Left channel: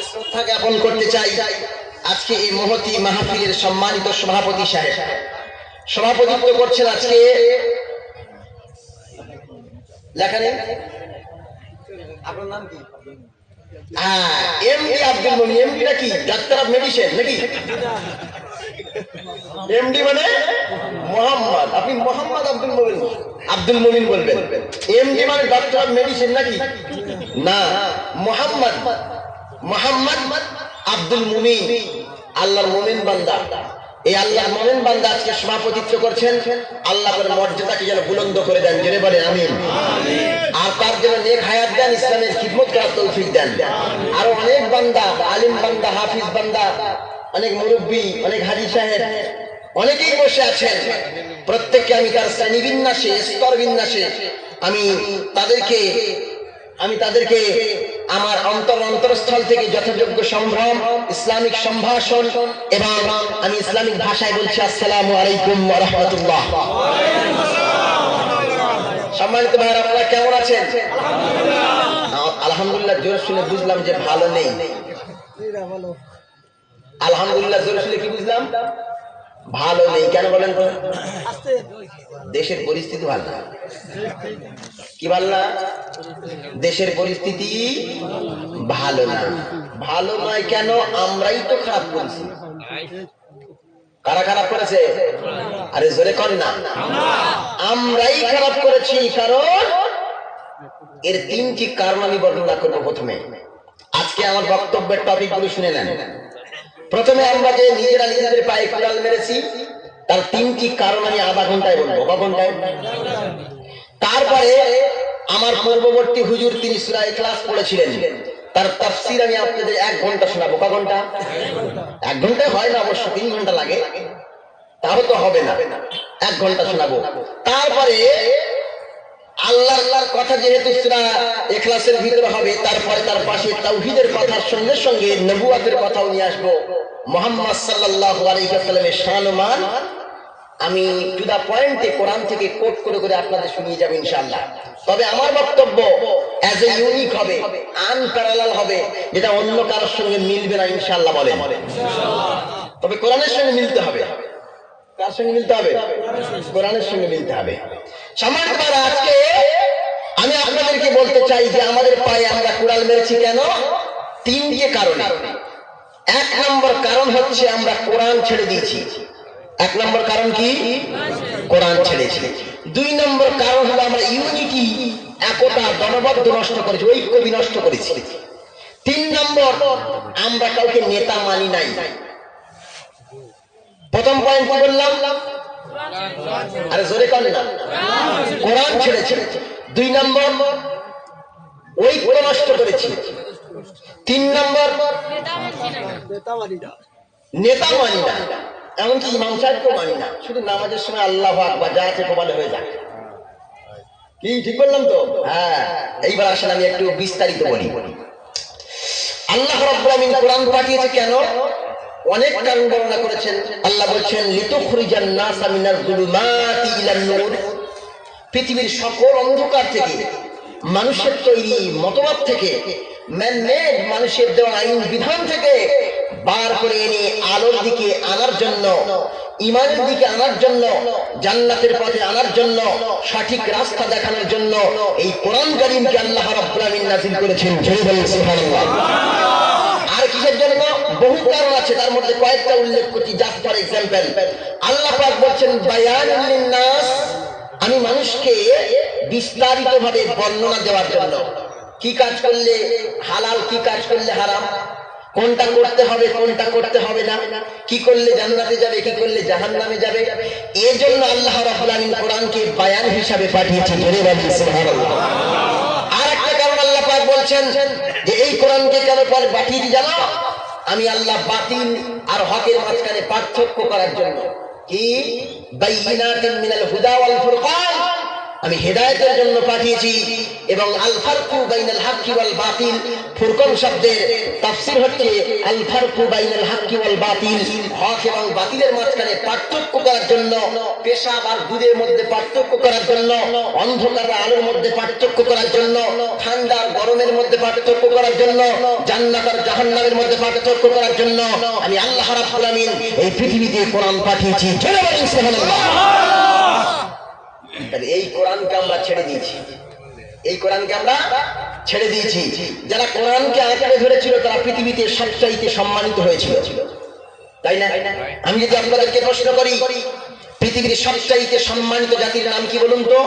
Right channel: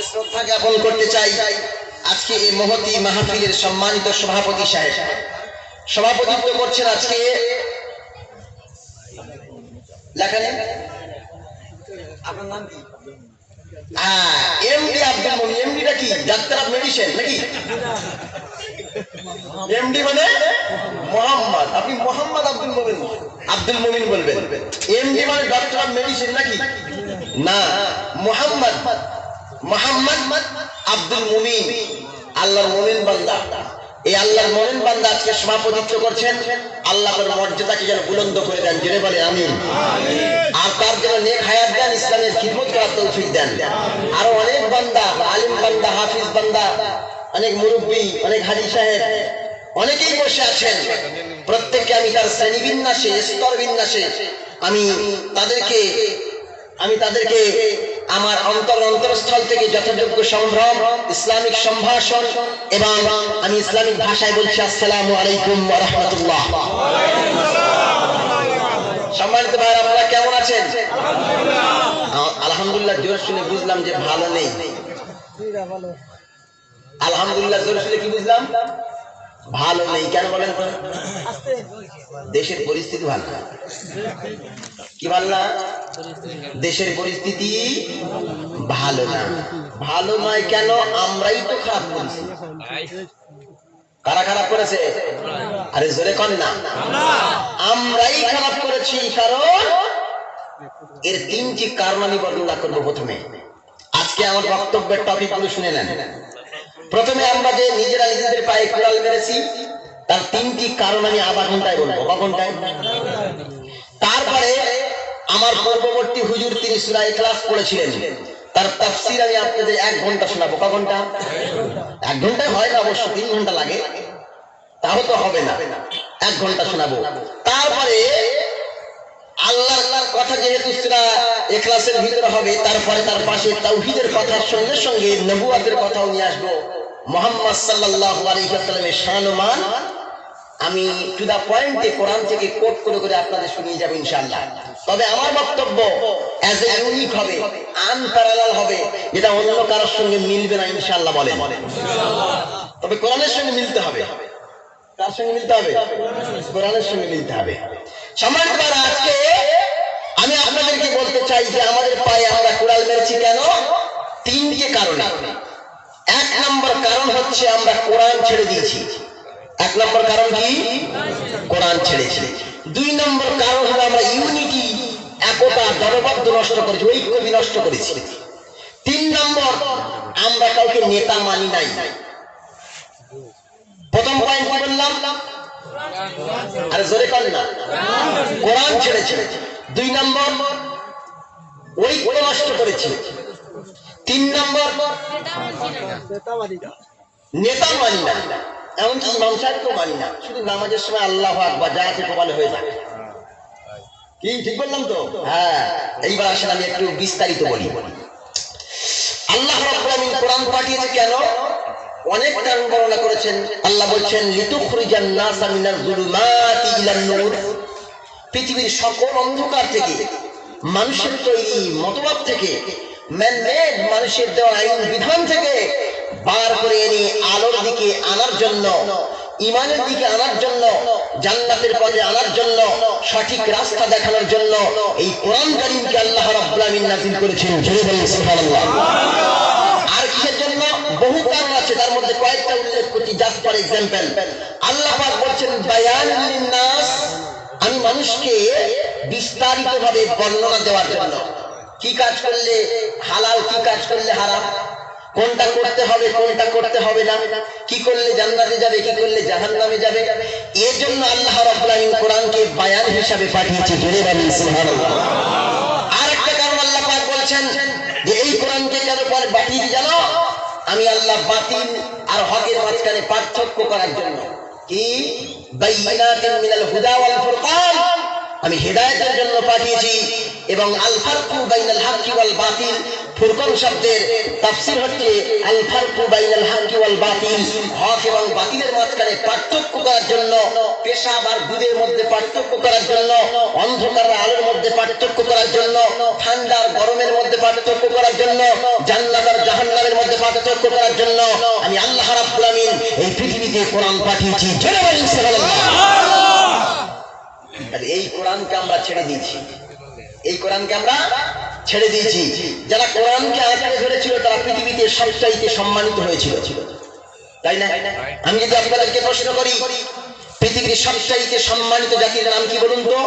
আজকে শ্রদ্ধা জ্ঞাপন করতে চাই আজকে এই মহতী মাহফিলের সম্মানিত সভাপতি সাহেব সভাপতিত্ব করছেন আজকে লেখা নেই আপনার নাম কি এমডি আব্দুল মুমিন এমডিটা কি ডাক্তার অফ মেডিসিন নাকি এমডি মানে মোহাম্মদ আপনি মোহাম্মদ আব্দুল মুমিন বলবেন এমডি মানে ডাক্তার অফ মেডিসিন নাকি না মোহাম্মদ আব্দুল মুমিন আল্লাহর মুমিন বান্দা এই আল্লাহর মুমিন বান্দা আজকে সভাপতিত্ব করছেন আল্লাহ তার মর্যাদাকে যেন বুলন্দ করে দেন জোরে বলে আমিন আর তার যেন নেক হায়াত দেন ইসলামের খিদমত করার তৌফিক দেন আর অনেক বান্দা আলিম বান্দা হাফিজ বান্দা অনেক মুরব্বী অনেক হাজি সাহেব অনেকেই বসে আছেন প্রত্যেককে আমি তার শ্রেণী বিন্যাসে স্তর বিন্যাসে আমি তাদেরকে আমার অন্তরস্থল থেকে যথাযোগ্য সম্ভ্রম ইসলামিক সম্ভাষণ এবং আমি ইসলামিক ভাষায় বলছি আসসালামু আলাইকুম ওয়া রাহমাতুল্লাহ। সম্মানিত ভাই আপনারা কেমন আছেন? আলহামদুলিল্লাহ জোর শুনে বুঝলাম যে ভালো নেই। আলহামদুলিল্লাহ জোর শুনে কি বুঝলাম? ভালো নেই। কেন বলেন তো? দেশের পরিস্থিতি ভালো না। কি ভালো না? দেশের পরিস্থিতি ভালো না। ভালো নয় কেন? আমরাই তো খারাপ করেছি। কারা খারাপ করেছে? আরে জোরে করে না। আমরাই খারাপ করেছি। কারণ এর তিনটি কারণ আমি বর্ণনা করবো প্রথমে। আজকে আমার বক্তব্যের টপিক গুলো শুনে নেন। প্রথমে আমরা যে নিজেরা নিজেদের পায়ে কুড়াল মেরেছি তার তিনটি কারণ আমি আধা ঘন্টায় বলবো। ক ঘন্টায়? তারপরে আমার পূর্ববর্তী হুজুর তিনি সূরা ইখলাস পড়েছিলেন, তার তাফসীর আমি আপনাদের 1 ঘন্টা শোনাবো। ক ঘন্টা? 1 ঘন্টায় হয় না, অবশ্য 3 ঘন্টা লাগে, তাও তো হবে না। 1 ঘন্টা শোনাবো। তারপরে আল্লাহর কথা যেহেতু সূরা ইখলাসের ভিতরে হবে, তারপরে তার পাশে তাওহীদের কথার সঙ্গে সঙ্গে নবুয়তের কথাও নিয়ে আসবো। মুহাম্মদ সাল্লাল্লাহু আলাইহি ওয়াসাল্লামের শান ও মান আমি টু দা পয়েন্টে কোরআন থেকে কোট করে করে আপনাদের শুনিয়ে যাব ইনশাআল্লাহ। তবে আমার বক্তব্য অ্যাজ এ ইউনিক হবে, আনপ্যারালাল হবে, যেটা অন্য কারোর সঙ্গে মিলবে না ইনশাআল্লাহ। বলেন ইনশাআল্লাহ। তবে কোরআনের সঙ্গে মিলতে হবে। কার সঙ্গে মিলতে হবে? কোরআনের সঙ্গে মিলতে হবে। সম্মানিত ভাইরা, আজকে আমি আপনাদেরকে বলতে চাই যে আমাদের পায়ে আমরা কুড়াল মেরেছি কেন? 3টি কারণে। 1 নম্বর কারণ হচ্ছে আমরা কোরআন ছেড়ে দিয়েছি। 1 নম্বর কারণ কি? কোরআন ছেড়েছি। 2 নম্বর কারণ হলো আমরা ইউনিটি, একতা, দলবদ্ধ নষ্ট করেছি, ঐক্য বিনষ্ট করেছি। 3 নম্বর আমরা কাউকে নেতা মানি নাই। প্রথম পয়েন্ট কি বললাম? আরে জোরে বলেন না। কোরআন ছেড়েছি। 2 নম্বর ঐক্য নষ্ট করেছি। 3 নম্বর নেতা মানি না, এমনকি ইমাম সাহেবকেও মানি না। শুধু নামাজের সময় আল্লাহু আকবার যা আছে প্রমাণ হয়ে যায়। কি ঠিক বললাম তো? হ্যাঁ। এইবার আসলে আমি একটু বিস্তারিত বলি। আল্লাহ রাব্বুল আমিন কোরআন পাঠিয়েছে কেন? অনেক কারণ বর্ণনা করেছেন। আল্লাহ বলছেন লিতুখরিজান নাসা মিনাজ যুলুমাতি ইলান নূর, পৃথিবীর সকল অন্ধকার থেকে, মানুষের তৈরি মতবাদ থেকে, ম্যানমেড মানুষের দেওয়া আইন বিধান থেকে বার করে এনে আলোর দিকে আনার জন্য, ঈমানের দিকে আনার জন্য, জান্নাতের পথে আনার জন্য, সঠিক রাস্তা দেখানোর জন্য এই কোরআন কারীমকে আল্লাহ রাব্বুল আমিন নাযিল করেছেন। জোরে বলেন সুবহানাল্লাহ। আর কিসের জন্য? বহু কারণ আছে, তার মধ্যে কয়েকটা উল্লেখ করছি জাস্ট ফর এক্সাম্পল। আল্লাহ পাক বলছেন বায়ানুল লিন্নাস, আমি মানুষকে বিস্তারিতভাবে বর্ণনা দেওয়ার জন্য। কি কাজ করলে হালাল, কি কাজ করলে হারাম, কোনটা করতে হবে কোনটা করতে হবে না, কি করলে জান্নাতে যাবে কি করলে জাহান্নামে যাবে, এর জন্য আল্লাহ রাব্বুল আমিন কোরআনকে বায়ান হিসাবে পাঠিয়েছেন। জোরে বলেন সুবহানাল্লাহ। আরেকটা কারণ আল্লাহ পাক বলছেন যে এই কোরআনকে কেন পাঠিয়েছি জানো? আমি আল্লাহ বাতিল আর হকের মাঝখানে পার্থক্য করার জন্য। কি? বাইয়িনাতিন মিনাল হুদা ওয়াল ফুরকান, আমি হেদায়েতের জন্য পাঠিয়েছি এবং আল ফারকু বাইনাল হাক্কি ওয়াল বাতিল, ফুরকান শব্দের তাফসীর হচ্ছে আল ফারকু বাইনাল হাক্কি ওয়াল বাতিল, হক এবং বাতিলের মাঝখানে পার্থক্য করার জন্য, পেশাব আর দুধের মধ্যে পার্থক্য করার জন্য, অন্ধকার আর আলোর মধ্যে পার্থক্য করার জন্য, ঠান্ডা আর গরমের মধ্যে পার্থক্য করার জন্য, জান্নাত আর জাহান্নামের মধ্যে পার্থক্য করার জন্য আমি আল্লাহ রাব্বুল আমিন এই পৃথিবীতে কোরআন পাঠিয়েছি। জোরে বলেন সুবহানাল্লাহ। তাহলে এই কোরআনকে আমরা ছেড়ে দিয়েছি, এই কোরআনকে আমরা ছেড়ে দিয়েছি। যারা কোরআনকে আঁকড়ে ধরেছিল তারা পৃথিবীতে সবচাইতে সম্মানিত হয়েছিল, তাই না? আমি যদি আপনাদেরকে প্রশ্ন করি পৃথিবীর সবচাইতে সম্মানিত জাতির নাম কি বলুন তো?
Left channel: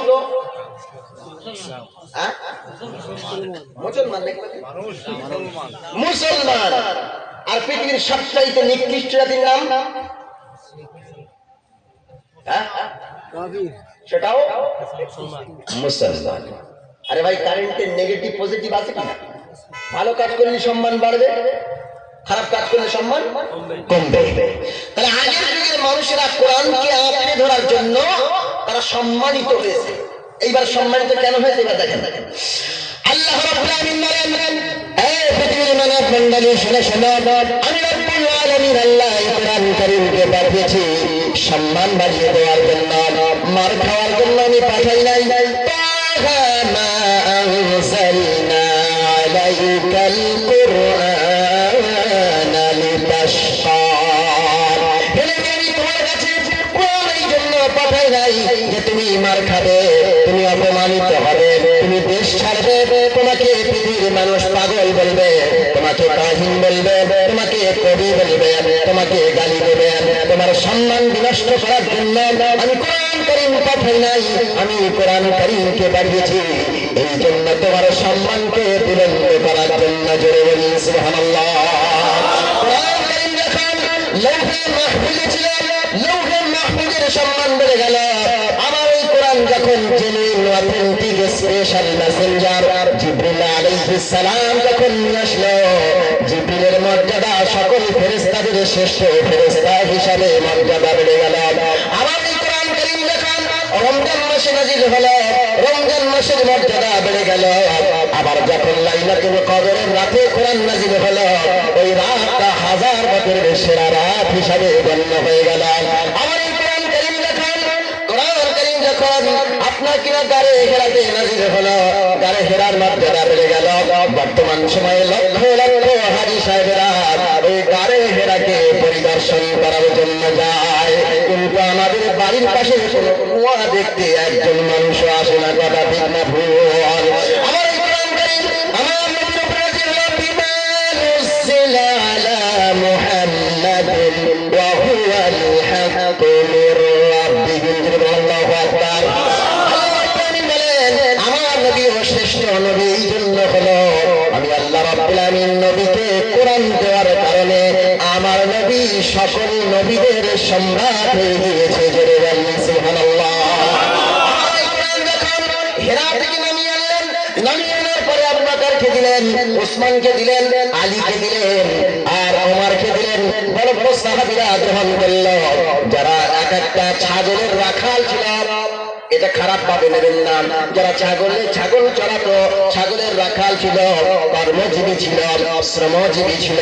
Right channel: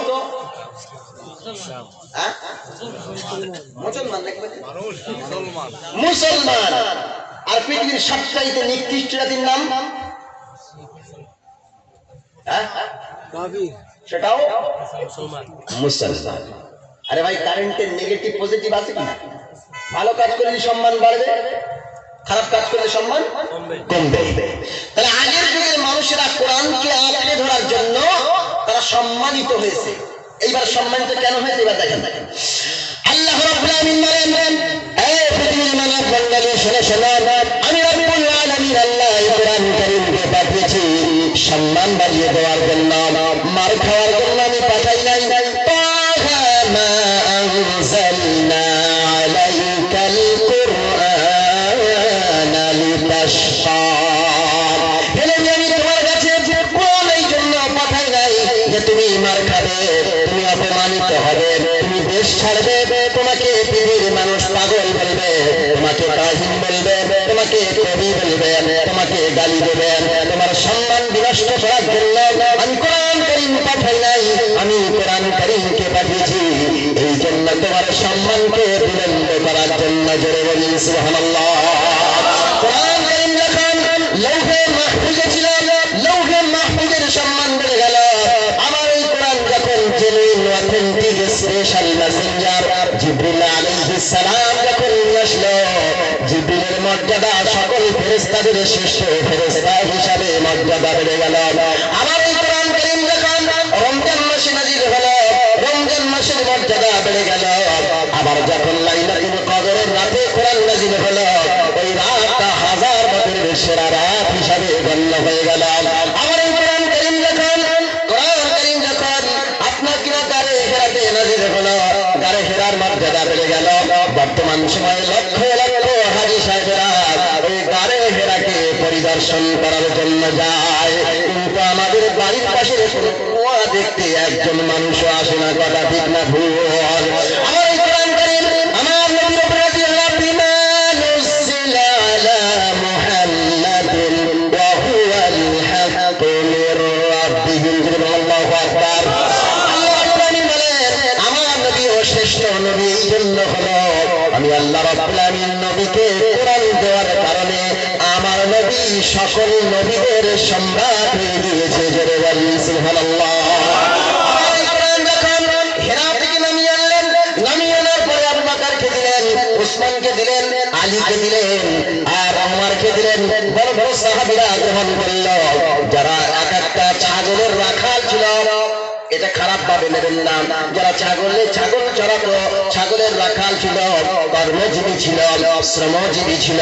মুসলমান। মুসলমান। আর পৃথিবীর সবচাইতে নিকৃষ্ট জাতির নাম সেটাও মুসলমান। আরে ভাই, কারেন্টের নেগেটিভ পজিটিভ আছে কিনা? ভালো কাজ করলে সম্মান বাড়বে, খারাপ কাজ করলে সম্মান কমবে। তাহলে আগের যুগের মানুষেরা কোরআনকে আঁকড়ে ধরার জন্য তারা সম্মানিত হয়েছে। এইবার সম্মানিত কেন হয়েছে এবার দেখেন। আল্লাহ রাব্বুল আলামিন বলেন, এই পৃথিবীর মানব মণ্ডলী শুনে শোনো, আমি রব্বুল আলামিন আল্লাহ এই কোরআন কারীমকে পাঠিয়েছি সম্মান বাড়িয়ে দেওয়ার জন্য, মার খাওয়ার জন্য আমি পাঠাই নাই। মা আনজালনা আলাইকাল কুরআনা লিতাশকা, আমি তোমার কাছে কোরআন এই জন্য পাঠাই নাই যে তুমি মার খাবে, তুমি অপমানিত হবে, তুমি দেশ ছাড়বে, তোমাকে পৃথিবীর মানুষ পাগল বলবে, তোমাকে কাহিন বলবে, তোমাকে কবি বলবে, তোমাকে গালি দেবে, তোমার সম্মান বিনষ্ট করার জন্য আমি কোরআন কারীম পাঠাই নাই। আমি কোরআন কারীমকে পাঠিয়েছি এই জন্য তোমার সম্মানকে বুলন্দ করার জন্য। জোরে বলি সুবহানাল্লাহ। কোরআন কারীম যখন লৌহে মাহফুজে ছিল, লৌহে মাহফুজের সম্মান বেড়ে গেল। আমার এই কোরআন যখন জেনুইন অথেন্টিক স্পেশাল মেসেঞ্জার জিবরিল আলাইহিস সালাম যখন নিয়ে আসলো, জিবরিলের মর্যাদা সকল ফেরেশতাদের শ্রেষ্ঠ ফেরেশতা হিসাবে মর্যাদা বেড়ে গেল। আমার এই কোরআন কারীম যখন রমজান মাসে নাযিল হলো, রমজান মাসের মর্যাদা বেড়ে গেল। আবার যখন লাইলাতুল কদরের রাতে কোরআন নাযিল হলো, ওই রাতটা হাজার বছরের সেরা রাত হিসাবে গণ্য হয়ে গেল। আমার এই কোরআন কারীম যখন আপনার কিনা গারে হেরাতে নাযিল হলো, গারে হেরার মর্যাদা বেড়ে গেল। বর্তমান সময়ে লক্ষ লক্ষ হাজী সাহেবেরা ওই গারে হেরাকে পরিদর্শন করার জন্য যায়, কিন্তু আমাদের বাড়ির পাশে কোনো কুয়া দেখতে একজন মানুষও আসে না। কথা ঠিক না ভুল? আমার এই কোরআন কারীম আমার নবীর উপর নাযিল হলো, বিমা নুজিলা আলা মুহাম্মাদিন ওয়া হুয়াল হাক্কু মির রাব্বিহিম। আল্লাহু আকবার। আমার নবী শ্রেষ্ঠ নবী এই জন্য হলো, আমি আল্লাহ রাব্বুল আমিন নবীকে কোরআন দেওয়ার কারণে আমার নবী সকল নবীদের সম্রাট হয়ে গিয়েছে। জোরে বলি সুবহানাল্লাহ। হেরা থেকে নামিয়ে আনলেন, নামিয়ে আনার পরে আবু বকরকে দিলেন, উসমানকে দিলেন, আলীকে দিলেন, আর ওমরকে দিলেন। বড় বড় সাহাবীরা গ্রহণ করল। যারা এক একটা ছাগলের রাখাল ছিল, এটা খারাপ ভাবে নেবেন না, যারা ছাগল চড়াতো, ছাগলের রাখাল ছিল, কর্মজীবী ছিল, শ্রমজীবী ছিল,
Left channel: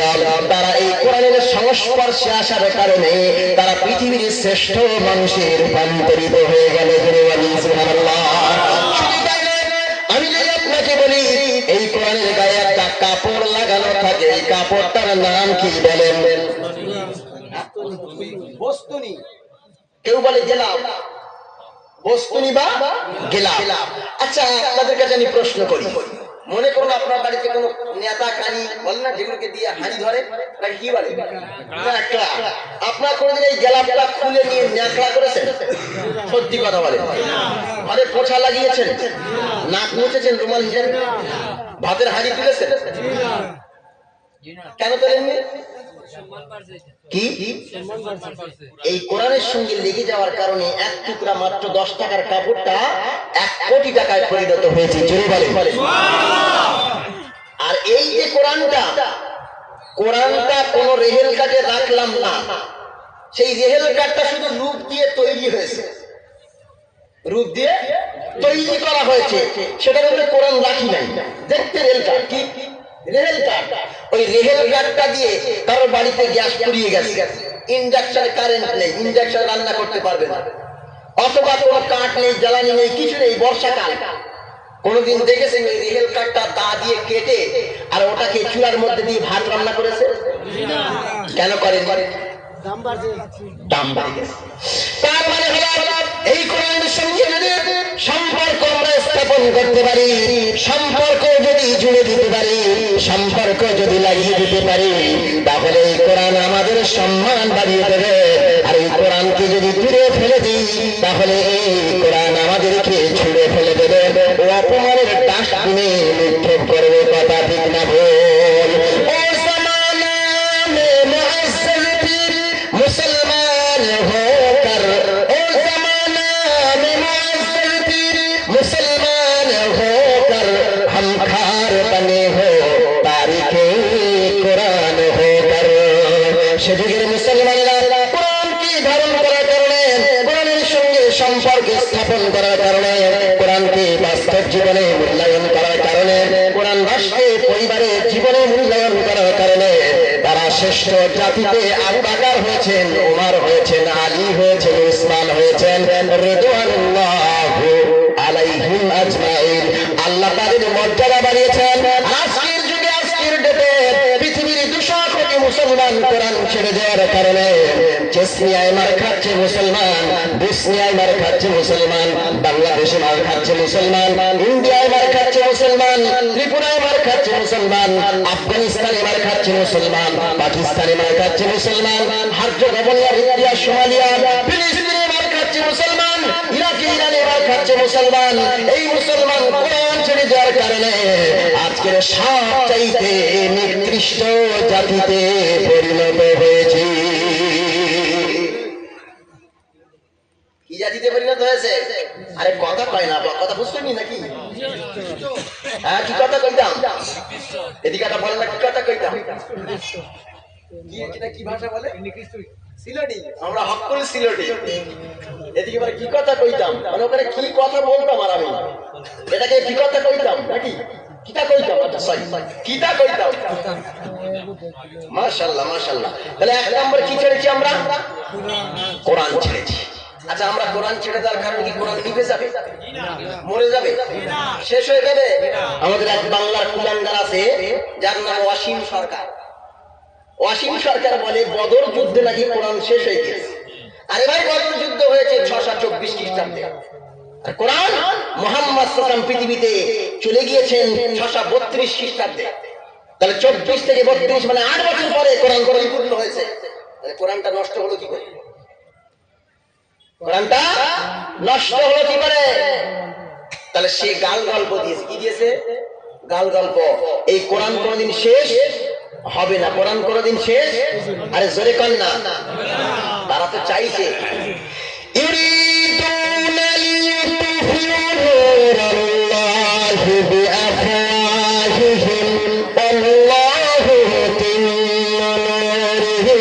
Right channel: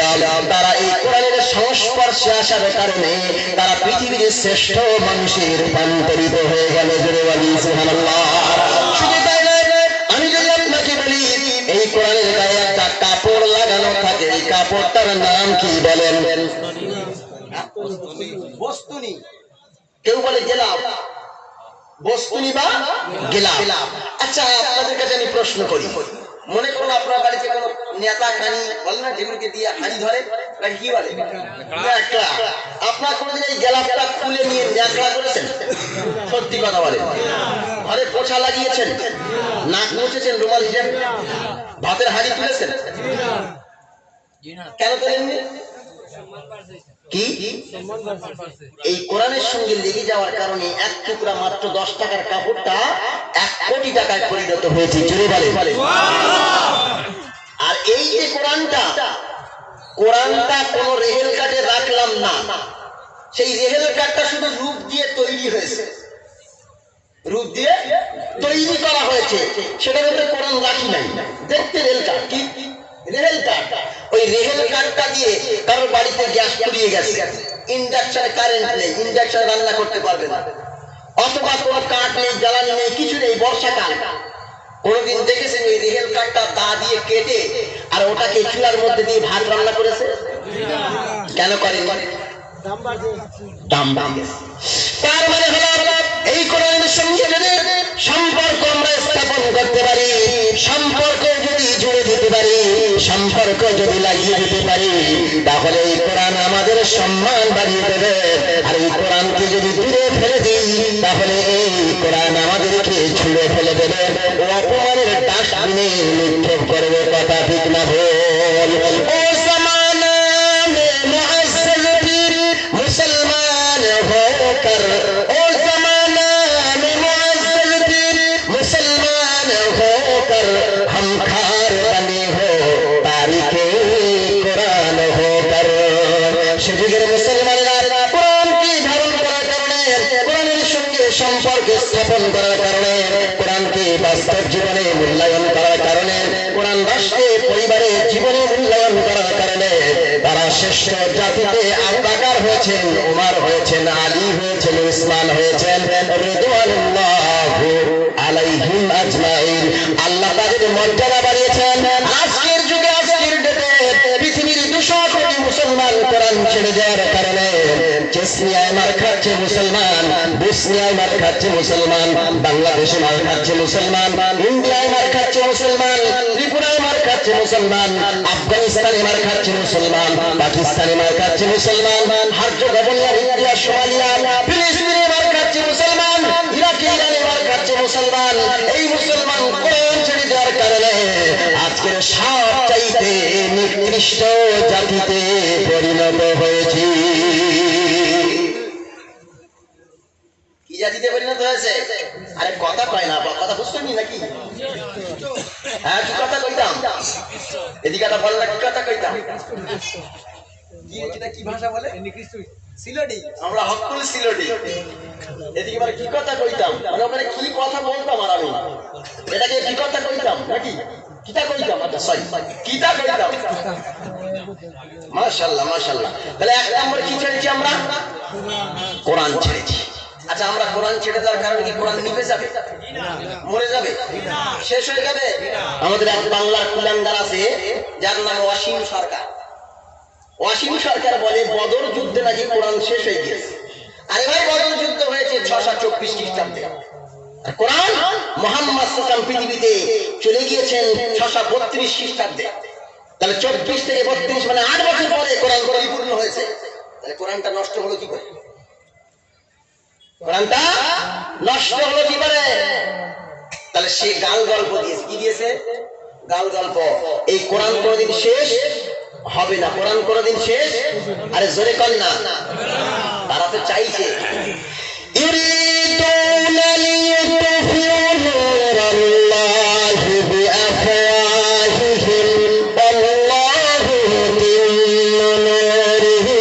তারা এই কোরআনের সংস্পর্শে আসার কারণে তারা পৃথিবীর শ্রেষ্ঠ মানুষের রূপান্তরিত হয়ে গেল। আমি যদি আপনাকে বলি এই কোরআনের গায়ে একটা কাপড় লাগানো থাকে, এই কাপড়টার নাম কি বলেন? বস্তুনি, কেউ বলে গেলাম, বস্তুনি বা গেলাম। আচ্ছা, আপনাদের কাছে আমি প্রশ্ন করি, মনে করুন আপনার বাড়িতে কোনো নেতা কানি বলে না, যেগুলোকে দিয়ে হাঁড়ি ধরে, তাকে কি বলে? ন্যাকড়া। আপনার কোনদিন এই গেলাপটা খুলে নিয়ে ন্যাকড়া করেছেন? সত্যি কথা বলে, ঘরে পোছা লাগিয়েছেন, নাক মুছেছেন রুমাল হিসেবে, ভাতের হাঁড়ি তুলেছেন? কেন করেননি? কি এই কোরআনের সঙ্গে লেগে যাওয়ার কারণে এক টুকরা মাত্র 10 টাকার কাপড়টা 1 কোটি টাকায় পরিণত হয়েছে। জোরে বলে। আর এই যে কোরআনটা কোন রেহেল কাটে রাখলাম না, সেই রেহেল কাটটা শুধু রূপ দিয়ে তৈরি হয়েছে, রূপ দিয়ে তৈরি করা হয়েছে, সেটার মধ্যে কোরআন রাখি নাই। দেখতে রেল কাট কি রেহেল কাঠ। ওই রেহেল কাঠটা দিয়ে কারো বাড়িতে গ্যাস পুড়িয়ে গেছে, ইন্ডাকশনে কারেন্ট নেই, ইন্ডাকশনে রান্না করতে পারবে না, অথবা কোনো কাঠ নেই, জ্বালানি নেই, কিছু নেই, বর্ষাকাল। কোনদিন দেখেছেন ওই রেহেল কাঠটা দা দিয়ে কেটে আর ওটাকে চুলার মধ্যে দিয়ে ভাত রান্না করেছে? কেন করেন? দাম বাড়ে গেছে। তার মানে হলো এই কোরআনের সঙ্গে যদি সম্পর্ক আমরা স্থাপন করতে পারি, সম্পর্ক যদি জুড়ে দিতে পারি, সম্পর্ক যদি লাগিয়ে দিতে পারি, তাহলে এই কোরআন আমাদের সম্মান বাড়িয়ে দেবে। আর এই কোরআনকে যদি দূরে ফেলে দিই, তাহলে এই কোরআন আমাদেরকে ছুঁড়ে ফেলে দেবে, ও অপমানের ডাস্টবিনে নিক্ষেপ করবে। কথা ঠিক না ভুল? ও জামানা মে মুআজ্জল পীর মুসলমান হোকর, ও জামানা মে মুআজ্জল পীর মুসলমান হোকর, हम खार बने हो तारीखे कुरान होकर। সে যুগের মুসলমানরা কোরআনকে ধারণ করার কারণে, কোরআনের সঙ্গে সম্পর্ক স্থাপন করার কারণে, কোরআনকে বাস্তব জীবনে মূল্যায়ন করার কারণে, কোরআন রাষ্ট্রে পরিবারে জীবনে মূল্যায়ন করার কারণে তারা শ্রেষ্ঠ জাতিতে আত্মাকার হয়েছেন, উমর হয়েছেন, আলী হয়েছেন, উসমান হয়েছেন, রাদিয়াল্লাহু আলাইহিম আজমাইন। আল্লাহ তাদের মর্যাদা বাড়িয়েছেন। আজকের যুগে, আজকের ডেটে পৃথিবীর 200 কোটি মুসলমান কোরআন ছেড়ে যাওয়ার কারণে চেচনিয়ায় মার খাচ্ছে মুসলমান, বসনিয়ায় মার খাচ্ছে মুসলমান, বাংলাদেশে মার খাচ্ছে মুসলমান, ইন্ডিয়ায় মার খাচ্ছে মুসলমান, ত্রিপুরায় মার খাচ্ছে মুসলমান, আফগানিস্তানে মার খাচ্ছে মুসলমান, পাকিস্তানে মার খাচ্ছে মুসলমান, হার্জগোভিনা, ইন্ডিয়া, সোমালিয়া, ফিলিস্তিনে মার খাচ্ছে মুসলমান, ইরাকে, ইরানে মার খাচ্ছে মুসলমান। এই মুসলমান কোরআন ছেড়ে যাওয়ার কারণে আজকের সবচাইতে নিকৃষ্ট জাতিতে পরিণত হয়েছে। কি জাতিতে পরিণত হয়েছে? আরে কথা কয় না, কথা বুঝতেন নাকি? হ্যাঁ, কি কথা কইতাম? এদিকে একটা বল না, কি কথা কইতাম? কি এটা কি ভাষা বলে? সিলেটি। আমরা হক করে সিলেটি। এদিকে মানে কি কথা কইতাম, মানে ওখানে কি কথা বলতাম আর আমি এটাকে কি কথা কইতাম নাকি কিতা কইতাম? আচ্ছা সরি, কিতা কইতাম। মাশাআল্লাহ মাশাআল্লাহ। তাহলে এক নম্বর কি ছেড়েছি আমরা? কোরআন ছেড়েছি। আচ্ছা, আমরা কোরআন ছেড়ে দেওয়ার কারণে কি কোরআন নিভে যাবে? মরে যাবে? শেষ হয়ে যাবে? আমাদের এক বাংলার কুলাঙ্গার আছে যার নাম অসীম সরকার। অসীম সরকার বলে বদর যুদ্ধে নাকি কোরআন শেষ হয়ে গিয়েছে। আরে ভাই, বদর যুদ্ধ হয়েছে 624 খ্রিস্টাব্দে, আর কোরআন মুহাম্মদ সাল্লাল্লাহু পৃথিবীতে চলে গিয়েছেন 632 খ্রিস্টাব্দে। তাহলে 24 থেকে 32 মানে 8 বছর পরে কোরআন পরিপূর্ণ হয়েছে। তাহলে কোরআনটা নষ্ট হলো কি করে? কোরআনটা নষ্ট হলো কি করে? তাহলে সে গাল গল্প দিয়েছে। কি দিয়েছে? গাল গল্প। এই কোরআন কোনদিন শেষ হবে না, কোরআন কোনদিন শেষ। আরে জোরে কর না, তারা তো চাইছে। ইউরিদুনা লিইউতফিউ নূরাল্লাহি বিআফওয়াহিহিম ওয়াল্লাহু মুতিম্মু নূরিহি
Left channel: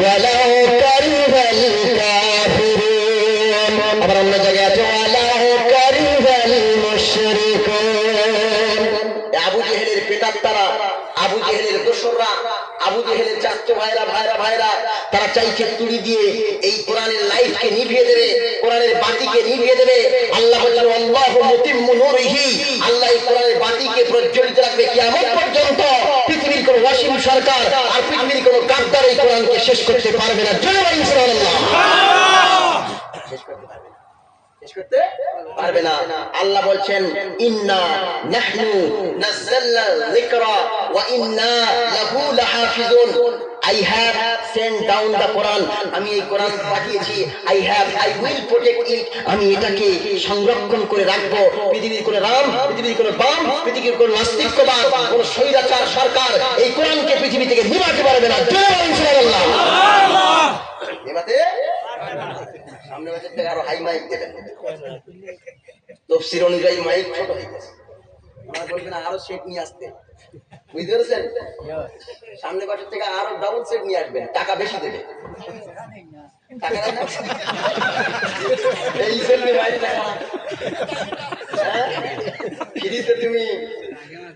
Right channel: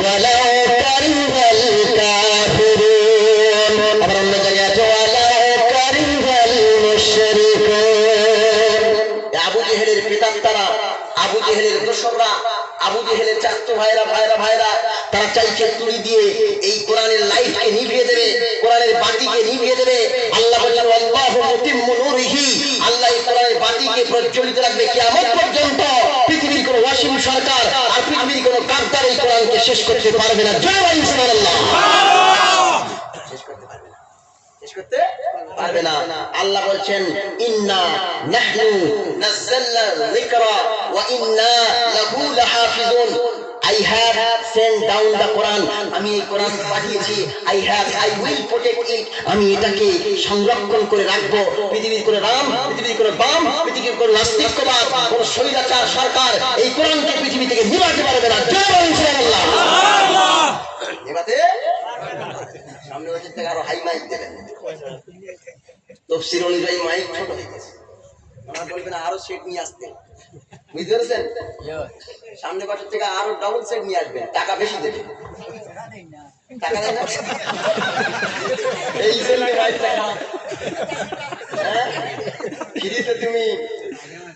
ওয়ালাউ কারিহাল কাফিরুন। আবার অন্য জায়গায় আছে ওয়ালাউ কারিহাল মুশরিকুন। আবু জেহেলের পিতাত্তারা, আবু জেহেলের দোসররা, আবু জেহেলের চাচা ভাইরা তারা চাইছে তুড়ি দিয়ে এই কোরআনের লাইটকে নিভিয়ে দেবে, কোরআনের বাতিকে নিভিয়ে দেবে। আল্লাহ বলেন আল্লাহু মুতিম্মু নূরিহি, আল্লাহ এই কোরআনের বাতিকে প্রজ্বলিত রাখবে কিয়ামত পর্যন্ত। পৃথিবীর কোন ওয়াসিম সরকার আর পৃথিবীর কোন গাদ্দার এই কোরআনকে শেষ করতে পারবে না। জয় বলেন সুবহানাল্লাহ। শেষ করতে পারবে না, শেষ করতে পারবে না। আল্লাহ বলছেন ইন্না নাহনু নাযালনা যিকরা ওয়া ইন্না লাহু লাহাফিজুন। I have sent down the Quran. আমি এই কোরআন পাঠিয়েছি। I will protect it. আমি এটাকে সংরক্ষণ করে রাখবো। পৃথিবীর কোন রাম, পৃথিবীর কোন বাম, পৃথিবীর কোন নাস্তিকবাদ, কোন স্বৈরাচার সরকার এই কোরআনকে পৃথিবী থেকে নিবাতে পারবে না। জোরে বলুন সুবহানাল্লাহ। নিবাতে সামনে বছর থেকে আরো হাই মাইক দেবেন। তফসির অনুযায়ী মাইক ছোট হয়ে গেছে, ওনারা বলবেন আরো সেট নিয়ে আসতে। বুঝতে পেরেছেন? সামনে বছর থেকে আরো ডাবল সেট নিয়ে আসবেন, টাকা বেশি দেবে। টাকা দেয় না? এই ফ্রিতে তুমি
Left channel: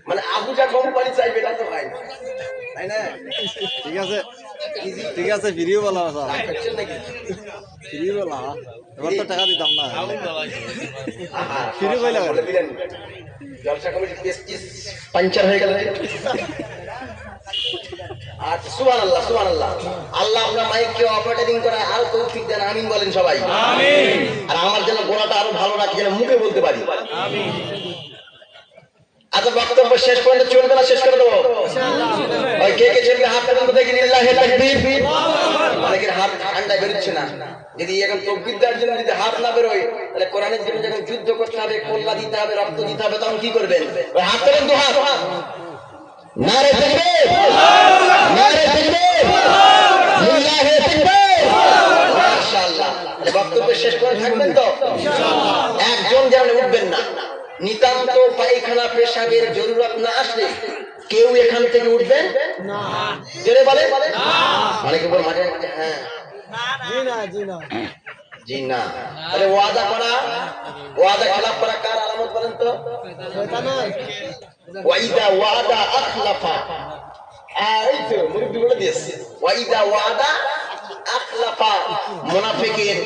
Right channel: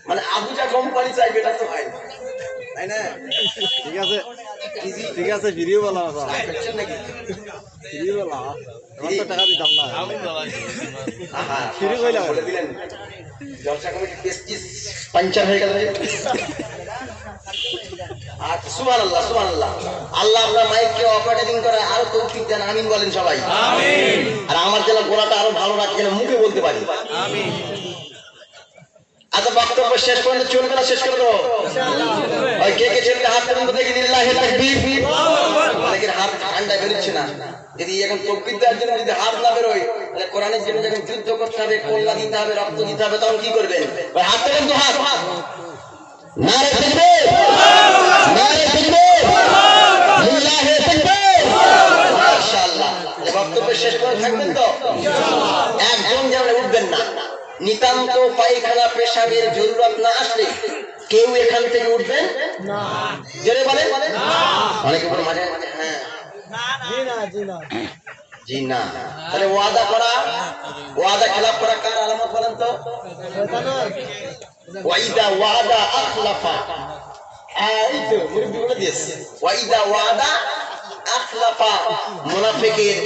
মানে আবুজা কোম্পানি বাড়ি চাইবে এটা তো হয় না, তাই না? ঠিক আছে ঠিক আছে ভিডিও বলা রাগ করছেন নাকি? ভিডিও বলা আমার তো টাকা দিতাম না আহা, ফ্রি কইলা বলে দিলেন। জলসা কমিটির পেস্টিস পাঞ্চার হয়ে গেল রে। আর সুবহানাল্লাহ সুবহানাল্লাহ, আল্লাহ আপনার মাইককে অপারেটিং করে আর তৌফিক দেন, আমিন বলেন সবাই। আমিন। আর আমার যেন গলাটা আরো ভালো রাখে, যেন মুখে বলতে পারি। আমিন। আচ্ছা, বক্তব্য শেষ করলে চলবে না, শেষ করে দেবো? ওই কে কে চলবে হাত তুলুন তো দেখি। লিল্লাহি তাকবীর। দেখেন হাত ঠান্ডা বেরোচ্ছে না। যদি এখন তকবীর দেওয়ার জন্য যদি হাত না বেরোয়, তাহলে কোরআনের জন্য যখন যুদ্ধ করতে হবে, কল্লা দিতে হবে, রক্ত দিতে হবে, তখন কি করবেন? ওই হাত তোলেন তো, হাত। নারে তাকবীর, নারে তাকবীর, লিল্লাহি তাকবীর। মাশাআল্লাহ। বক্তব্য শেষ করে থাকবেন তো ইনশাআল্লাহ। একজন যেন উঠবেন না। নিতান্ত পায়খানা পেশাবের জরুরত না আসলে কেউ এখান থেকে উঠবেন না। জেনে বলেন না। অনেকে বলে মাঝে মাঝে হ্যাঁ জি না জি না জি না। তাহলে ওয়াদা করা, ওয়াদা খেলাফ করা কার আলামত বলেন তো? ওয়াইদা ওয়াদা আখলাফা। এই তো মুরব্বি বলে দিয়েছে, ওয়াইদা ওয়াদা আখলাফা। মুনাফিকের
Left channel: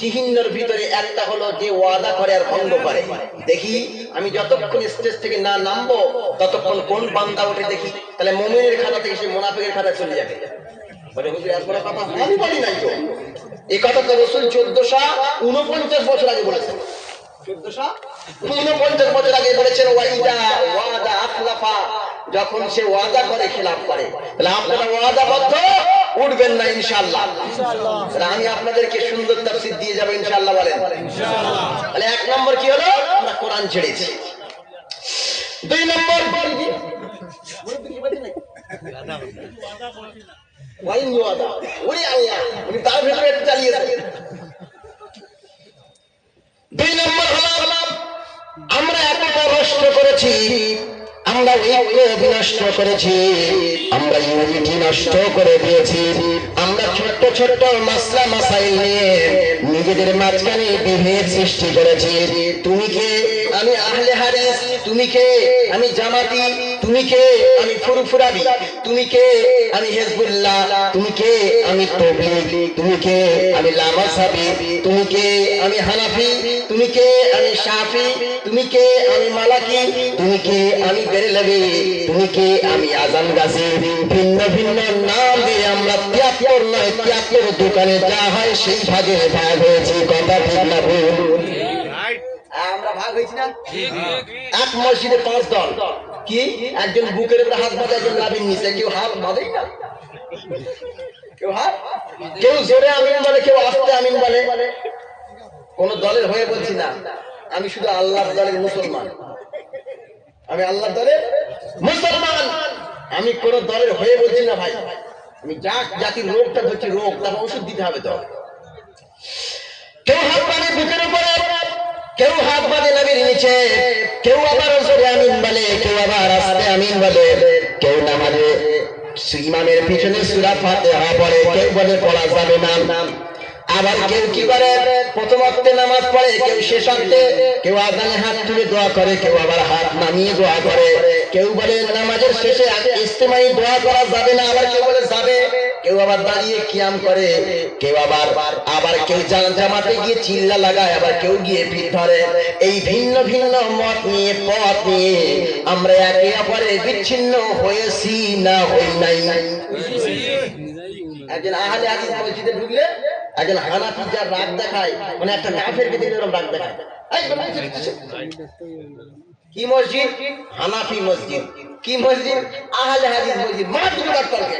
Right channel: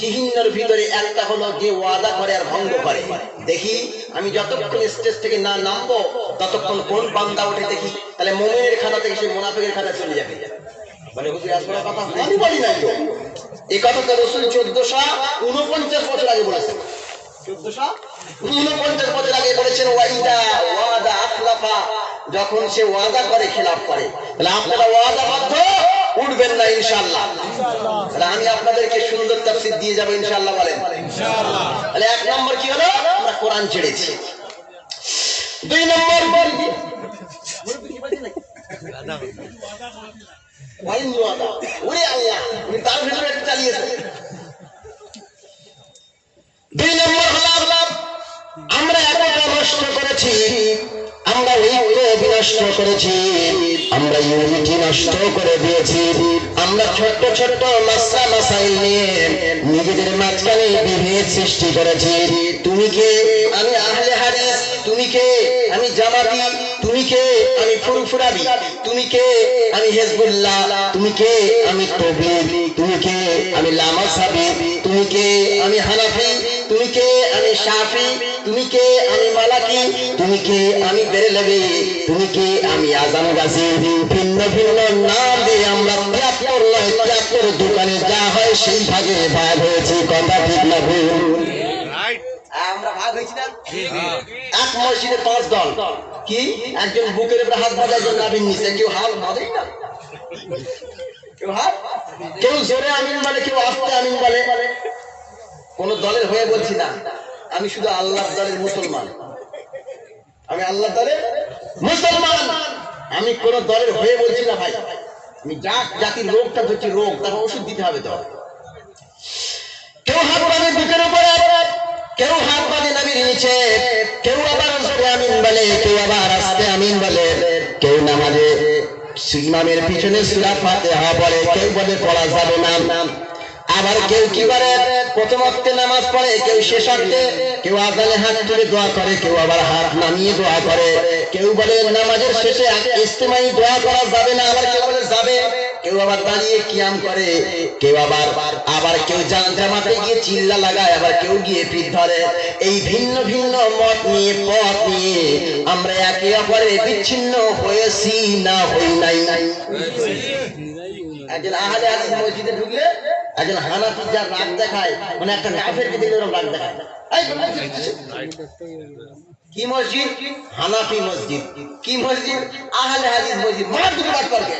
চিহ্নের ভিতরে একটা হলো যে ওয়াদা করে আর ভঙ্গ করে। দেখি আমি যতক্ষণ স্টেজ থেকে না নামবো ততক্ষণ কোন বান্দা ওঠে দেখি, তাহলে মুমিনের খাতা থেকে সে মুনাফিকের খাতা চলে যাবে। মানে হুজুর এত বড় কথা আমি বলি নাই। এই কথা তো রাসূল 1449 বছর আগে বলেছেন। 1449 বছর আগে বলেছেন ওয়াইদা ওয়াদা আখলাফা। যখন সে ওয়াদা করে খেলাফ করে, তাহলে আপনারা ওয়াদাবদ্ধ উঠবেন না ইনশাআল্লাহ। তাহলে আমি আপনাদেরকে সুন্দর তাফসীর দিয়ে যাব ইনশাআল্লাহ বলেন ইনশাআল্লাহ। তাহলে এক নম্বর কি হলো? আমরা কোরআন ছেড়েছি। দুই নম্বর কি মুরব্বি কি বলেন নাকি? ওয়াইন ওয়াদা ওরে আল্লাহ, উনি তার ভিতরে একটা চালিয়েছেন। দুই নম্বর হলো আমরা একতা নষ্ট করেছি, আমরা ঐক্য বিনষ্ট করেছি, আমরা ইউনিটি নষ্ট করে দিয়েছি। আমরা ছোট্ট ছোট্ট মাসলা মাসাইল নিয়ে নিজেদের মাঝখানে বিভেদ সৃষ্টি করেছি। তুমি কে? আমি আহলে হাদিস। তুমি কে? আমি জামাতি। তুমি কে? আমি ফুরফুরাবি। তুমি কে? আমি হিজবুল্লাহ। তুমি কে? আমি তাবলীগ। তুমি কে? আমি লামাসাবি। তুমি কে? আমি হানাফি। তুমি কে? আমি শাফি। তুমি কে? আমি মালাকি। তুমি কে? আমি বেরেলভি। তুমি কে? আমি আজম গাছি। ভিন্ন ভিন্ন নাম দিয়ে আমরা 73 নয় 73 দোকানে যা হয় সেই ভাগে ভাগ হয়েছি। কথা ঠিক না ভুল? আমরা ভাগ হয়েছি না? এক মসজিদে 5 দল। কি? একজন বুকের উপরে হাত বাঁধে, একজন নাভির নিচে। কেউ হাত বাঁধেই না, কেউ হাত, কেউ জোরে আমিন বলে, কেউ আস্তে আমিন বলে। কোন দলের হয়ে বলছি না, আমি শুধু আল্লাহর দলের মুসলমান। আমি আল্লাহর দলের মুসলমান। আমি কোন দলের হয়ে বলছি না ভাই। আমি জাতির রোগটা ধরছি, রোগ, তার ওষুধ দিতে হবে তো। কেউ হাত বাঁধে বুকের উপরে, কেউ হাত বাঁধে নবীর নিচে, কেউ আবার জোরে আমিন বলে, কেউ আবার আস্তে আমিন বলে, কেউ নামাজে ইমামের পিছনে সূরা ফাতিহা পড়ে, কেউ বলে পড়া যাবে না। আবার কেউ কি করে? প্রথম ওয়াক্তে নামাজ পড়ে, কেউ শেষ ওয়াক্তে, কেউ আযানে হাত তুলে দোয়া করে, কেউ আবার হাত নামিয়ে দোয়া করে। কেউ বলে নামাজের শেষে ইজতিমাই দোয়া করা যাবে না, আবার কেউ বলে যাবে। কেউ আবার দাঁড়িয়ে কিয়াম করে, কেউ আবার কেউ জামাতে গিয়ে চিল্লা লাগায়, আবার কেউ গিয়ে পিঠ ধরে। এই ভিন্ন ভিন্ন মত নিয়ে পথ নিয়ে আমরা একে অপরে বিচ্ছিন্ন হয়েছি না হই নাই? একজন আহলে হাদিস মসজিদে ঢুকলে একজন হানাফি যার রাগ দেখায়, মানে একটা কাফের ভিতরে এরকম রাগ দেখায়। কি মসজিদ? হানাফি মসজিদ। কি মসজিদ? আহলে হাদিস মসজিদ। মাত্র বাদ পারবে।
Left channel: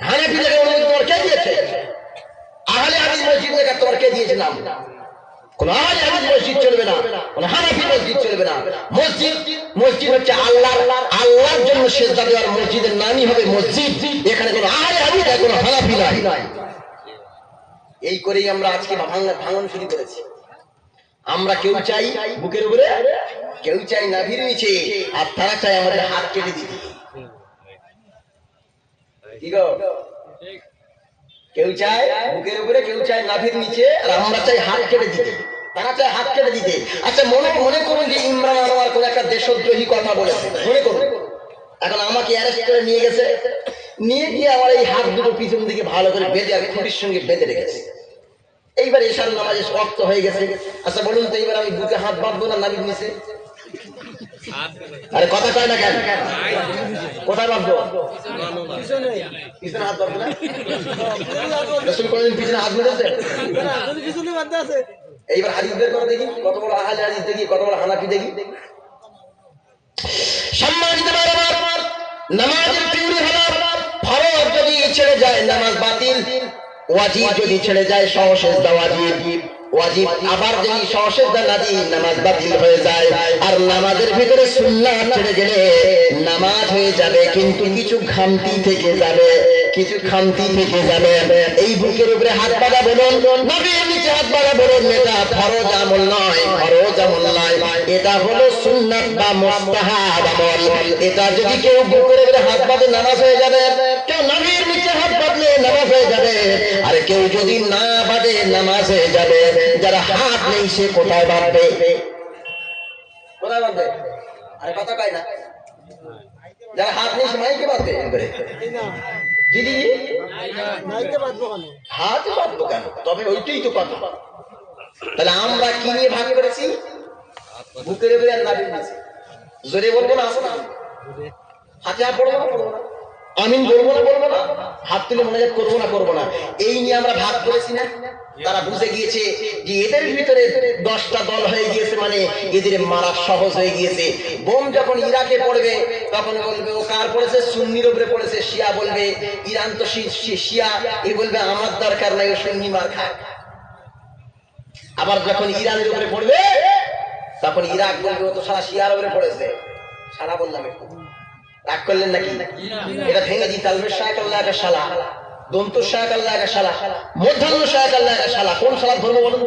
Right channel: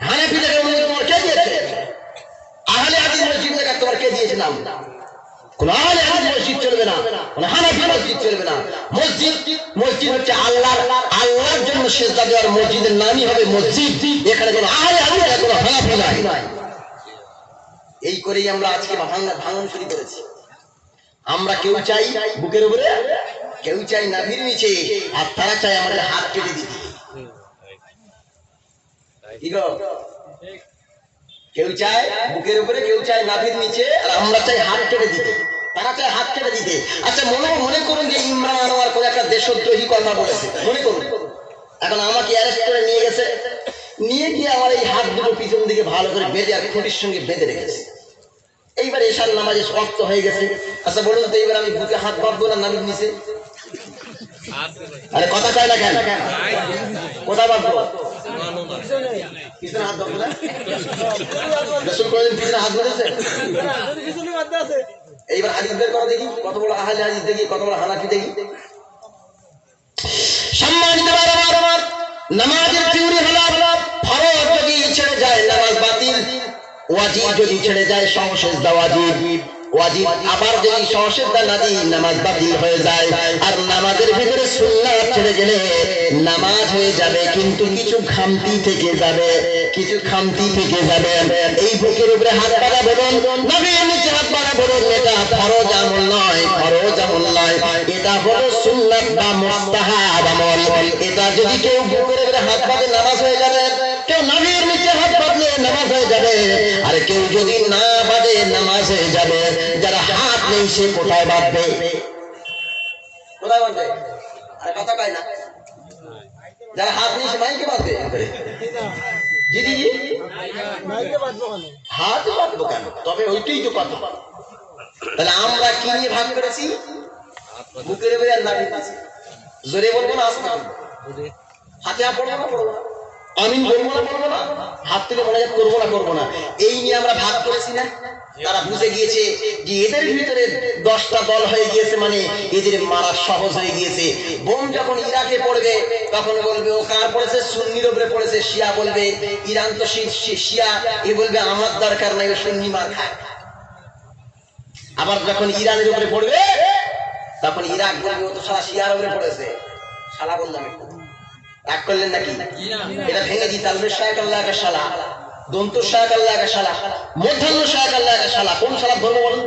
হানাফি থেকে অনুমতি তোমার কে দিয়েছে? আহলে হাদিস মসজিদ থেকে তোমার কে দিয়েছে নাম? কোন আহলে হাদিস মসজিদ চলবে না, কোন হানাফি মসজিদ চলবে না। মসজিদ হচ্ছে আল্লাহর জন্য সিজদা দেওয়ার মসজিদের নামই হবে মসজিদ। এখানে কোনো আহলে হাদিস আর কোনো হানাফি নাই। এই করেই আমরা আজকে ভাঙন শুরু করেছি। আমরা কেউ চাই বুকের উপরে, কেউ চাই নাভির নিচে, আর তারা চাই আমাদের হাত কেটে দিতে। কি গো? কেউ চায় বুকের উপরে, কেউ চায় নাভির নিচে, আর আমরা চাই হাত কেটে দিতে। তারা চায় হাত কেটে দিতে। আচ্ছা মনে করুন যে ইমরান আনোয়ার কোন একটা দেশদ্রোহী কথা বলেছে, মনে করুন। এখন আমাকে অ্যারেস্ট করে নিয়ে গেছে, নিয়ে গিয়ে আমার এই হাত দুটো পিছন দিকে ভালো করে বেঁধে আমি খুঁটির সঙ্গে বেঁধে রেখেছি। এইবার এশার নামাজে শক্ত হয়ে গেছে। আচ্ছা বলুন তো, এইবার আমি বুকে হাত বাঁধবো না নাবির নিচে? আরে কথা কয় না কেন? কোথায় বাঁধবো? পিছনে হাত বাঁধবো না? রসুল কোনদিন পিছনে হাত বেঁধেছে? এইবার হাদিস বের করো দেখি, কত বড় আহলে হাদিস দেখি, কত বড় হানাফি দেখি। সম্মানিত আমার নামাজের থিওরি হলো ফরজ যদি ছেড়ে যায় নামাজ বাতিল, ওয়াজিব যদি ছেড়ে যায় সহসেজদা ওয়াজিব, ওয়াজিব আবার যদি সহসেজদা না দিই নামাজ বাতিল হয়ে যায়। আর নামাজের ভিতরে সুন্নাত ছেড়ে গেলে নামাজ হয়ে যাবে, কিন্তু কিছু খামতি থেকে যাবে, কিছু খামতি থেকে যাবে। এই বুকের উপরে হাত বাঁধা বলুন, নবীর নিচে হাত বাঁধা বলুন, এটা ফরজ আমল নয়, ফরজ আমল নয়, এটা হলো সুন্নাত বা মুস্তাহাব আমল। এটা যদি কেউ বুকের উপরে হাত বাঁধে নামাজ হয়ে যাবে, কেউ নবীর নিচে হাত বাঁধলে নামাজ হয়ে যাবে, আর কেউ যদি না বাঁধে নামাজ হয়ে যাবে। যারা হাত নেই সে কোথায় বাঁধবে? কোথায় বাঁধবে? আরে কথা কয় না। যারা হাত নেই সে মাইকে বাঁধবে। জি জি জি, হাত বাঁধবো কেন? তবে ওইটাই তো কথা। তাহলে আমরা কি নিয়ে ভাগ করেছি? বুকের উপরে আর নাভির নিচে। জোরে বলবো না আস্তে বলবো? হাতে হাত পড়বো না পড়বো না? আমিন বলবো না বলবো না? হাত তুলে মনে হয় করবো না করবো না? এই নিয়ে আমরা ভাগ করেছি না? তারা বুঝে গিয়েছে যে এদের ভিতরে 10টা দল হয়ে গিয়েছে, মানে এদের মারা সহজ হয়ে গিয়েছে। বোম যখন ইরাকে পড়বে তখন বলবে ও কার পড়েছে? সুন্নির উপরে পড়েছে। শিয়া বলবে ইরান তো শিয়া, এ বলবে আমার দরকার নাই, ও সুন্নি মার খায়। আবার যখন ইরানের উপরে পড়বে তখন ইরাক বলবে ও তো সারা শিয়ার উপরে পড়েছে। সারা বললাম একটু রাগ করলেন নাকি? এটা ভেঙে দিই। তালবে শাহ আল্লাহ একা শালা, দন্তুর শাহ আল্লাহ একা শালা, মধ্যাহ্ন শাহ আল্লাহ একা শালা। কোন শালা ধর্ম বলুন?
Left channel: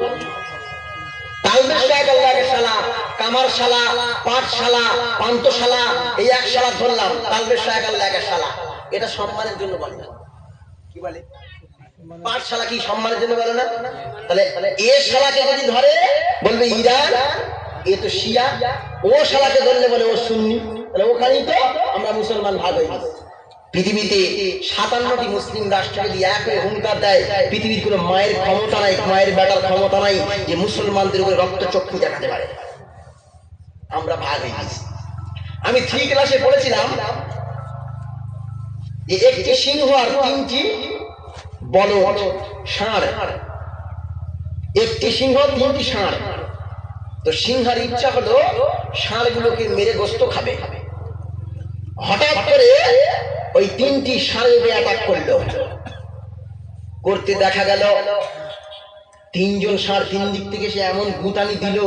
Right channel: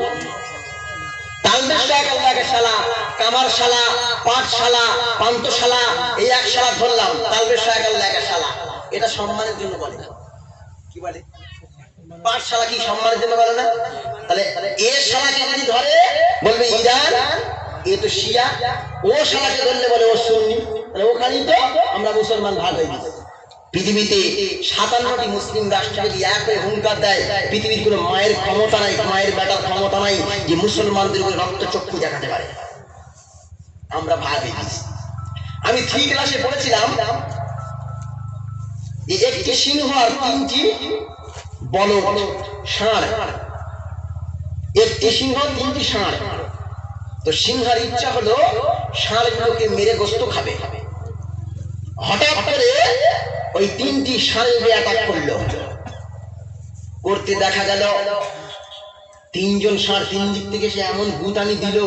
তালবে শাহ আল্লাহ একা শালা, কামার শালা, পাট শালা, পান্ত শালা, এই এক শালা ধরলাম। তালবে শাহ আল্লাহ একা শালা, এটা সম্মানের জন্য বলে। কি বলে? পাঠশালা কি সম্মানের জন্য বলে না? তাহলে এ শালাকে যদি ধরে বলবে ইরান, এ তো শিয়া। ও শালাকে ধরলে বলে ও সুন্নি। তাহলে ওখানেই তো আমরা মুসলমান ভাগ হয়ে গেছি। পৃথিবীতে 57টি মুসলিম রাষ্ট্র যদি এক হয়ে হুঙ্কার দেয়, পৃথিবীর কোনো মায়ের ক্ষমতা নাই, মায়ের বেটার ক্ষমতা নাই যে মুসলমানদের উপরে রক্তচক্ষু দেখাতে পারে। আমরা ভাগ হয়ে গেছি। আমি 3 ক্লাসে পড়েছিলাম যে একটি সিংহ আর 3টি বলদ ষাঁড়, একটি সিংহ 3টি ষাঁড়। তো সিংহের ইচ্ছা হলো ষাঁড়গুলোকে মেরে গোস্ত খাবে। হঠাৎ করে ওই 3টি ষাঁড় অ্যাটাক করলো। করতে দেখা গেল 3জন ষাঁড় 3 দিক থেকে সে এমন গুতানি দিল,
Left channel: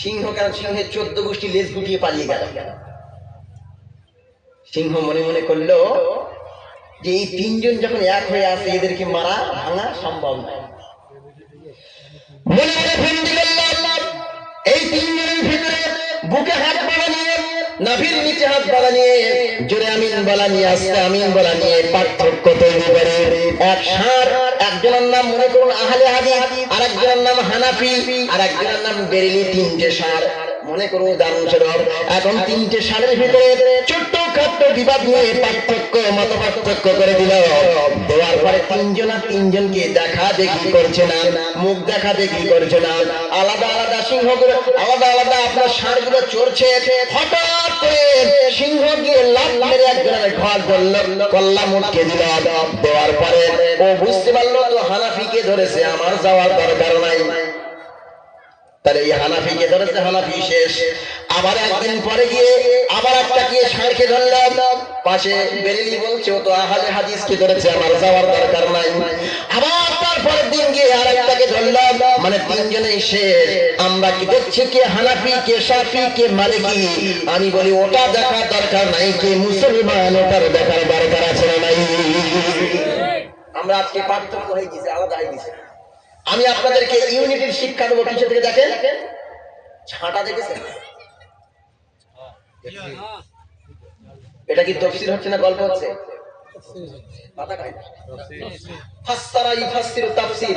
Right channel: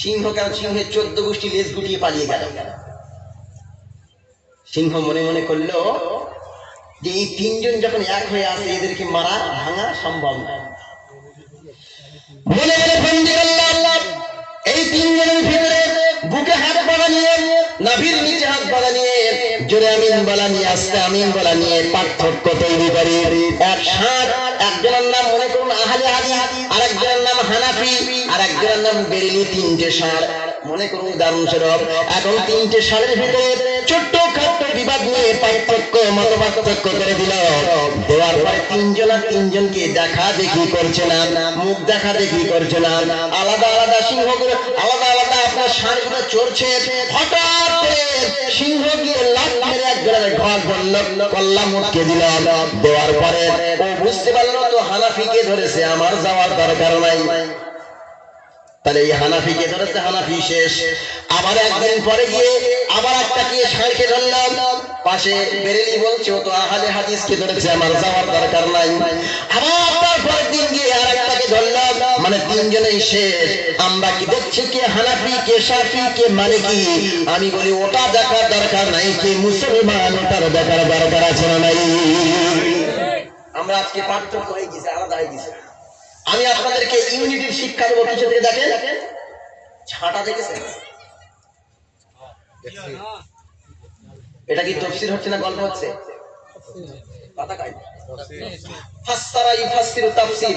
সিংহ কেন সিংহের 14 গোষ্ঠী লেজ গুটিয়ে পালিয়ে গেল। সিংহ মনে মনে করলো যে এই 3জন যখন এক হয়ে আসে এদেরকে মারা ভাঙা সম্ভব নয়। মনে মনে ফন্দি করলাম এই 3জনের ভিতরে বুকে হাত বাড়া নিয়ে, নাভির নিচে হাত বাড়া নিয়ে, জোরে আমিন বলা নিয়ে, আস্তে আমিন বলা নিয়ে পার্থক্য তৈরি করে। এক ষাঁড়, একজনের নাম মনে করুন আহলে হাদিস, আরেকজনের নাম হানাফি, আরেকজনের নাম বেরেলি। 3টে ষাঁড় মনে করুন উদাহরণস্বরূপ। এখন 3টে ষাঁড়ের ভিতরে ছোট্ট খাট্ট বিবাদ নিয়ে পার্থক্য, মত পার্থক্য করে দিল। দেওয়ার পরে 3জনকে দেখা দেখি করছে না, মুখ দেখা দেখি করছে না, আলাদা আলাদা সিংহগুলো আলাদা আলাদা আপনার ষাঁড়গুলো চড়ছে। হঠাৎ করে সিংহ গিয়ে লাফ মেরে একজনের ঘর ধরল, কল্লা মুটকে দিল। দেওয়ার পরে ও বুঝতে পারলো তো হানাফিকে ধরেছে, আমার যাওয়ার দরকার নাই। তাহলে এই হানাফিকে ধরেছে, হানাফি শেষ। আবার একদিন পরে গিয়ে আবার একটা কি ষাঁড়কে ধরলাম, পাশে বেরেলি বলছে ও তো আহলে হাদিসকে ধরেছে, আমার যাওয়ার দরকার নাই। আবার তারপরের দিন গিয়ে আরেকটাকে ধরলাম, মানে 3জনেই শেষ। আমরা কি দেখছি কে হানাফি, কে শাফি, কে মালিকি? আমি বলি ওটা দেখার দরকার নাই, কে মুসলমান ওটার দেখার দরকার আছে না নাই? আমরা আজকে পার্থক্য হয়ে গেছে, আলাদা হয়ে গেছে। আমি আপনাদেরকে ইউনিটির শিক্ষা দেবো। কিছু থেকে দেখেন, ছাটা দেখেছেন? এটা কি তাফসীর হচ্ছে না গল্প হচ্ছে? কথা কই ফাসসারা ইফাসসিরু তাফসীর,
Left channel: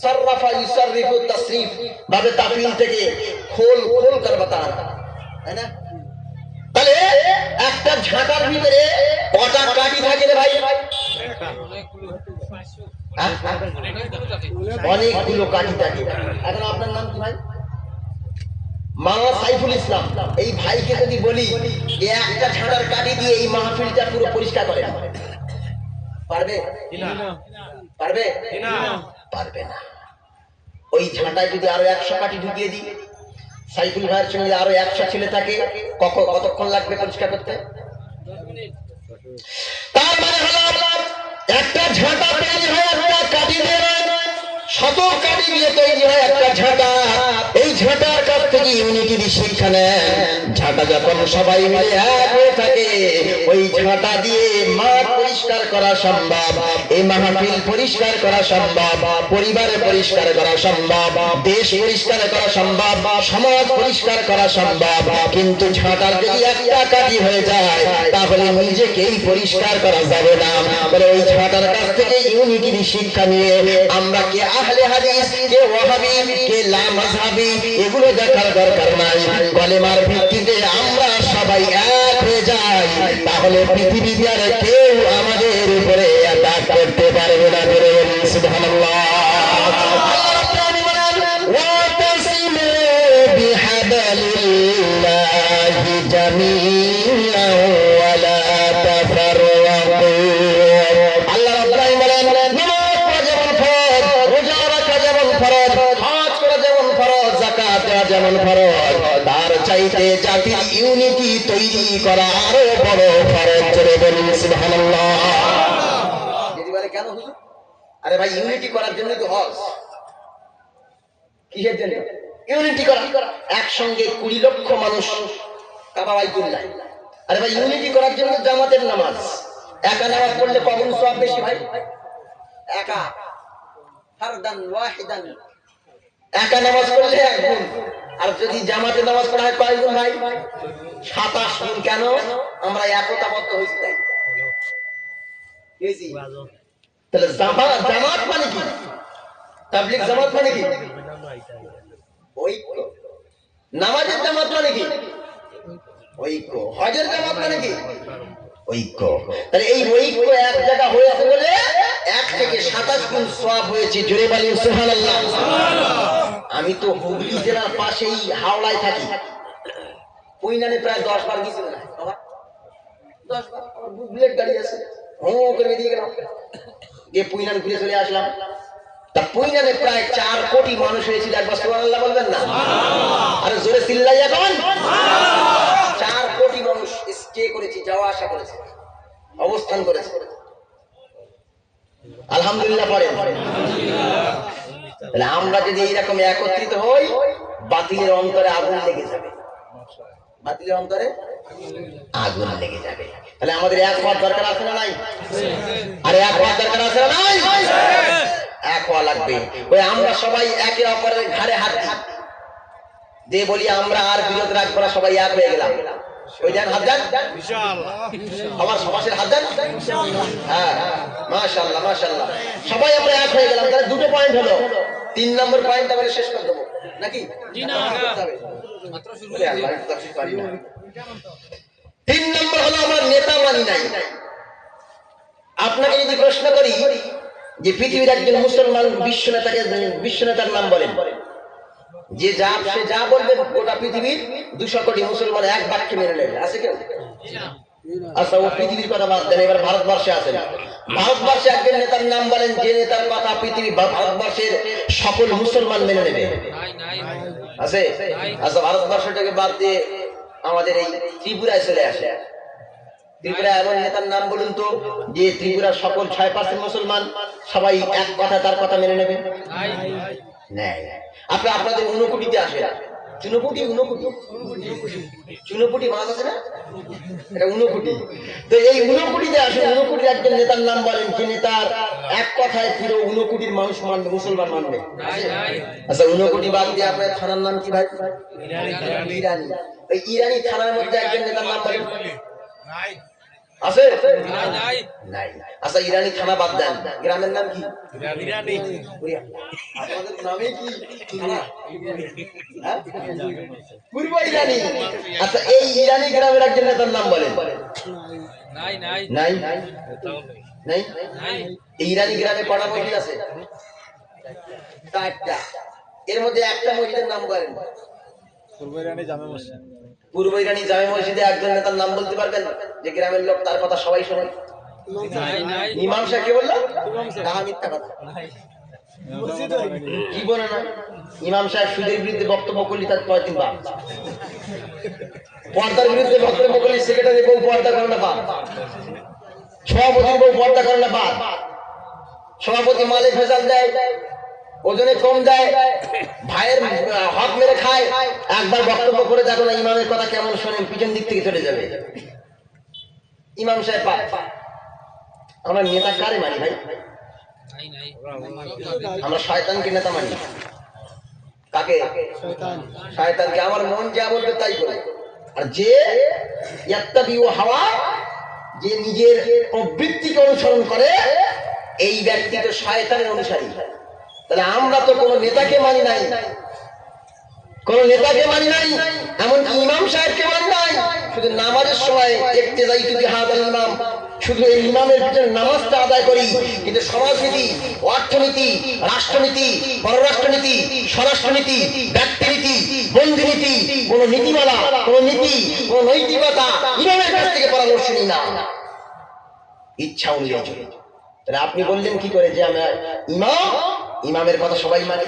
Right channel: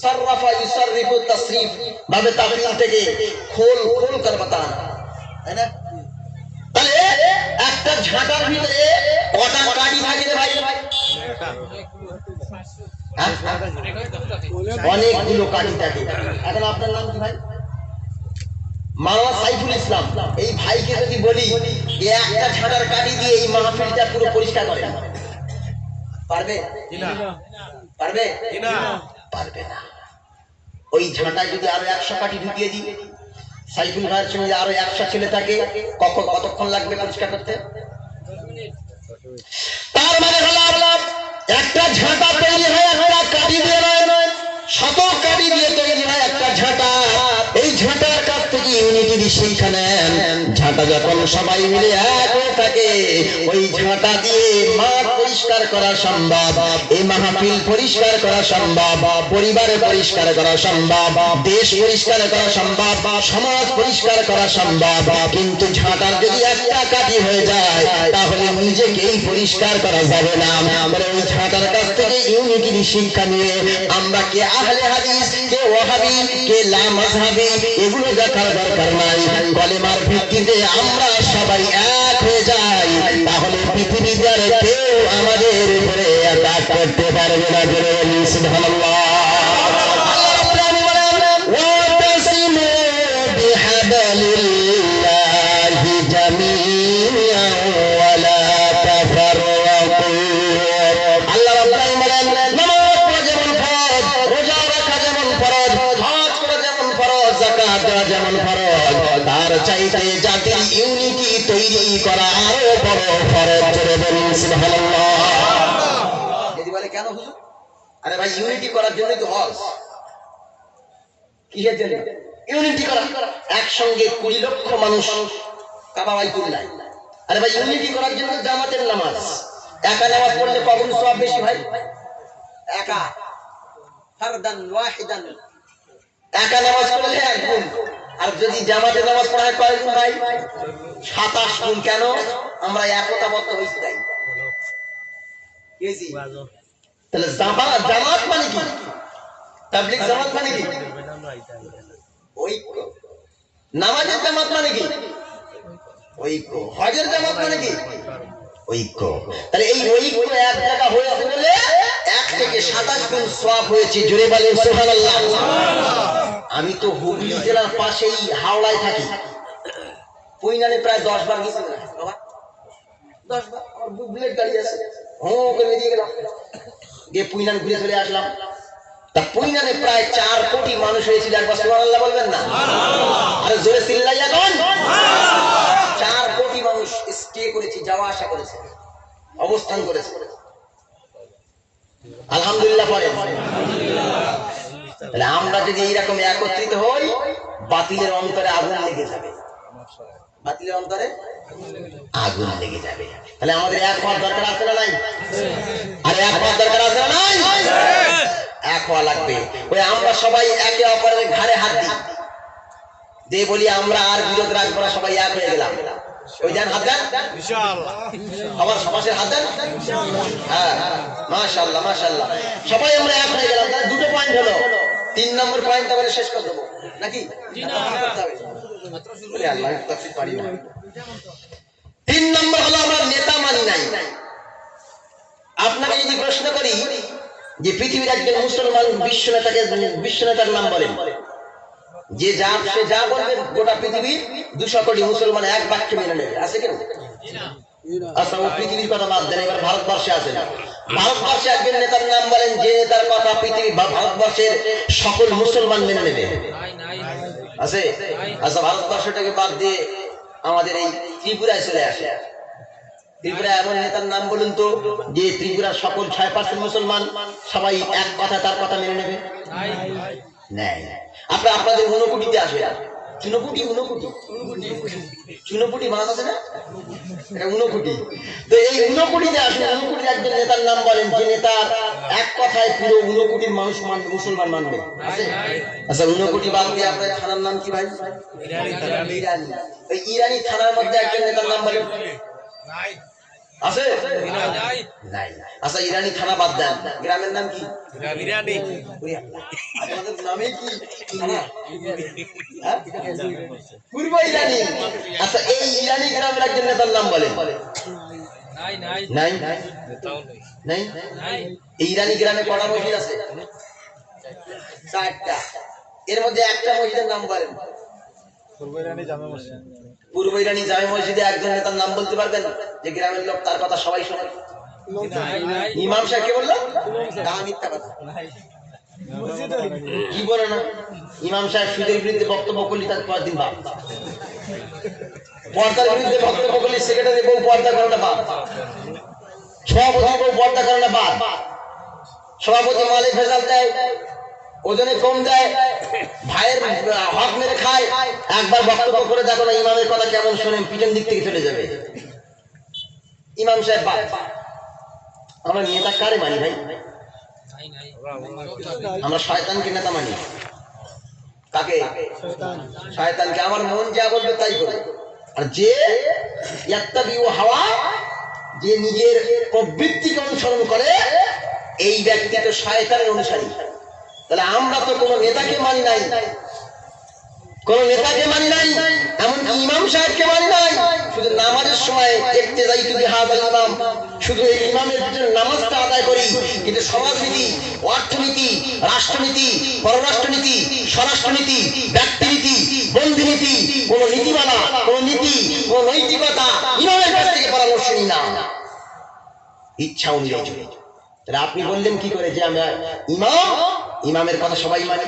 সাররাফা ইউসাররিফু তাসরিফ, ভাবে তাফসীর থেকে খোল খোল করে বাতানা। তাই না? তাহলে একটা ঝাঁটার ভিতরে কটা কাঠি থাকে রে ভাই? হ্যাঁ? অনেকগুলো কাঠি থাকে। এখন আপনার নাম কি ভাই? মাওলানা সাইফুল ইসলাম। এই ভাইকে যদি বলি যে একটা ঝাঁটার কাঠি দিয়ে এই মাহফিলটা পুরো পরিষ্কার করে, পারবে? পারবে? পারবে না। ওই ঝাঁটায় যদি আরো 100 কাঠি ঢুকিয়ে দিই, সাইফুল ভাইয়ের সঙ্গে আরো 100 ছেলে থাকে, কতক্ষণ লাগবে পরিষ্কার করতে? তার মানে হলো একটা ঝাঁটা তৈরি হয় একটা কাঠি দিয়ে, শত কাঠি দিয়ে তৈরি হয় একটা ঝাঁটা। এই ঝাঁটার কাছ থেকে উনি যদি শিক্ষা নেন, ঝাঁটা যখন সবাই মিলে এক হয়ে থাকে, ওই ঝাঁটা দিয়ে মাঠ পরিষ্কার করা সম্ভব, এই মাহফিল পরিষ্কার করা সম্ভব, পরিবার পরিষ্কার করা সম্ভব, দেশ পরিষ্কার করা সম্ভব, সমাজ পরিষ্কার করা সম্ভব। কিন্তু ঝাঁটার যদি একটা কাঠি হয়ে যায়, তাহলে নিজেকেই পরিষ্কার করা যাবে না। বলে ওই ঝাঁটার কাছ থেকে ইউনিটি শিক্ষা নিয়ে আমরা কে আহলে হাদিস, কে ওয়াহাবি, কে লা মাযহাবি, এগুলো দেখার দরকার নাই। কলেমার ভিত্তিতে আমরা সবাই এক হয়ে যাই, তাহলে পৃথিবীতে আর কেউ আমাদের উপরে আঘাত করতে পারবে না। জোরে বলুন সুবহানাল্লাহ। ওয়াতাসিমু বিহাবলিল্লাহি জামিআন ওয়া লা তাফাররাকু। আল্লাহ রাব্বুল আলামিন নামাজ পড়া যেমন ফরজ, রোজা রাখা যেমন ফরজ, হজ করা যেমন ফরজ, যাকাত দেওয়া যেমন ফরজ, তার চাইতে জাতির ইউনিটি তৈরি করা আরো বড় ফরজ। জোরে বলুন সুবহানাল্লাহ। যদি বলে কেন হুজুর? আরে ভাই, ইউনিটি করার জন্য তো হজ। কিসের জন্য ইউনিটি করা? একসঙ্গে 20 লক্ষ মানুষ কাবা বাইতুল্লাহ। আরে ভাই, ইউনিটি করার জন্য জামাতের নামাজ। একা নামাজ পড়লে কখন সওয়াব বেশি ভাই? একা ফারদান ওয়াহিদান, একা নামাজ পড়লে 1 গুণ। আর যদি জামাতের নামাজ পড়া হয় কয় গুণ ভাই? 27 গুণ। কেন? আমরা একতাবদ্ধ হইছি তাই। কেজি তাহলে জামাত মানে কি? তাবলীগ জামাত মানে কি? ঐক্য। নামাজের জামাত মানে কি? ঐক্য। হজের জামাত মানে কি? ঐক্য। তাহলে এই ঐক্য এক জায়গা হয়েছে বলে 1 থেকে 27 গুণ সওয়াব হয়েছে। জোরে বলেন সুবহানাল্লাহ। আমি তো হুগলি জেলার পাশেই হাওড়ায় থাকি। পৈনানে প্রায় 10 বার গেছি না বাবা, 10 বার। আমার বুলেট গাড়ি আছে, হোম করে বেরিয়ে গেলাম, গিয়ে পৈনানে ঘুরে চলে আসলাম। তা পৈনানে প্রায় 4 কোটি মানুষ হয়েছিল। একবার সুবহানাল্লাহ বলবেন না? আরে জোরে চিল্লাইয়া বলেন। 4 কোটি মানুষ স্টে করেছে, যাওয়া আসা করেছে, অবস্থান করেছে। আলহামদুলিল্লাহ পড়েন। তাহলে আমরা যদি এইরকম একত্রিত হই, বাতিলের অন্তরে আগুন লেগে যাবে। বাতিলের অন্তরে আগুন লেগে যাবে। তাহলে আমাদের এক হওয়ার দরকার আছে না নাই? আরে এক হওয়ার দরকার আছে না নাই? এক হওয়া লাগবে। ওই আমরা সবাই একে অপরের ঘাড়ে হাত দিই, দিয়ে বলি আমরা আর বিরোধ রাখবো না, সবাই এক হয়ে গেলাম। ওই দেন হাত দেন ইনশাআল্লাহ, আবার সবার হাত দেন। হ্যাঁ, মাশাআল্লাহ মাশাআল্লাহ, সবাই আমরা এক হয়ে গেলাম। তাহলে 2টো পয়েন্ট হলো। 3 নম্বর পয়েন্ট আমরা শেষ করে দেবো নাকি? 3 নম্বর হলো আমরা নেতা মানি নাই। আপনাকে যদি প্রশ্ন করি যে পৃথিবীর একজন মুসলমান বিশ্বনেতার নাম বলেন, যে সে যা বলবে গোটা পৃথিবীর 200 কোটি মুসলমান এক বাক্যে মেনে নেবে, আছে কেউ? আচ্ছা, পৃথিবীর কথা বাদ দেন, এবার ভারতবর্ষে আছে। ভারতবর্ষে একজন নেতার নাম বলেন, যে নেতার কথা পৃথিবী ভারতবর্ষের সকল মুসলমান মেনে নেবে, আছে? আচ্ছা, ভারতবর্ষটাকে বাদ দিয়ে আমাদের এই ত্রিপুরায় চলে আসে। ত্রিপুরায় এমন নেতার নাম বলুন তো, যে ত্রিপুরার সকল 6% মুসলমান সবাই এক কথা তার কথা মেনে নেবে? নাই। আপনাদের 59 আসে, 59 মাস আছে না? এটা 59। তো এই 59 আসে, 59 একজন নেতার নাম বলেন, যে নেতার এক কথায় পুরো 59 মানুষ মানবে, মুসলমান মানবে। আচ্ছা, 59 বাদ দিয়ে আপনার থানার নাম কি ভাই? ইরানি। ওই ইরানি থানার মধ্যে একজন নেতার নাম বলেন। আছে? নাই নাই নাই। আচ্ছা ইরানি খানা বাদ দেন, গ্রামের নাম কি? ইরানি ওরে আল্লাহ, আপনাদের নামে কি খানা? হ্যাঁ? পূর্ব ইরানি। আচ্ছা এই ইরানি গ্রামের একজন নেতার নাম বলেন। নাই নাই নাই? তাও নাই? নাই এই ইরানি গ্রামে কটা মসজিদ আছে? 4টা। এর মধ্যে একটা মসজিদের নাম বলেন। পূর্ব ইরানি জামে মসজিদ। পূর্ব ইরানি জামে মসজিদে একজন নেতার নাম বলতে পারবেন যে গ্রামের লোক তার কথা সবাই শোনে? নাই নাই ইমাম সাহেব কে বললো? না, মিথ্যা কথা। কি বলে না? ইমাম সাহেব সুদের বিরুদ্ধে বক্তব্য করলে তার পরের দিন বাদ। পর্দার বিরুদ্ধে বক্তব্য করলে সেক্রেটারি বউ পর্দা করে না বাদ। সভাপতির বউ পর্দা করে না বাদ। সভাপতি মালে ভেজাল দেয়, ওজনে কম দেয়, ভাইয়ের হক মেরে খায়, একবার বক্তব্য করে দেখো না ইমামের কথা কেমন শোনেন, পিছন দিক থেকে চলে যাবে। ইমাম সাহেব বাদ। আমরা নেতা কারে মানি ভাই? নাই নাই আমরা শয়তানকে নেতা মানি। কাকে? শয়তানকে। আমার মন যা বলবে তাই করে। আর যে ইয়াত্তাবিউ হাওয়া, যে নিজের প্রবৃত্তিকে অনুসরণ করে, এই ব্যক্তি তো শয়তানের অনুসারী। তাহলে আমরা তো কোনো নেতাকে মানি নাই, কোন নেতাকে মানি নাই, এমনকি ইমাম সাহেবকে মানি নাই। শুধু নামাজের সময় ইক্তেদাইতু বিহাদাল ইমাম, শুধু এই ইমামের পিছনে নামাজটা আদায় করি, কিন্তু সমাজনীতি, অর্থনীতি, রাষ্ট্রনীতি, পররাষ্ট্রনীতি, স্বরাষ্ট্রনীতি, ব্যক্তিনীতি, বন্ধুনীতি, কোন নীতিমালা, কোন নীতি, কোন নৈতিকতা ইমামের কাছ থেকে পরামর্শ নিই না, ইচ্ছা অনুযায়ী। তাহলে আপনি বললেন কি করে যে আমরা ইমাম, ইমামের কথা সবাই মানে?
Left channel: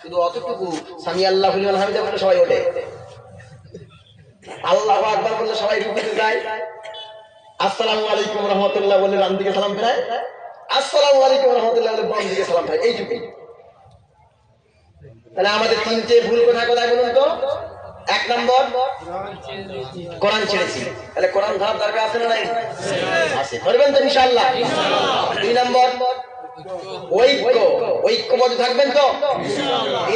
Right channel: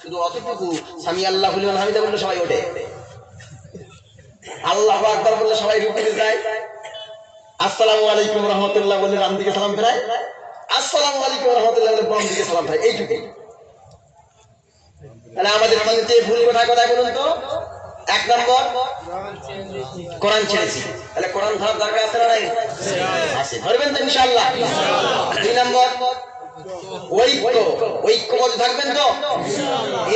শুধু অতটুকু সামি আল্লাহ বলে হামিদা বলে সবাই ওঠে, আল্লাহু আকবার বললে সবাই রুকুতে যায়, আসসালামু আলাইকুম রাহমাতুল্লাহ বলে ডান দিকে সালাম ফেরায়, আসসালামু আলাইকুম রাহমাতুল্লাহ বলে বাম দিকে সালাম ফেরায়, এইটুকুই। তাহলে আমাদের তিনটে ভুল কোথায় কোথায় বলুন তো? 1 নম্বর কোরআন ছেড়েছি। তাহলে কোরআন ধরার দরকার আছে না নাই? আছে। ধরবেন তো ইনশাআল্লাহ? 2 নম্বর ঐক্য, ঐক্যবদ্ধ থাকবেন তো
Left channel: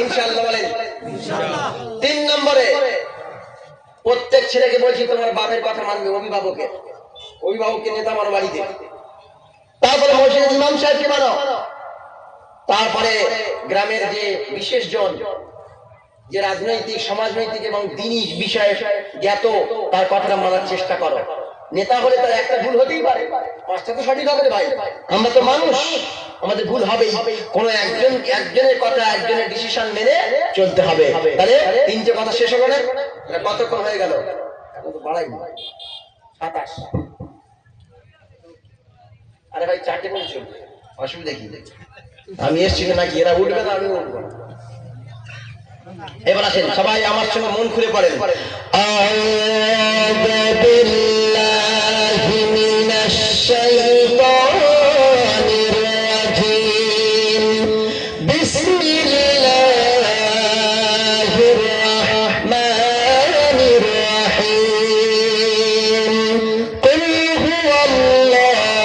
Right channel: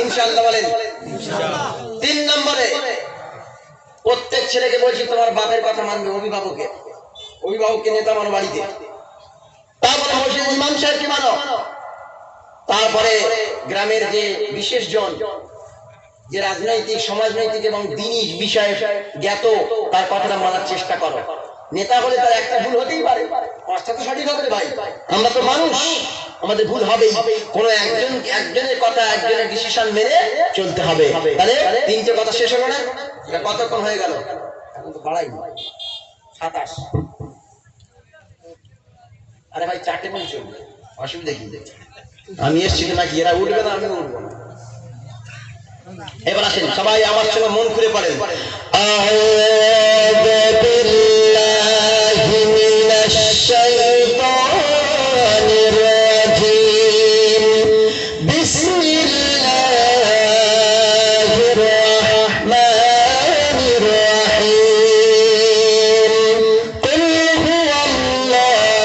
ইনশাআল্লাহ বলেন। 3 নম্বরে প্রত্যেক ছেলেকে বলছি তোমার বাপের কথা মানবে, অভিভাবকের, অভিভাবককে নেতা মানো বাড়িতে। তারপরে মসজিদের ইমাম সাহেবকে মানো। তারপরে গ্রামের যে বিশেষ জন, যে রাজনৈতিক, সমাজনৈতিক এবং দ্বীনি বিষয়ে জ্ঞাত, তার কথাটা মানার চেষ্টা করো। নেতা হলে তার একটা ভুল হতেই পারে, 5টা তো সঠিক হবে ভাই। আমরা তো মানুষ, আমাদের ভুল হবেই। কোন একজনের কথা, একজনের ডিসিশন মেনে চলতে হবে। তাহলে 3টে কথা শেষ হবে না? কতক্ষণ হয়ে গেল? এখন তো বাড়াই 27। আরে ভাই 4টে মিনিট চলবে, অসুবিধা কি? আমি এসছি নাকি এরা উঠবে না, আমি উঠবো না। এবার আসেন সবাই আমার সঙ্গে মন খুলে পড়েন। আউযু বিল্লাহি মিনাশ শাইতানির রাজীম। বিসমিল্লাহির রাহমানির রাহিম। কুল হুয়াল্লাহু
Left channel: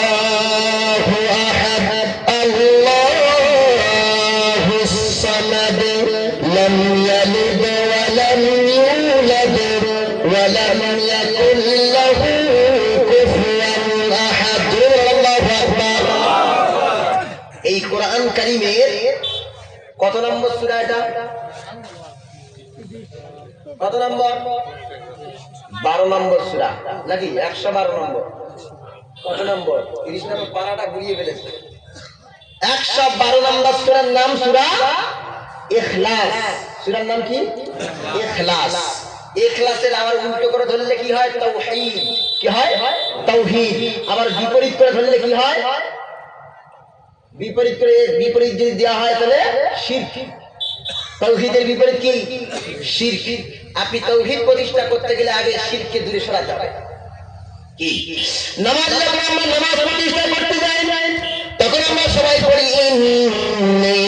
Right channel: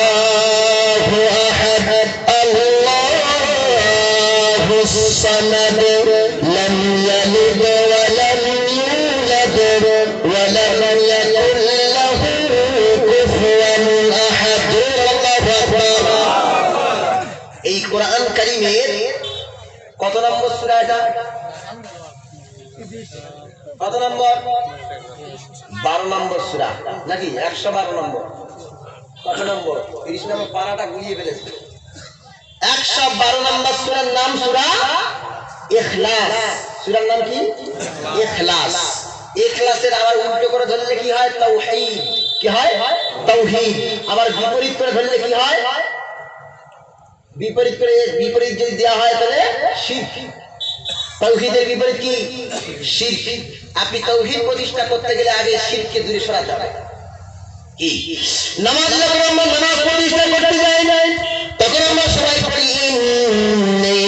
আহাদ, আল্লাহুস সামাদ, لم يلد ولم يولد ولم يكن له كفوا أحد। এই কোরআন কারীমের কত নম্বর সূরা এটা? কত নম্বর? 12 নম্বর সূরা নাকি? 112 নম্বর। কত নম্বর? 30 নম্বর পারাটা গুলিয়ে ফেলেছে। 112 নম্বর সূরার নাম সূরা ইখলাস। সূরার নাম কি? ইখলাস। ইখলাসের আবার উল্টো করে ধরলে কি হয়? তাওহীদ। কি হয়? তাওহীদ। আবার বিপরীত করে ধরলে কি হয়? বিপরীত করে, বিপরীত যদি দেওয়া হয় তাহলে শিরক। তাওহীদের বিপরীত কি? শিরক। আপনি তাওহীদ প্রতিষ্ঠা করতে গেলে আগে শিরককে দূরে সরাতে হবে। কি? নামাজ যখন আমরা নামাজ প্রতিষ্ঠা করতে যাই না, তখন আমরা সবাই পড়ি ইন্নী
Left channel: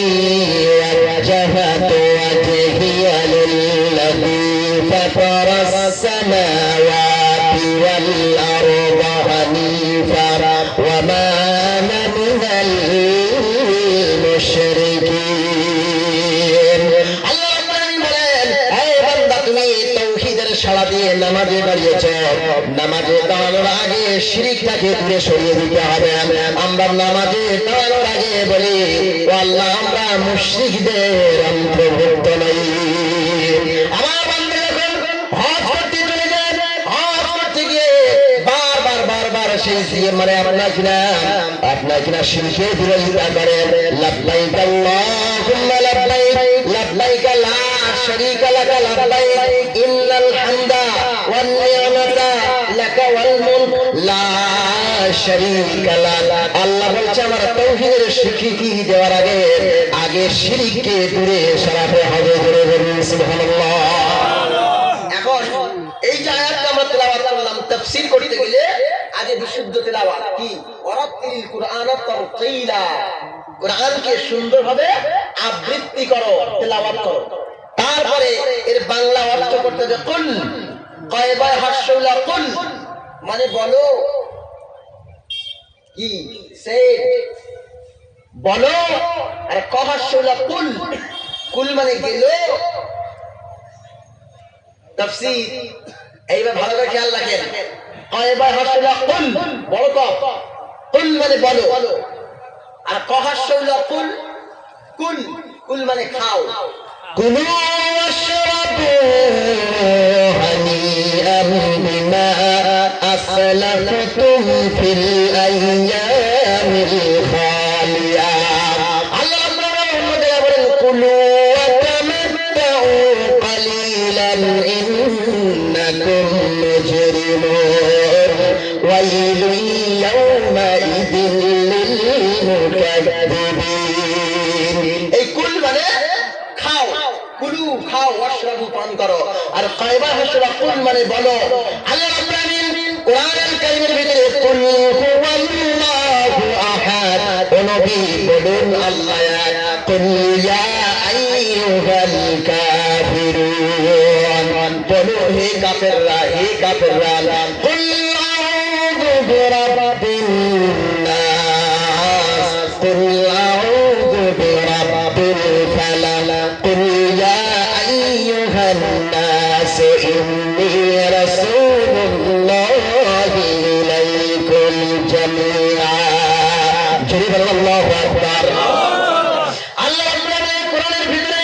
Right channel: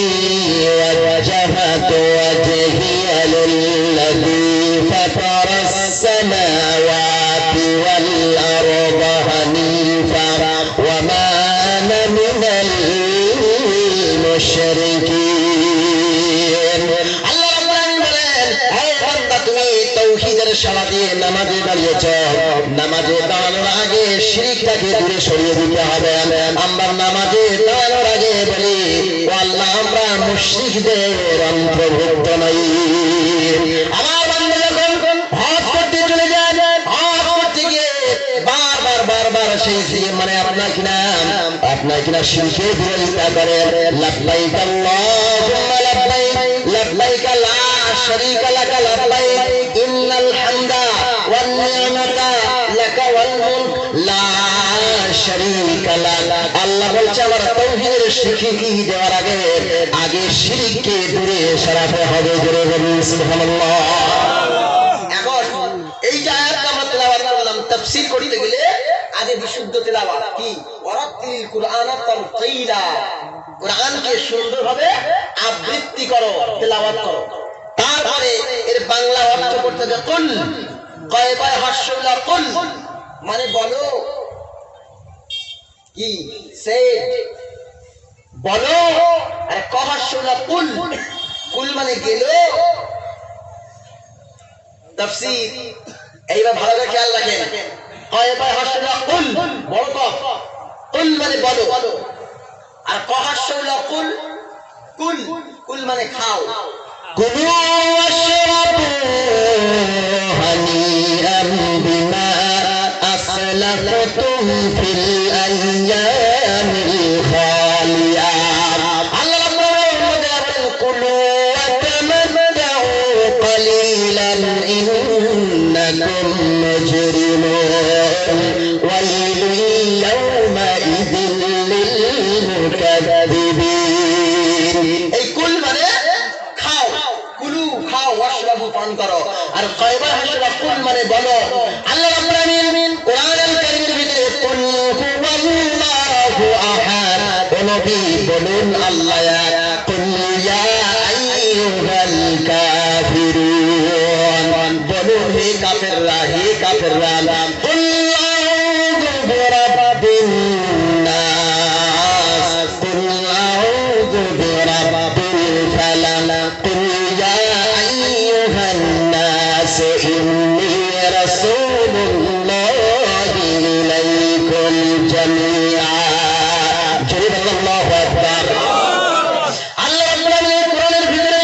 ওয়াজহাতু ওয়াজহিয়া লিল্লাযী ফাতারাস সামাওয়াতি ওয়াল আরদা হানিফা ওয়া মা আনা মিনাল মুশরিকিন। আল্লাহ বলেন, হে বান্দা, তুমি তাওহীদের সাড়া দিয়ে নামাজে দাঁড়িয়েছ, নামাজে দাঁড়ানোর আগে আগে শিরকটাকে দূরে সরিয়ে দিতে হবে। আমরা নামাজে দাঁড়ানোর আগে বলি ও আল্লাহ আমরা মুশরিকদের অন্তর্ভুক্ত নই। আমার বান্দা যখন হজ করতে চলে যায়, হজ করতে গিয়ে বারবার সেই মানে আপনার কিনা শিরকের বিরোধিতা করে। লাব্বাইক আল্লাহুম্মা লাব্বাইক লাব্বাইক লা শারীকা লাকা লাব্বাইক ইন্নাল হামদা ওয়ান নি'মাতা লাকা ওয়াল মুলক লা শারীকা লাক। আল্লাহ বলছে আমার তাওহীদের স্বীকৃতি দেওয়ার আগে শিরককে দূরে সরাতে হবে। জোরে বলুন সুবহানাল্লাহ। এখন এই যে আয়াতটা আমরা তেলাওয়াত করলাম, তাফসীর করতে গেলে আগে বিশুদ্ধ তেলাওয়াত কি ওয়ারাতিল কুরআন তারতিলা, কোরআনকে সুন্দরভাবে আবৃত্তি করো, তেলাওয়াত করো। তারপরে এর বাংলা অর্থ করতে হবে কুল, কয়বার হাসুলা কুল মানে বলো, কি সে বলো, আর কহাসুলা কুল কুল মানে গেল। তাফসীর এইবার ভালো করে খেয়াল রাখেন, কয়বার হাসুলা কুল বড় কফ, কুল মানে বলো, আর কহাসুলা কুল কুল কুল মানে খাও। কুলু ওয়াশরাবু হানিআন বিমা আসলাফতুম ফিল আইয়ামিল খালিয়া। আল্লাহ বলেন কুলু ওয়া তামাত্তাউ কালিলান ইন্নাকুম মুজরিমুন ওয়াইলুন ইয়াওমাইযিন লিল মুকায্যিবিন। এই কুল মানে খাও, কুলু খাও, ওয়াশরাবু পান করো, আর কয়বা হাসরা কুল মানে বলো। আল্লাহ রাব্বুল আলামিন কোরআনুল কারীমের ভিতরে কুল হুয়াল্লাহু আহাদ, ও নবী বলুন আল্লাহ এক, কুল ইয়া আইয়ুহাল কাফিরুন, বলুন হে কাফেররা, হে কাফেররা, কুল আউযু বিরাব্বিন নাস, কুল আউযু বিরাব্বিল ফালাক, কুল ইয়া আইয়ুহান নাস ইন্নী রাসূলুল্লাহি ইলাইকুম জামিআ। জোরে বলুন আল্লাহু আকবার। আল্লাহ রাব্বুল কোরআনের ভিতরে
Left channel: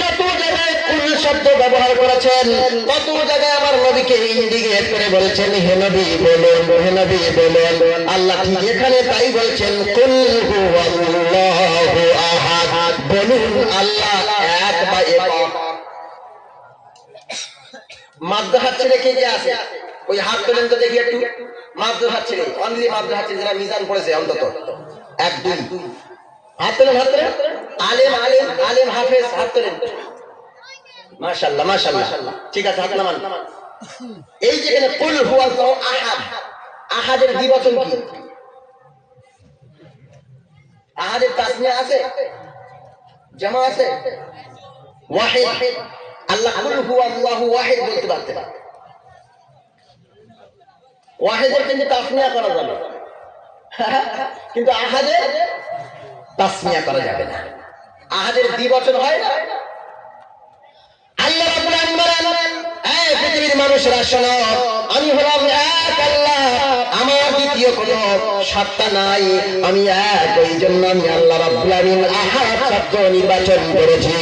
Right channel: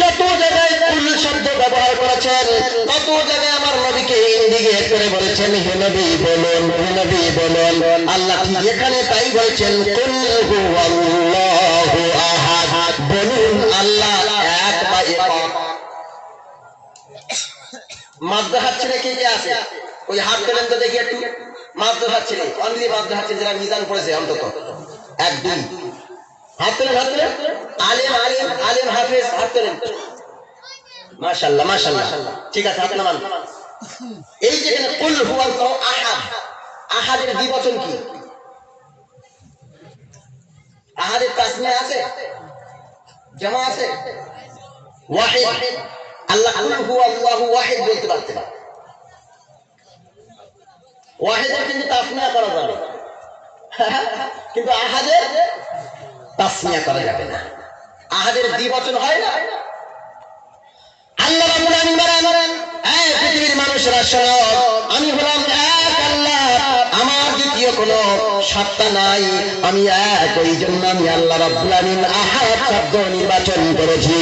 যত জায়গায় কুল শব্দ ব্যবহার করেছেন, তত জায়গায় আমার নবীকে ইন্ডিকেট করে বলেছেন হে নবী বলুন, হে নবী বলুন। আল্লাহ ঠিক এখানে তাই বলেছেন কুল হুয়াল্লাহু আহাদ, বলুন আল্লাহ এক বা একক। মাদ্রাসা হাত ছেড়ে কে কে আছে? ওই হাত তোলেন তো দেখি একটু। মাদ্রাসা হাত ছেড়ে, অনলি মাদ্রাসা হাত ছেড়ে যারা মিজান পড়েছে অন্তত এক দুই হাত তোলেন, হাত তোলেন। আলেম আলেম আলেম হাফেজ হাত তোলেন। মাশাআল্লাহ মাশাআল্লাহ, ঠিক আছে হাত নামান। এই যে এখানে কুল হুয়াল্লাহু আহাদ, আহাদের দ্বিবচন কি? আহাদের তাসনিয়া আছে, জামা আছে? ওয়াহিদ। আল্লাহ কুল হুয়াল্লাহু ওয়াহিদ বলতে পারতেন, ওয়াহিদের কিন্তু তাসনিয়া করা যাবে, কিন্তু আহাদের তাসনিয়া করা যাবে না। আহাদের দ্বিবচন হয় না। আল্লাহ রাব্বুল আলামিন বলেন, এই পৃথিবীর মানুষেরা শোনো, আমি হলাম এক আল্লাহ, আমার দ্বিতীয় কোনো সত্তা নাই, আমি এক। ওই জন্য আমি আল্লাহ রাব্বুল আলামিন আহাদ শব্দ নির্বাচন করেছি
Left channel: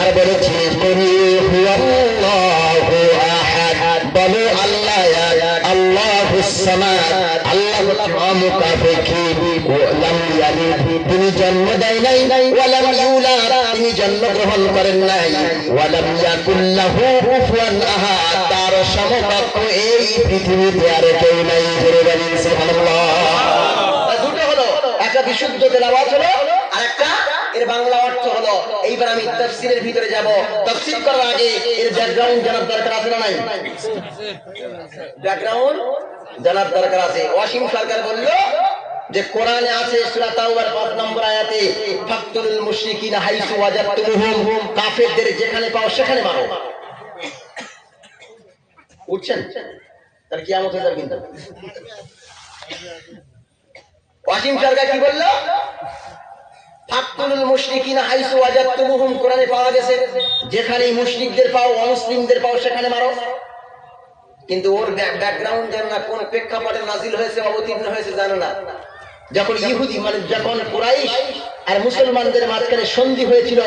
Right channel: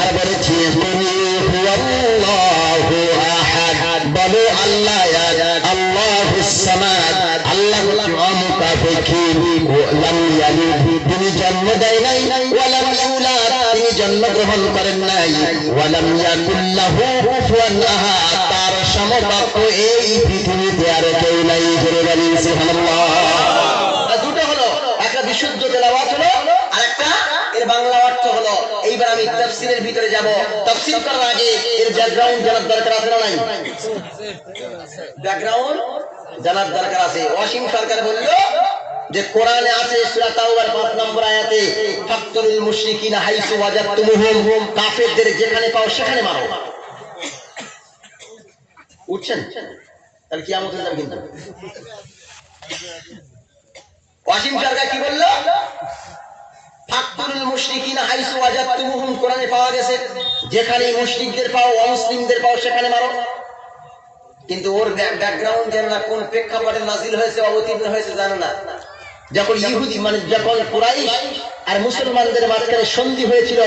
আর বলেছি কুল হুয়াল্লাহু আহাদ, বলো আল্লাহ এক, আল্লাহুস সামাদ। আল্লাহ মুতাফাক্কির, লাম ইয়ালিদ, তিনি জন্ম দেয় নাই, ওয়া লাম ইউলাদ, তিনি জন্মগ্রহণ করেন নাই, ওয়া লাম ইয়াকুল লাহু কুফুয়ান আহাদ, তার সমকক্ষ এই পৃথিবীতে আর কেউ নাই। জোরে বলুন সুবহানাল্লাহ। দুটো হলো, একটা বিশুদ্ধ তেলাওয়াত হলো, আর একটা এর বাংলা অর্থ হলো। এইবার আমি তাফসীরের ভিতরে যাব। তাফসীর করার আগে এর ব্যাকগ্রাউন্ড জানার দরকার আছে না নাই? ব্যাকগ্রাউন্ড জানার দরকার আছে। ওয়াসিম সরকার বলল যে কোরআনে আছে সূরা তাওবার ৫ নম্বর আয়াতে ফাকতুল মুশরিকিনা হাইসু ওয়াজাদতুমুহুম, কাফেরদের যেখানে পাও সেখানে মারো। উঠছেন? তার কিয়ামত হয়ে যাবে কিন্তু। ওয়াসিম সরকার কি বলল? ফাকতুল মুশরিকিনা হাইসু ওয়াজাদতুমুহুম, কোরআনে পাওয়া গেছে যেখানে মুশরিকদের পাও, অমুসলিমদের পাও সেখানে মারো। কিন্তু ওর ব্যাকগ্রাউন্ড জানে না, কোন প্রেক্ষাপটে নাজিল হয়েছে অবতীর্ণ হয়েছে জানে না। যখন ইহুদি মানে যখন কুরাইশ আর মুসলমানদের মাঝখানে সন্ধি হয়েছিল,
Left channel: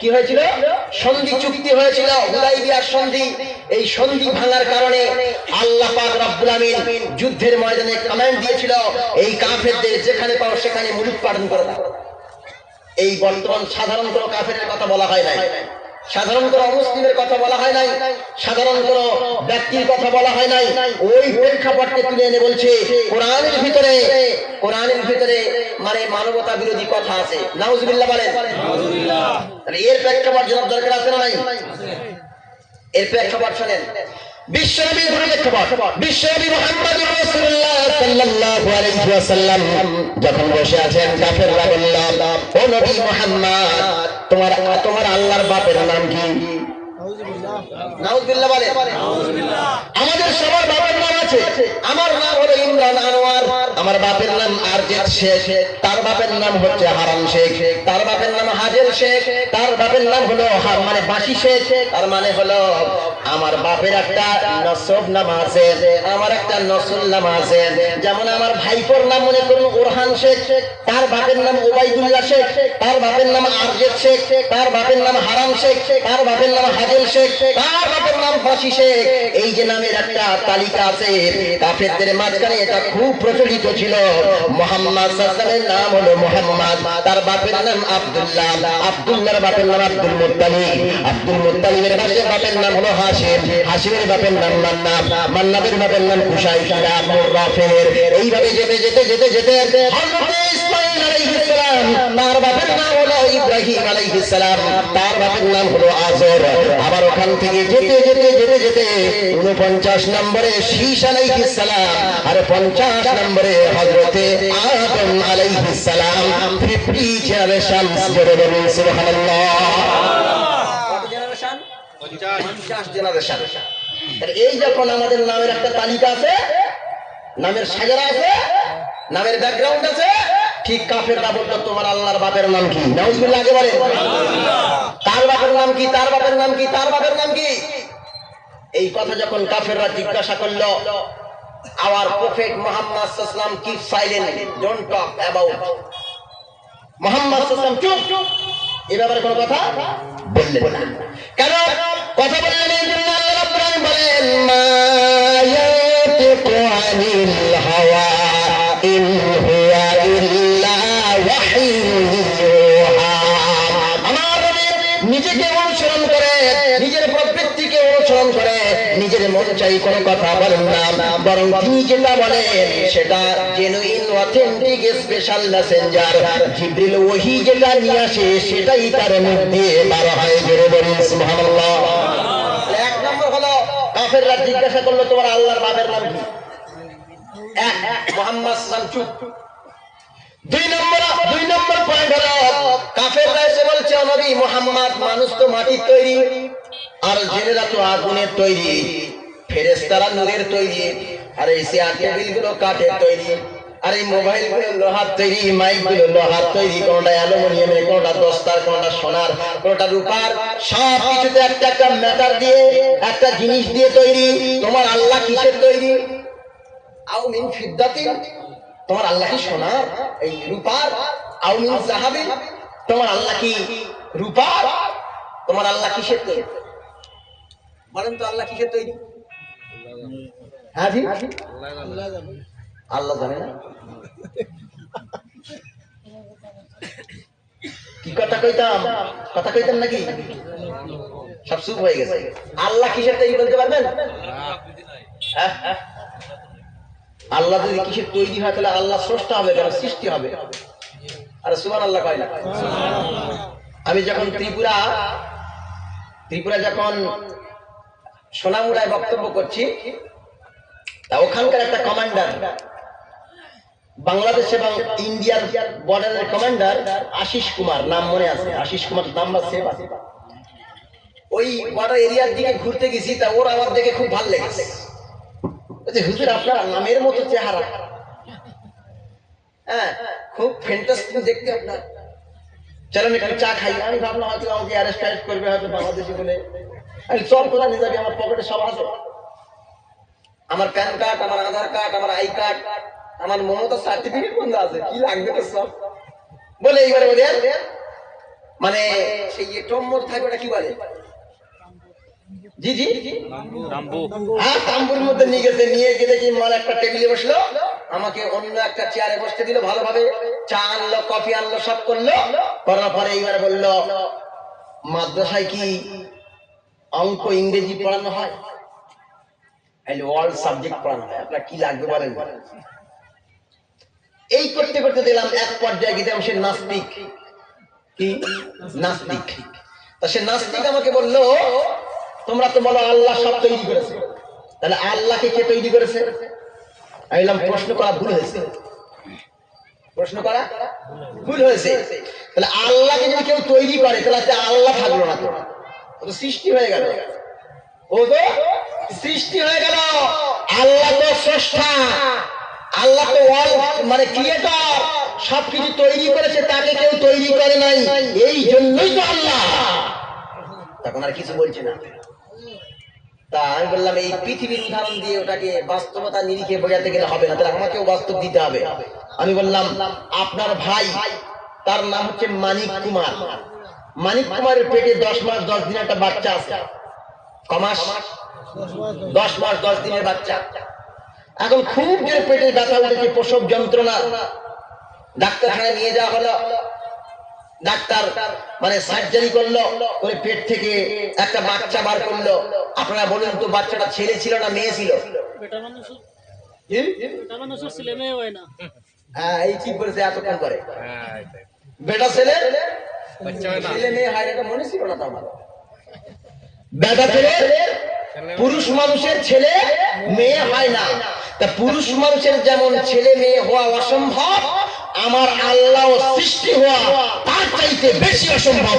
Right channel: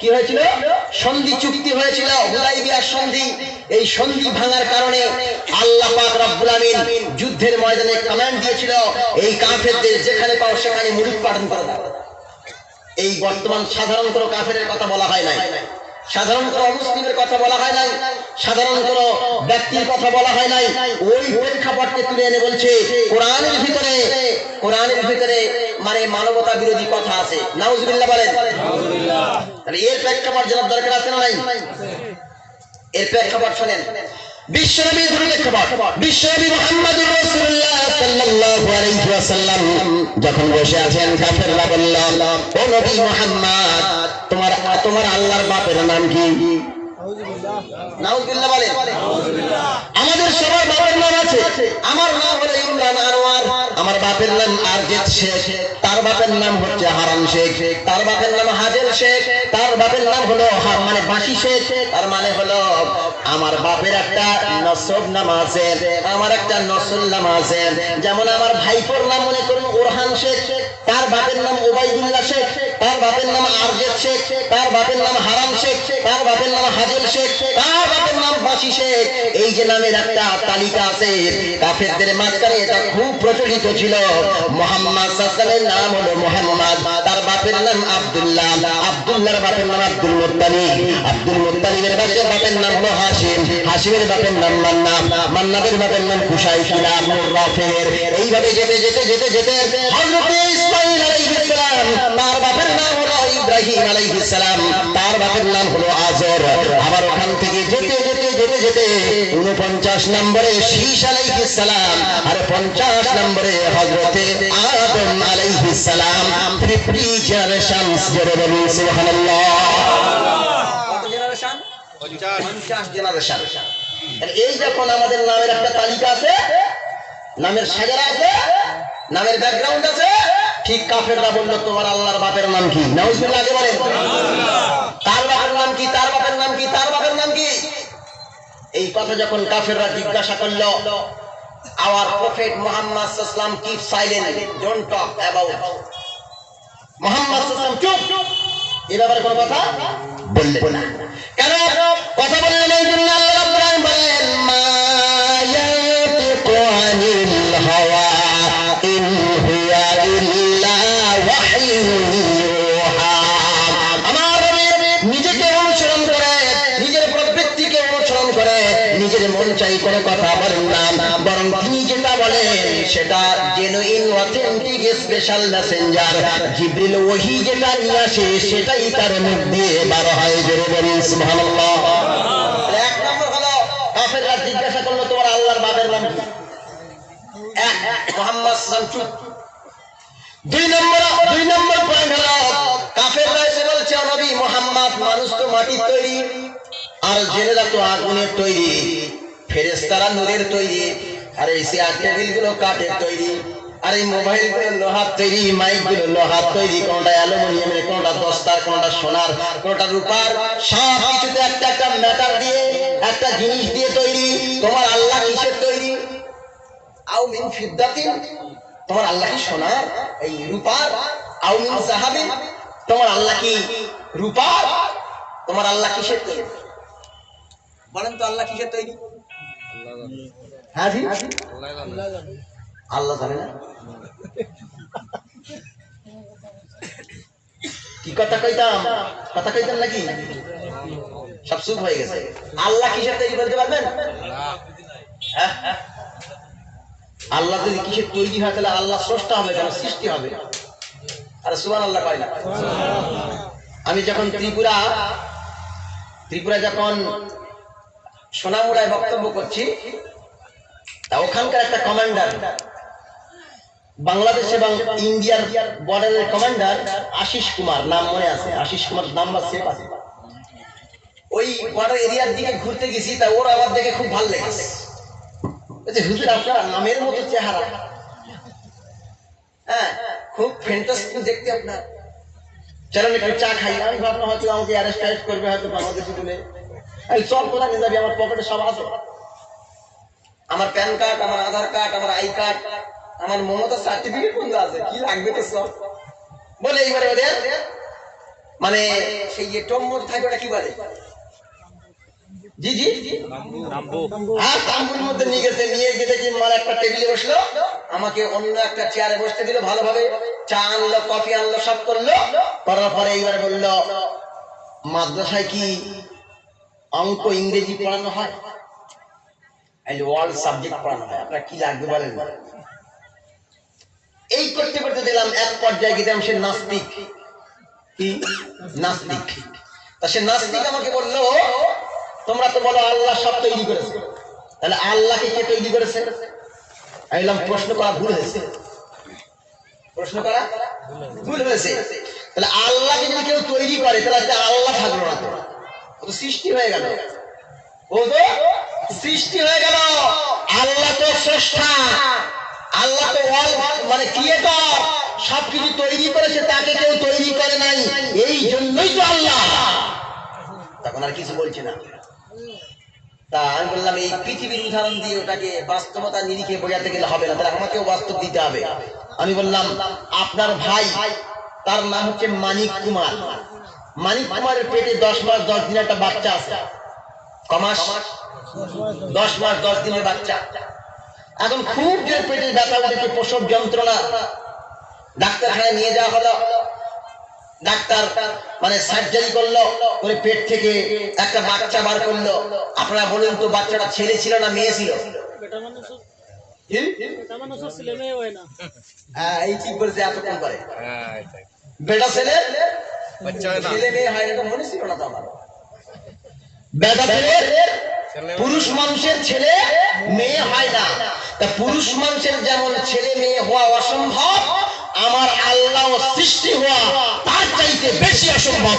কি হয়েছিল? সন্ধি চুক্তি হয়েছিল, হুদাইবিয়ার সন্ধি। এই সন্ধি ভাঙার কারণে আল্লাহ পাক রব্বুল আমিন যুদ্ধের ময়দানে কমান্ড দিয়েছিল, এই কাফেরদের যেখানে পাও সেখানে মূলোৎপাটন করে দাও। এই বর্তমান সাধারণ কোনো কাফেরের কথা বলা হয় নাই, সাধারণ কোনো মুসলিমের কথা বলা হয় নাই, সাধারণ কোনো ব্যক্তির কথা বলা হয় নাই। ওই প্রেক্ষাপটকে তুলে এনে বলছে কোরআনের ভিতরে মানে মানবতা বিরোধী কথা আছে। নাউজুবিল্লাহ বলেন। তাহলে এর প্রেক্ষাপট জানার দরকার আছে না নাই? এর প্রেক্ষাপট শোনেন। বিশ্বনবীর প্রেক্ষাপট, বিশ্বনবী মুহাম্মদুর রাসূলুল্লাহ সাল্লাল্লাহু আলাইহি ওয়াসাল্লাম যখন বসে আছেন, কাফেররা বলল, ও নবী মুহাম্মদ, তোমার আল্লাহর বাপের নাম কি? নাউজুবিল্লাহ বলেন। আমাদের সবার বাপের নাম আছে। আমার নাম হলো ইমরান আনোয়ার, আমার বাপের নাম আরজেদ শেখ, তার বাপের নাম হচ্ছে হারাম শেখ, তার বাপের নাম হাজের শেখ, তার বাপের নাম হলো মানে বাসি শেখ। তার মানে হলো আমার বাপের একটা নসব নাম আছে, আমার একটা নসল নাম আছে। যেমন আমার ভাইপোর নাম মনে করুন ওরহান শেখ, তার বাপের নাম ওবাইদুল্লাহ শেখ, তার বাপের নাম আরজেদ শেখ, তার বাপের নাম হারাম শেখ, তার বাপের নাম হাজেল শেখ, তার বাপের নাম বাসি শেখ। এই যে নামের একটা তালিকা আছে কাফেরদের মাঝখানে, এটা খুব প্রচলিত ছিল। মুহাম্মদ সাল্লাল্লাহু আলাইহি ওয়াসাল্লামের নাম হলো মুহাম্মদ, তার বাপের নাম আব্দুল্লাহ, আব্দুল্লাহর বাপের নাম আব্দুল মুত্তালিব, আব্দুল মুত্তালিবের বাপের নাম হলো হাশিম, হাশিমের বাপের নাম মান্নাব, মান্নাবের বাপের নাম কুশাই, মুরাফের। এইভাবে যেতে যেতে যেতে যেতে হযরত ইসমাঈল আলাইহিস সালাম, তার বাপের নাম হলো ইব্রাহিম আলাইহিস সালাম, তার বাপের নাম হলো আজর। আবার ওখান থেকে যেতে যেতে যেতে যেতে 49 নম্বরে শীশ আলাইহিস সালাম, আর 50 নম্বরে হযরতে আদম আলাইহিস সালাম। 50 জেনারেশন জোরে বলুন সুবহানাল্লাহ। কত জেনারেশন? 50 জেনারেশন। এই যখন আমাদের নামের একটা তালিকা আছে, নামের সাজারা আছে, নামের ব্যাকগ্রাউন্ড আছে, ঠিক কাফেররা বলল তোমার আল্লাহর বাপের নাম কি? নাউজুবিল্লাহ আগে বলেন। তার বাপের নাম কি? তার বাপের নাম কি? তার বাপের নাম কি? এই কথা যখন কাফেররা জিজ্ঞাসা করল, our prophet Muhammad sallallahu alaihi wasallam keep silent, don't talk about Muhammad sallallahu alaihi wasallam, চুপ। এ ব্যাপারে কোনো কথা বললেন না। কেন কথা বললেন? এই জন্য আল্লাহ রাব্বুল আলামিন বলেন, মা ইয়াতিকু আনিল হাওয়া ইন হুয়া ইল্লা ওয়াহয়ুন ইউহা। আমার নিজেকে অনুসরণ করে, নিজের প্রবৃত্তিকে অনুসরণ করে, নিজের মন চাই কোনো কথা বলেন না, বরং তিনি যেটা বলেন সেটা জেনুইন, অথেন্টিক, স্পেশাল মেসেঞ্জার জিবরিল ওহী যেটা নিয়ে আসে সেটাই তার মুখ দিয়ে বার হয়। জোরে বলেন সুবহানাল্লাহ। এক নম্বর হলো কাফেররা জিজ্ঞাসা করলো তোমার আল্লাহর বাপের নাম কি? এক, মুহাম্মদ সাল্লাল্লাহু আলাইহি ওয়াসাল্লাম চুপ। দুই নম্বর পয়েন্ট হলো কাফেররা এসে বলছে, নবী মুহাম্মদ, মানুষ তো মাটির তৈরি, আর জেনেরা তো আগুনের তৈরি, ফেরেশতারা নূরের তৈরি, আর এই চেয়ার টেবিল গুলো কাঠের তৈরি, আর এই মোবাইল গুলো লোহার তৈরি, মাইক গুলো লোহার তৈরি, কোনটা অ্যালুমিনিয়ামের, কোনটা দস্তার, কোনটা সোনার, কোনটা রূপার, সব কিছুতে একটা একটা ম্যাটার দিয়ে, একটা জিনিস দিয়ে তৈরি। তোমার আল্লাহ কিসের তৈরি? আও মিন ফিদ্দাতিন, তোমার আল্লাহ কি সোনা এই রূপার? আও মিন যাহাবিন, তোমার আল্লাহ কি রূপার? তোমার আল্লাহ কিসের তৈরি? বলেন তো আল্লাহ কিসের তৈরি? হ্যাঁ জি, আল্লাহ জানে না। কি কথা কইতাম? কথা কইতাম নাকি? সব চুপ হয়ে গেছে। আল্লাহ কিসের তৈরি বলতে পারবেন? হ্যাঁ, আল্লাহ যদি কিসের তৈরি হয় তাহলে আল্লাহ স্রষ্টা হবে কেন? সৃষ্টি হবে। আর সুবহানাল্লাহ কয় না? আমি যখন ত্রিপুরা যখন সোনামুড়ায় বক্তব্য করছি, তা ওখানকার একটা কমান্ডার, বাংলাদেশ এবং ইন্ডিয়ার বর্ডারের কমান্ডার আশিস কুমার, নাম মনে আছে, আশিস কুমার নাম্বার সেভ আছে। ওই বর্ডার এরিয়ার দিকে ঘুরতে গেছি, তা ওর আমার দেখে খুব ভালো লেগেছে। হুজুর আপনার নামের মতো চেহারা, হ্যাঁ খুব ফ্যান্টাস্টিক দেখতে আপনার, চলেন একটু চা খাই। আমি ভাবলাম হয়তো আমাকে অ্যারেস্ট করবে, হয়তো বাংলাদেশি বলে। আমি সব কোথায় নিয়ে যাবি, আমার পকেটে সব আছে। আমার প্যান কার্ড, আমার আধার কার্ড, আমার আই কার্ড, আমার মমতা সার্টিফিকেট বন্ধ আছে, কি লাগবে তো সব বলে এইবারে ওদের মানে সেই যে টম মধ্যে থাকে ওটা কি বলে, জি জি হ্যাঁ তাম্বুর মধ্যে নিয়ে গেছে, নিয়ে গিয়ে দেখি মানে একটা টেবিলে বসলো, আমাকে অন্য একটা চেয়ারে বসতে দিল, ভালোভাবে চা আনলো, কফি আনলো, সব করলো, করার পরে এইবার বললো মাদ্রাসায় কি অঙ্ক ইংরেজি পড়ানো হয়, ওয়ার্ল্ড সাবজেক্ট পড়ানো হয়, আপনার কি লাগবে বলেন। এই করতে করতে দিলাম এক পর্যায়ে গেলাম সে নাস্তিক, কি নাস্তিক, তা সে নাস্তিক আমাকে বললো তোমরা তো বলো আল্লাহ সব তৈরি করেছে, তাহলে আল্লাহকে কে তৈরি করেছে? আমি বললাম প্রশ্ন করা ভুল হয়েছে, প্রশ্ন করা ভুল হয়েছে, তাহলে আল্লাহকে যদি কেউ তৈরি করে তাহলে আল্লাহ থাকলো না, তো ও তো সৃষ্টি হয়ে গেল, ও তো সৃষ্টি হয়ে গেল, আল্লাহ তো স্রষ্টা, আল্লাহ তো মানে ক্রিয়েটর, সবকিছু তৈরি করেছে, তাকে কেউ তৈরি করে নাই, এই জন্যই তো আল্লাহ। তখন আর কিছু বলছে না। তা আমি বললাম এই পৃথিবীর উদাহরণ দিয়ে ওটাকে বাস্তবতা নিরিখে বোঝাতে গেলে হবে না, তাহলে আমাকেও বাস্তব দিতে হবে। আমি বললাম আপনার ভাই, তার নাম হচ্ছে মানিক কুমার, মানিক কুমারের পেটে 10 মাস 10 দিনের একটা বাচ্চা আছে, কমাস 10 মাস 10 দিনের বাচ্চা, এখন খুব জোরে পেটে ব্যথা হচ্ছে, প্রসব যন্ত্রণা, ডাক্তারখানায় নিয়ে যাওয়া হলো, ডাক্তার মানে সার্জারি করলো, ওই পেট থেকে একটা বাচ্চা বার করলো। আপনারা বলুন তো বাচ্চাটা ছেলে ছিল না মেয়ে ছিল? হ্যাঁ এই ঠিক বলছে, এতক্ষণ করে বেটা ছেলে ছেলে মেয়ে হয়, এটা মনে ছিল না তো আমার। বেটা ছেলে, পুরুষ মানুষের ছেলে মেয়ে হয় না, তা পুরুষ মানুষের যেমন ছেলে মেয়ে হওয়া অসম্ভব, আমার আল্লাহ সৃষ্টি হওয়া তার চাইতে বেশি অসম্ভব।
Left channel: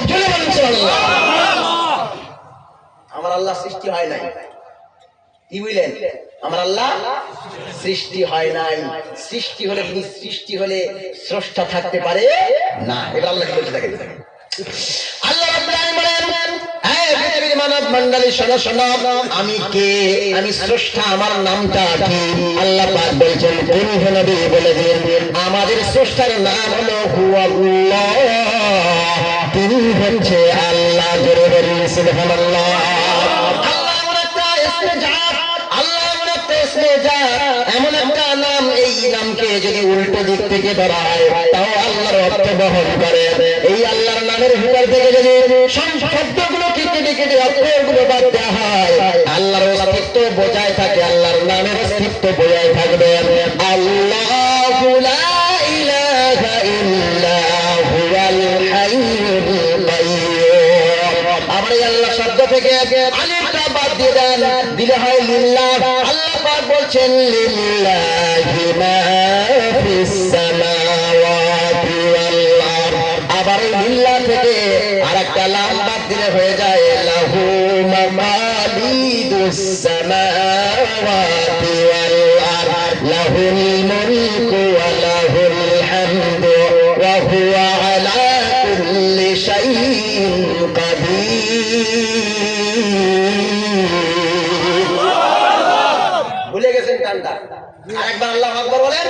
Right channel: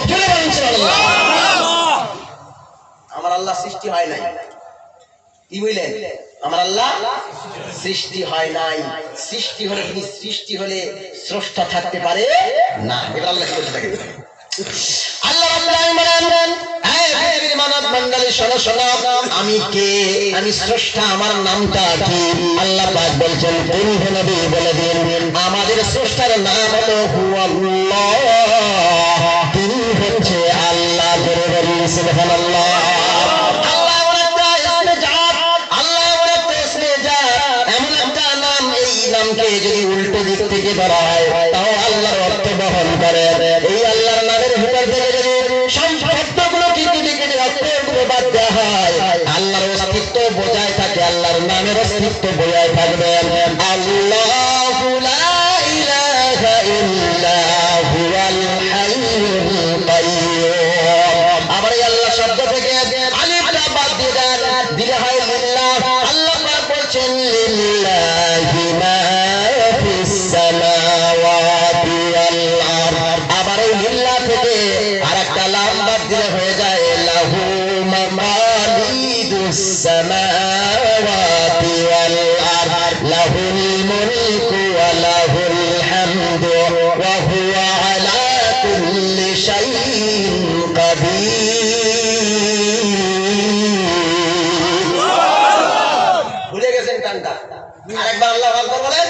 আমার আল্লাহ সৃষ্টি হয় নাই, কি বুঝলেন? আমার আল্লাহ সৃষ্টি হয় নাই, সৃষ্টি হলে যিনি সৃষ্টি হলে স্রষ্টা থাকতে পারে না, এটা আল্লাহ কি বলতে থাকে। আল্লাহ মানব মণ্ডলী শোনো শোনো, আমি কে, আমি স্রষ্টা, আমার নামটা কি? আল্লাহ পাক বলছেন তুমি নবী বলে দিন আমাদের স্রষ্টার নাম হলো হুয়াল্লাহ, তিনি হচ্ছে আল্লাহ। জোরে বলুন সুবহানাল্লাহ। এমন একটা নাম, এই নামকে যদি উল্টো দিক থেকে ধরা হয় তাও আল্লাহর অর্থ বহন করে। এই আল্লাহর নামের ভিতর থেকে যদি শব্দগুলো কেটে কেটে অর্থগুলো বাদ দেওয়া হয়, আল্লাহর অস্তিত্ব বজায় থাকে, আল্লাহর নামের অস্তিত্ব বজায় থাকবে। আল্লাহু লা ইলাহা ইল্লা হুয়াল হাইয়ুল কাইয়্যুম। আবার এই আল্লাহ শব্দ থেকে আলিফটা বাদ দিয়ে দেন, দিলে হয় লিল্লাহ। আল্লাহ পাক বলছেন লিল্লাহি মা ফিস সামাওয়াতি ওয়াল আরদ। আবার এই লিল্লাহ থেকে আরেকটা লাম বাদ দিলে হয়ে যায় লাহু মাকালিদুস সামাওয়াতি ওয়াল আরদ, লাহুল মুলকু ওয়া লাহুল হামদু ওয়া হুয়া আলা কুল্লি শাইইন কাদির। ভুলে গেছেন টানটা, আরেকবার আল্লাহু আকবার বলেন।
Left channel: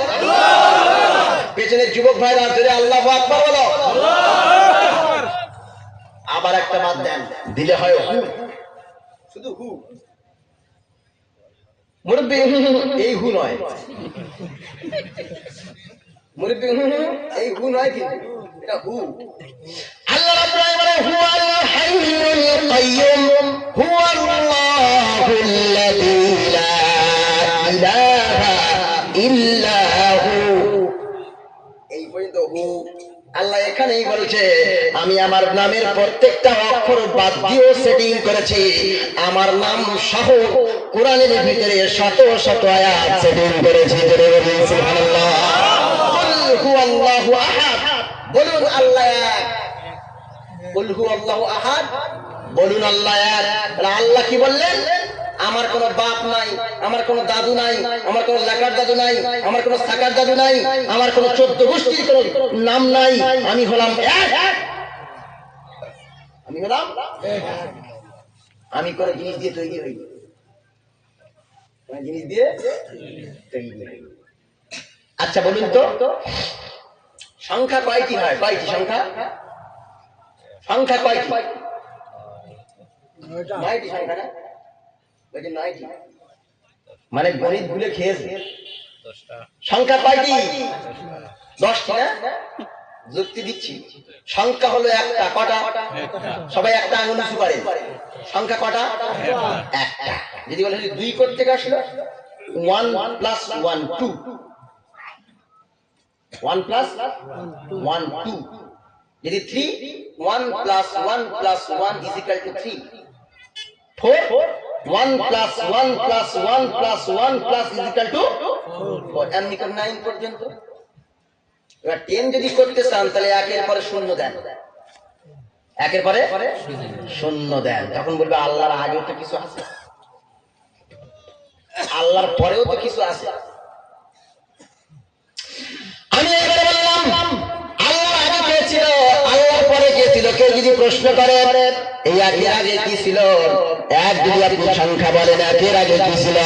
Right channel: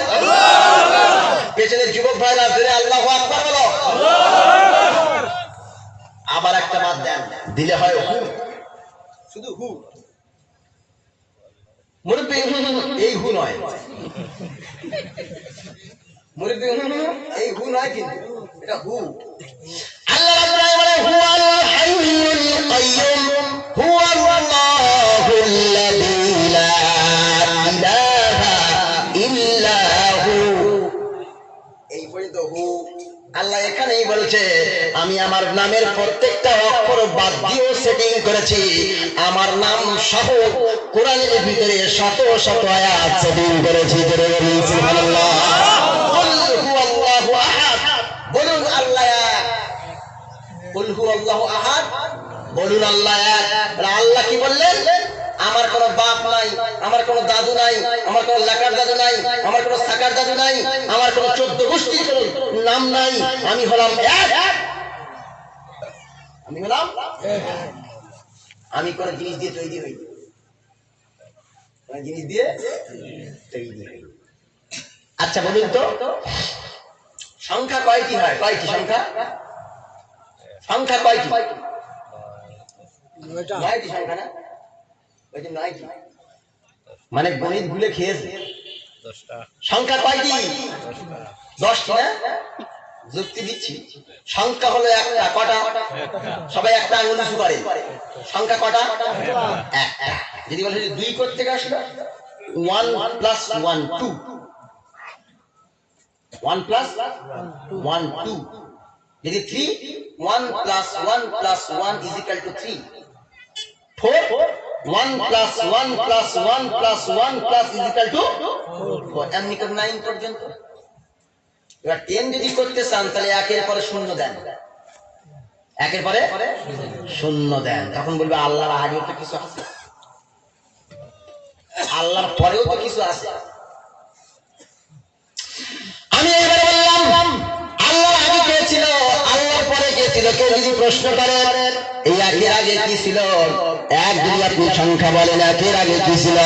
পেছনের যুবক ভাইরা যদি আল্লাহু আকবার বলো, আবার একটা বাদ দেন, দিলে হয় হু, শুধু হু। মুরব্বি এই হু নয়, মুরব্বি এই হু নয়, কিন্তু এটা হু। আল্লাহ রাব্বুল আলামিন হুয়াল হাইয়ুল কাইয়্যুম, হুয়াল্লাহুল্লাযী লা ইলাহা ইল্লা হু। এই পর্যন্ত হু। আল্লাহ এখানেই বলছে আমি আমার নামের প্রত্যেকটা অক্ষর বাদ দিয়েও সেটিং করেছি, আমার নাম সহ কোরআনের ভিতরে শত শত আয়াত সেটিং করেছি। সুবহানাল্লাহ। কুল হুয়াল্লাহু আহাদ, বলুন আল্লাহ এক। কুল হুয়াল্লাহু আহাদ, বলুন আল্লাহ এক। আল্লাহ কি বললেন? আমার কোনো বাপ নাই, আমার কোনো দাদু নাই, আমার কোনো লাকার দাদু নাই, আমার কোনো সাকার দাদু নাই, আমার কোনো 14 গোষ্ঠীর কোনো নাম নাই, আমি হলাম এক। আমি হলাম, আমি কোনো জিনিস দিয়ে তৈরি হইনি। মানে জিনিস দিয়ে তৈরি হয়। আচ্ছা বলুন তো সংখ্যা কয়টি হয়? কয়টি সংখ্যা? সংখ্যা কয়টি? 9টি সংখ্যা না? ওই যে 9টি মানে গণিত ভুলে খেয়েছে। 10টা সংখ্যা কয়টি? 10টা 10টি না? যুক্তি দিচ্ছি, সংখ্যা হলো একটা। কটা? সবাই একটা আঙুল উঁচু করে। সংখ্যা কটা? একটা। যদি বলে 2 করতে আসলো 1 + 1 2, 1 + 1 2। যদি 3 1 + 1 + 1 = 3। 4 1 + 1 + 1 + 1 = 4। এমনি করে 9 পর্যন্ত। এবার 10 যদি করতে চান তাহলে একের পরে শূন্য দেন, একের পরে শূন্য দেন। তখন বলবে আল্লাহর আগেও তো কিছু আছে, আল্লাহর পরেও তো কিছু আছে। আমি এবারে বললাম আল্লাহর আগে কে ছিল, আল্লাহর পরে কে ছিল? কেউ যদি প্রশ্ন করেন এই একের আগে কি ছিল, এক যদি আপনি সংখ্যা বলেন একের আগে কি ছিল,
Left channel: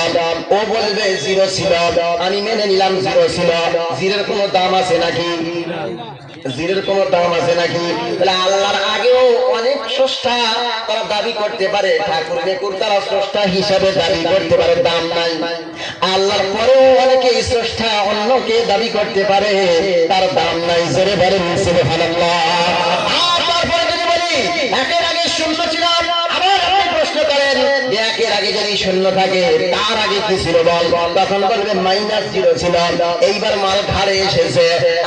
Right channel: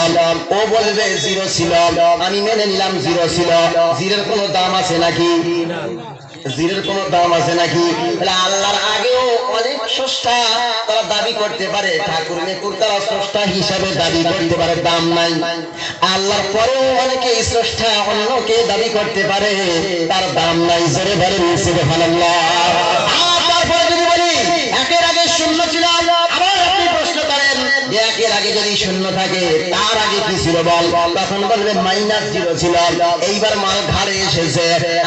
ও বলবে 0 ছিল। আমি মেনে নিলাম 0 ছিল। 0-এর কোনো দাম আছে নাকি? 0-এর কোনো দাম আছে নাকি? তাহলে আল্লাহর আগেও অনেক স্রষ্টা তারা দাবি করতে পারে, ঠাকুর নেকুর তারা স্রষ্টা হিসাবে দাবি করতে পারে, দাম নাই। আল্লাহর পরেও অনেকে স্রষ্টা অন্যকে দাবি করতে পারে, তার দাম নাই। জোরে বলেন সুবহানাল্লাহ। আর তারপরে যদি বলি একের আগে শূন্য ছিল, আবার আপনি প্রশ্ন করেন যে একের আগে যদি শূন্য থাকে তার আগে কি ছিল বল, তখন বলবেন -0 ছিল। এইবার মাল ঘাড়ে এসেছে,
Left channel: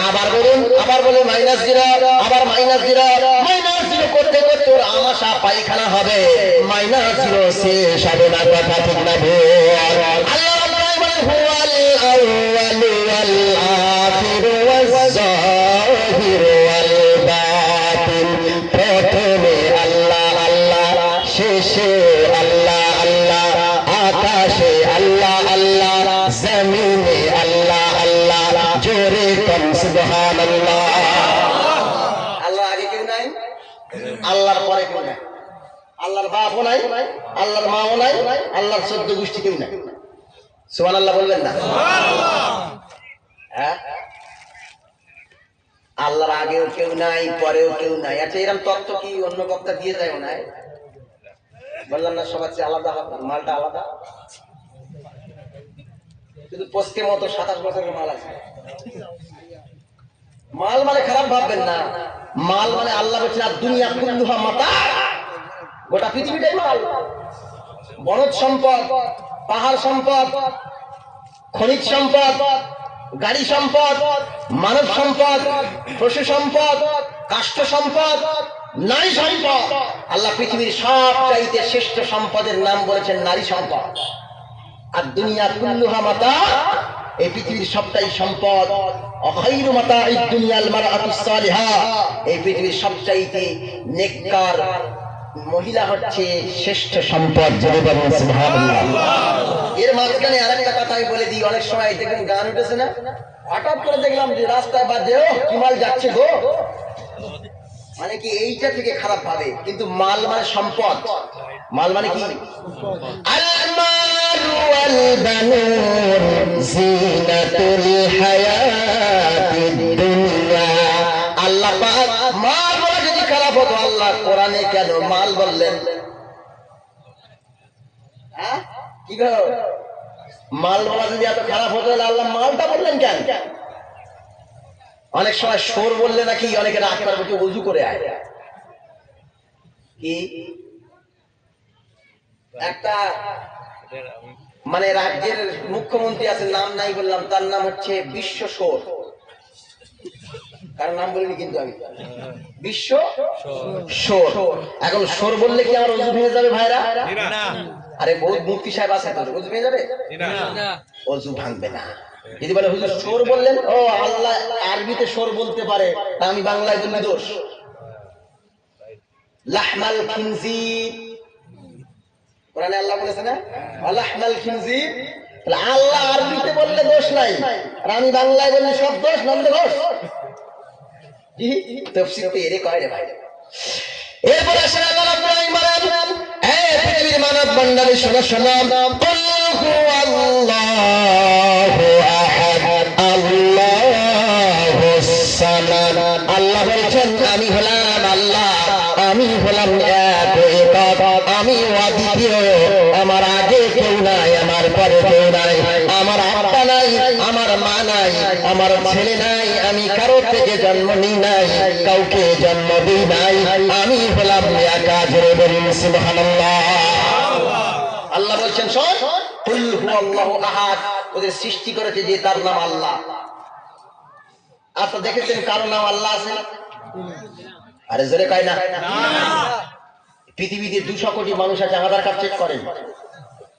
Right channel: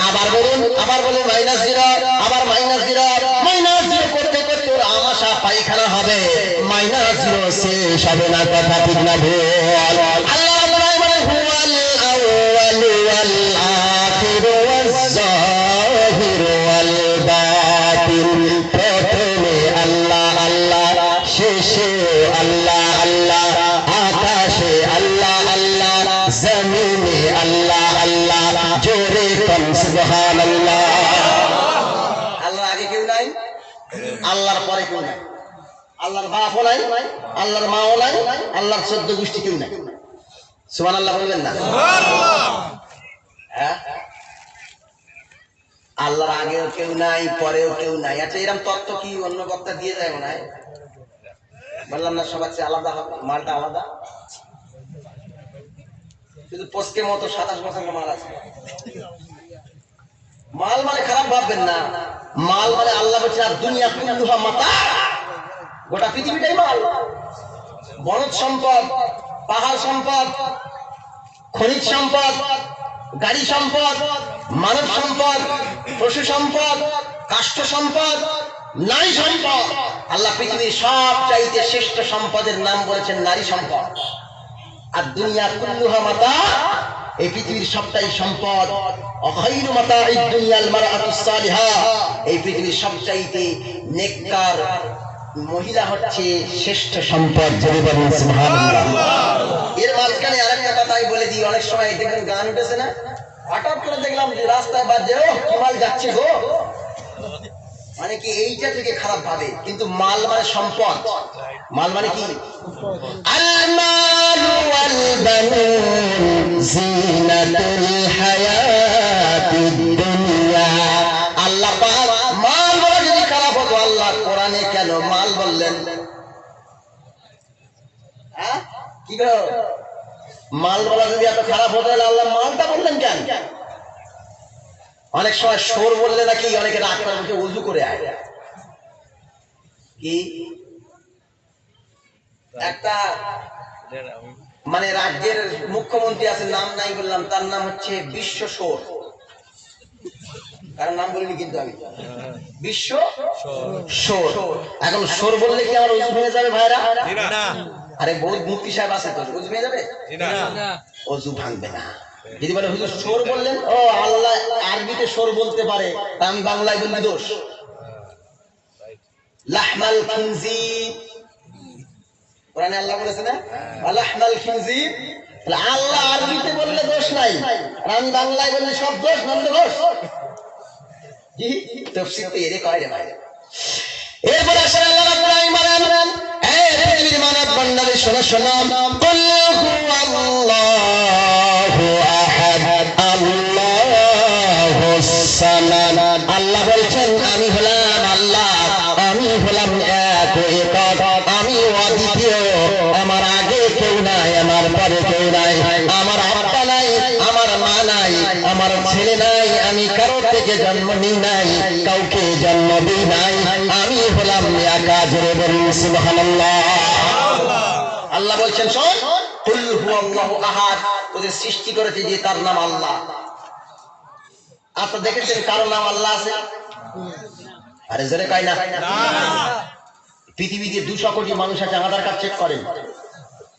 আবার বলুন, আবার বলে -0, আবার -0 করতে করতে ওর আমাশা পায়খানা হবে, -0 শেষ হবে না। কথা ঠিক না ভুল? আল্লাহ বলেন হুয়াল আউয়ালু ওয়াল আখিরু ওয়াজ যাহিরু ওয়াল বাতিন। প্রথমে আল্লাহ আল্লাহ, শেষে আল্লাহ আল্লাহ, আকাশে আল্লাহ আল্লাহ, জমিনে আল্লাহ আল্লাহ। জোরে কোন সুবহানাল্লাহ। আল্লাহর আগে কেউ নাই, আল্লাহর পরে কেউ নাই। আল্লাহর বাপও নাই, আল্লাহর মাও নাই, আল্লাহর 14 গোষ্ঠী কেউ নাই। সুবহানাল্লাহ বলবেন না? হ্যাঁ, আল্লাহর আগেও কেউ নাই, পরেও কেউ নাই। আচ্ছা এরকম তত্ত্ব কি অন্য বক্তা দিয়ে যায় না? বললাম না সবার চেয়ে আলাদা হবে, মালটা আলাদা। শুধু পোস্টের মতো 27 বছরের মাল আছে। মাল মানে খারাপ ভাববেন না, মাল মানে আল্লাহ বলছেন আর দুনিয়া কুল্লুহা মাতা, গোটা পৃথিবীটাই মাল। বনজ সম্পদ, পাহাড় সম্পদ, খনিজ সম্পদ, গাড়ি সম্পদ, মানব সম্পদ, পশু সম্পদ, কাষ্ঠ সম্পদ, নারী সম্পদ। আল্লাহ পৃথিবীর সবচাইতে শ্রেষ্ঠ সম্পদের নাম বলেছেন নারী সম্পদ। আর দুনিয়া কুল্লুহা মাতা, এই পৃথিবীর সবটাই সম্পদ। অখাইরু মাতাঈদ দুনিয়াল মারআতুস সালিহা, এই পৃথিবীর সবচাইতে নেককার মহিলা হচ্ছে শ্রেষ্ঠ সম্পদ। যারা বলেন সুবহানাল্লাহ। এর মাঝখানে আরেকটা কথা আমি বলে দিই, অনেক সময় দেখবেন গান উঠেছে না, হঠাৎ করে দেখলাম যে রাস্তায় বাজে, ও কি মাল যাচ্ছে গো, মানে কি এইটা থেকে খারাপ ভাবে, কিন্তু মাল মানে সম্পদ। মাল মানে কি? আল মালু ওয়াল বানুন জিনাতুল হায়াতিদ দুনিয়া। আল্লাহ পাক মাল বলা যদি খারাপ হতো, আল্লাহ কোরআনে কেন মাল বললেন? হ্যাঁ কি গো, মাল বলা যদি এত খারাপ হতো তাহলে আল্লাহ মালটা বললেন কেন? অনেক সময় সোর বললে নাকি অনেকে রাগ করে বলছে ওযু করে আয়। কি একটা মানে রাজ্যের মুখ্যমন্ত্রী আছে, নাম নাই বললাম, তার নাম হচ্ছে বিশ্ব সোর। কার নাম বলিনি কিন্তু আমি, বিশ্ব সোর। এখন সোর বললে কি আমার ওযু ভেঙে যাবে ভাইরা? না আরে বহুত মুফতি সাহেব আছে তো, ওযু ভেঙে যাবে? না ওযু ভাঙবে না। যদি বলে হুজুর সোর বললেন, ও আল্লাহ আরবিতে সোর বলতে পারে, তা আমি বাংলায় বললে দোষ। লাহমাল খিনজির, কোরআনে আল্লাহ বলেছে না লাহমাল খিনজির, তাহলে আল্লাহ আরবিতে বললে দোষ নাই, আর আমি বাংলায় বললে সব দোষ, নন্দ ঘোষ। জি তাফসীর তো এরে কয় রে ভাই। এরপরে আসে আল্লাহ রাব্বুল আলামিন বলেন, এই পৃথিবীর মানব মণ্ডলী শোনো শোনো, কুল্লু ছেলে নাই, আমি কারো থেকে জন্ম নিই নাই, কাউকে জন্ম দিই নাই, আমি হলাম একা। জোরে বলুন সুবহানাল্লাহ। আল্লাহ বলছেন শোন, কুল হুয়াল্লাহু আহাদ, তোদের সৃষ্টি করেছে যে তার নাম আল্লাহ। আপনারা দেখেছেন কারো নাম আল্লাহ আছে? আরে জোরে কয় না। পৃথিবীতে 200 কোটি মানুষ আছে, আধার কার্ড চেক করেন,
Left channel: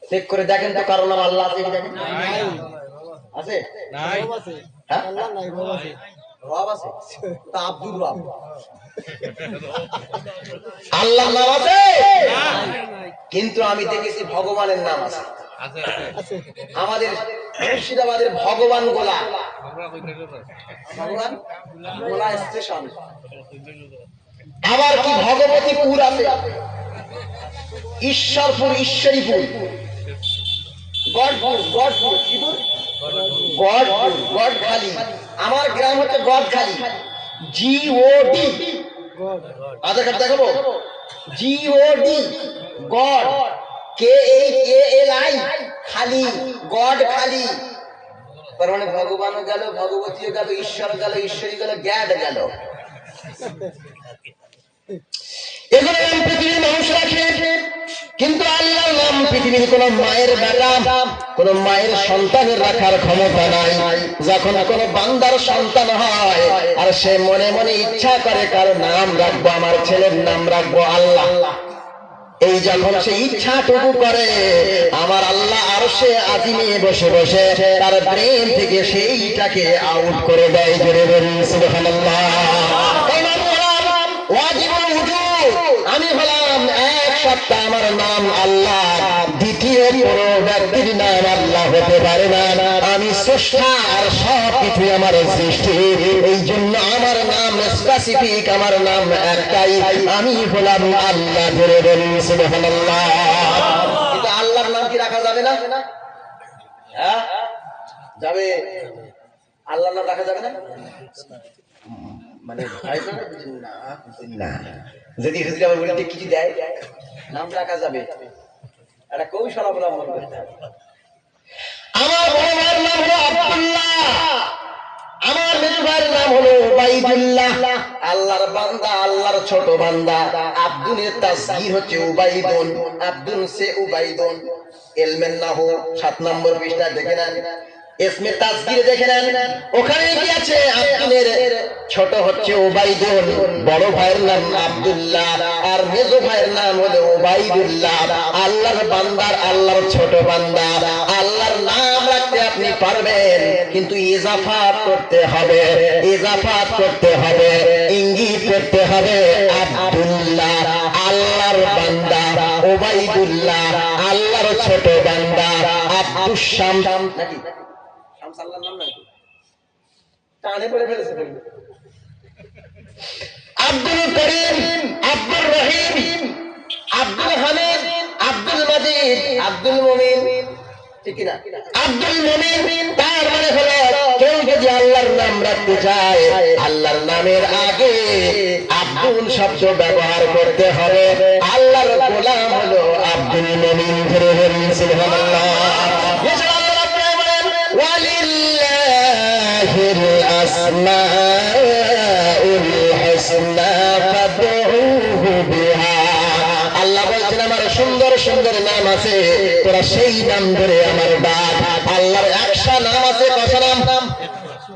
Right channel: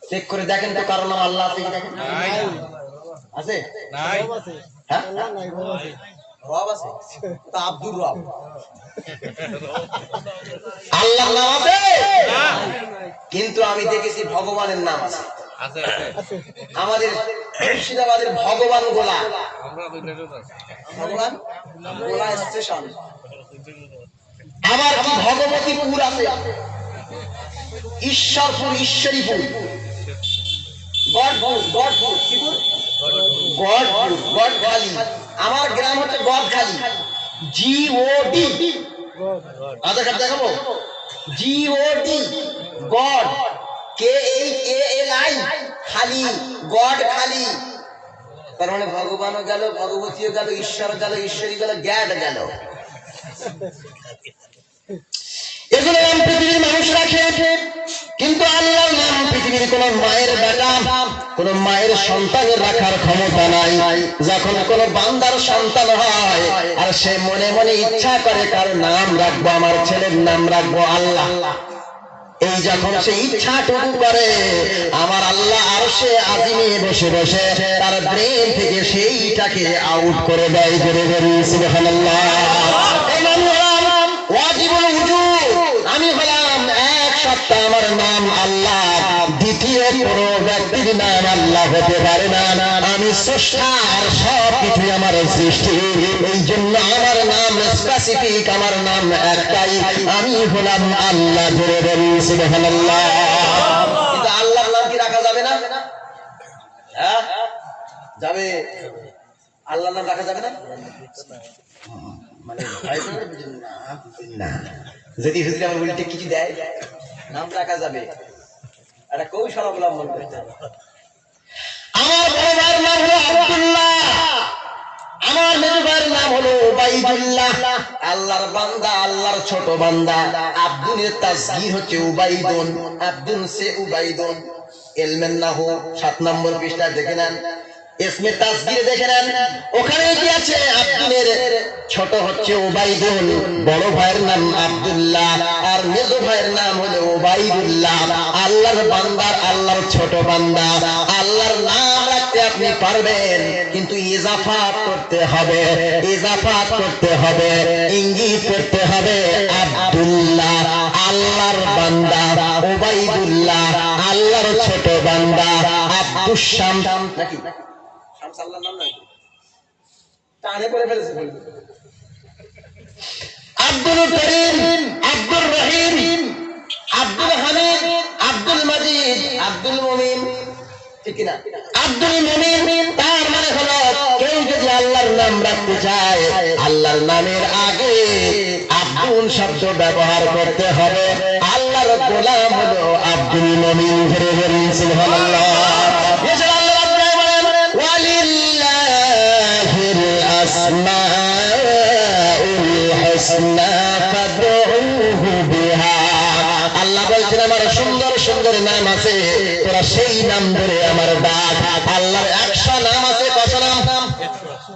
চেক করে দেখেন তো কারো নাম আল্লাহ আছে কি দেখেন। আছে? নাই হ্যাঁ? রব আছে তা আব্দুর রব আল্লাহর নাম আছে, কিন্তু আমি দেখেছি ভগবানের নাম আছে। আছে আমাদের মুর্শিদাবাদের ভগবান গোলা, আমরা ভগবান গোলা স্টেশন আবার কি ভগবতীপুর আছে, ঈশ্বরপুর, ঈশ্বরীপুর, গড়পুর, গড়পুর, কিপুর, গড়পুর, গড়খালি। আমার গ্রাম হচ্ছে গড়খালি, GOD। আধার কার্ড দেখাবো, GOD, গড়, KHALI, খালি, গড় খালি। তার মানে ভগবানও গেল, ভগবতীও গেল, ঈশ্বর গেল, ঈশ্বরী গেল, গ্যাড গেল। এগুলো নাম পৃথিবীর মানুষ রাখে, কিন্তু আল্লাহর নাম পৃথিবীর কোন মায়ের বেটা, কোন মায়ের সন্তান রাখার ক্ষমতা নাই। যখন কোন বান্দার সন্তান হয় আর সে মনে মনে ইচ্ছা করে কার নাম রাখবো, আমার ছেলের নাম রাখবো আল্লাহ, এই যখন সে ইচ্ছাটুকু করে, আমার আল্লাহ আরশে আজিমে বসে বসে তার ব্রেন থেকে সেইটাকে আউট করে দেয়। জোরে বলুন সুবহানাল্লাহ। এই নাম হলাম ওয়াজিবুল উজুদ, আমি হলাম এক সত্তা, আমার নাম আল্লাহ, দ্বিতীয় কোন ব্যক্তির নাম আল্লাহ হতে পারে না। আমি স্রষ্টা, আর সব কিছু আমার সৃষ্টি, এই জন্য আমার নাম স্পেসিফিক, আমার নাম একটাই, আমি হলাম আল্লাহ। জোরে বলুন সুবহানাল্লাহ। কিন্তু আল্লাহর নাম কি রাখা যাবে না? হ্যাঁ যাবে, আল্লাহর নাম রাখা যাবে না? মানে না, যদি হুজুর আমার বলতে কিছু দেয়, নাম রাখা যাবে, একটা কৌশল অবলম্বন করতে হবে। আমার বড় ভাইয়ের নাম হলো আব্দুল্লাহ, আমার মেজো ভাইয়ের নাম হলো উবাইদুল্লাহ। আল্লাহর বান্দা, আল্লাহর ছোট বান্দা। আব্দুলের তাসগীর হচ্ছে উবাইদুন, আব্দুল সে উবাইদুন। ইলমে নাহু 7 নম্বর পৃষ্ঠা দেখে নেন, ইসমে তাসগীর দেখে নেন, ওখানে কি আছে? আব্দুলের ছোট হচ্ছে উবাইদুন, বড় ভাইয়ের নাম আব্দুল্লাহ, আর মেজো ভাইয়ের নাম হলো উবাইদুল্লাহ। আল্লাহর বান্দা, আল্লাহর ছোট বান্দা, আল্লাহর নাম রাখতে আপনি পারবেন, কিন্তু ইজাফাত করতে হবে, ইজাফাত করতে হবে, ইঙ্গিত করতে হবে। আব্দুল্লাহ আল্লাহর বান্দা, উবাইদুল্লাহ আল্লাহর ছোট বান্দা, আব্দুস শাম নাকি শামস আল্লাহর নাম নাকি টানে করে ফেলেছে। আব্দুল করিম, আব্দুর রহিম, আব্দুল হামিদ, আব্দুল মাজিদ, আব্দুল মুমিন, ঠিক না? আব্দুল মুমিন তার মানে হলো কেউ যদি আল্লাহর নাম রাখতে চায়, আল্লাহর নামের আগে আব্দুল শব্দ ব্যবহার করতে হবে। আল্লাহর গোলাম হলো আব্দুল মুমিন। ধরে বলুন সুবহানাল্লাহ। এছাড়া আল্লাহ বলেন ওয়ালিল্লাহিল আসমাউল হুসনা ফাদউহু বিহা। আল্লাহ বলছেন আমার সুন্দর সুন্দর নাম আছে, তোরা সেই নাম ধরে আমার ডাক। আল্লাহর 100 নাম আছে, কত নাম?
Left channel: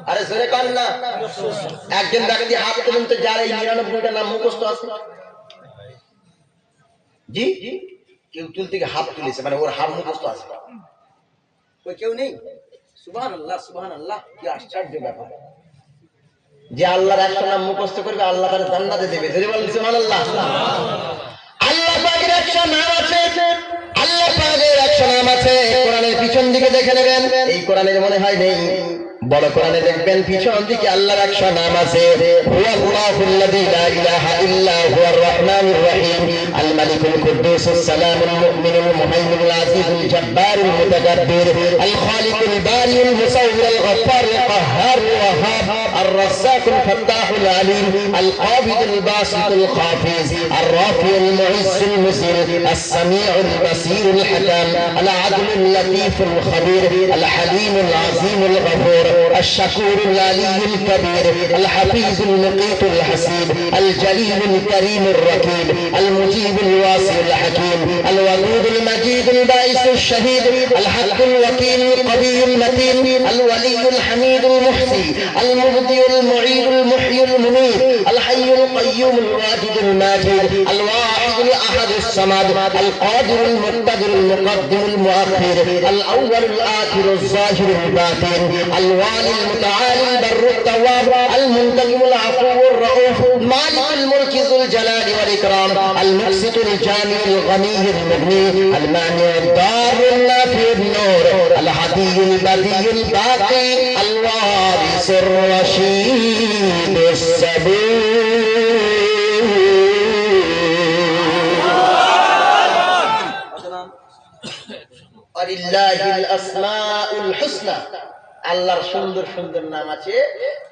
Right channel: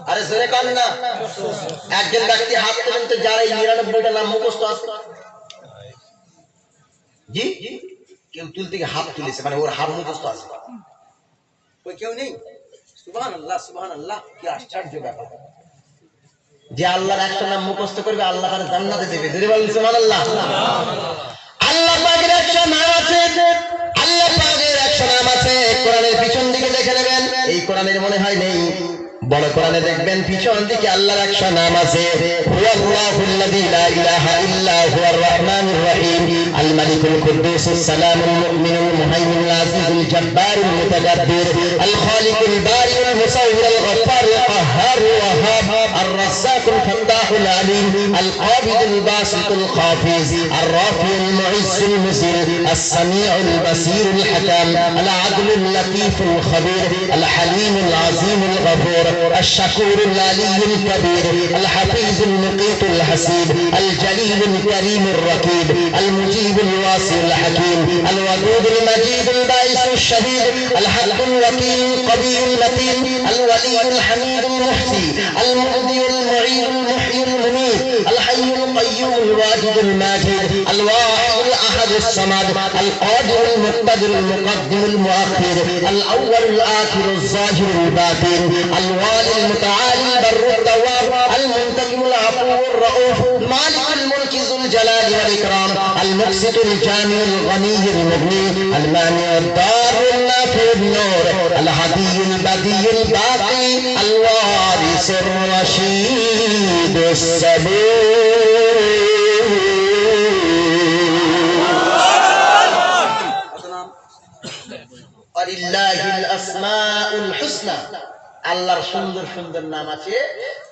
আরে জোরে কর না। একজন ব্যক্তি হাত তুলুন তো, যার এই 99টা নাম মুখস্থ আছে। জি, কেউ তুলতে গিয়ে হাত তুলেছে, মানে ওর হাত মুখস্থ আছে। ওই কেউ নেই? সুবহানাল্লাহ, সুবহানাল্লাহ, কি আশ্চর্য ব্যাপার। যে আল্লাহর 100 নাম মুখস্থ করবে, আল্লাহ তার জান্নাতে দেবে। জোরে বলুন সুবহানাল্লাহ। আল্লাহ পাকের 100 নাম আছে, আল্লাহ পাকের 100 নাম আছে। কোরআনের পিছন দিকে দেখে নেবেন, এই কোরআনের মনে হয় নেই, বড় কোরআনে দেখবেন পিছন দিকে আল্লাহর 100 নাম আছে। হুয়াল্লাহুল্লাযী লা ইলাহা ইল্লা হুয়ার রাহমানুর রহিম, আল মালিকুল কুদ্দুসুস সালামুল মুমিনুল মুহাইমিনুল আজিজুল জব্বারুল মুতাকাব্বির, আল খালিকুল বারিউল মুসাউবিরুল গফফারুল কাহ্হারুল ওয়াহ্হাব, আর الرزاق الفتاح العليم القابض الباسط القافز الرافع المعز المذل السميع البصير الحكم العدل اللطيف الخبير الحليم العظيم الغفور الشكور العلي الكبير الحفيظ المقيت الحسيب الجليل الكريم الركيب المجيب الواسع الحكيم الودود المجيد البائس الشهيد الحق الوكيل القوي المتين الولي الحميد المحسي المهدي المعيد المحيي المميت الحي القيوم الواجد الماجد الواحد الاحد الصمد القادر المقتدر المقدم المؤخر الاول الاخر الظاهر الباطن الوالي المتعالي البر التواب المنتقم العفو الرؤوف مالك الملك ذو الجلال والاكرام المقسط الجامع الغني المغني المانع الضار النافع النور الهدي البديع الباقي الوارث الرشيد الصبور ولله الاسماء الحسنى আল্লাহর সুন্দর সুন্দর নাম আছে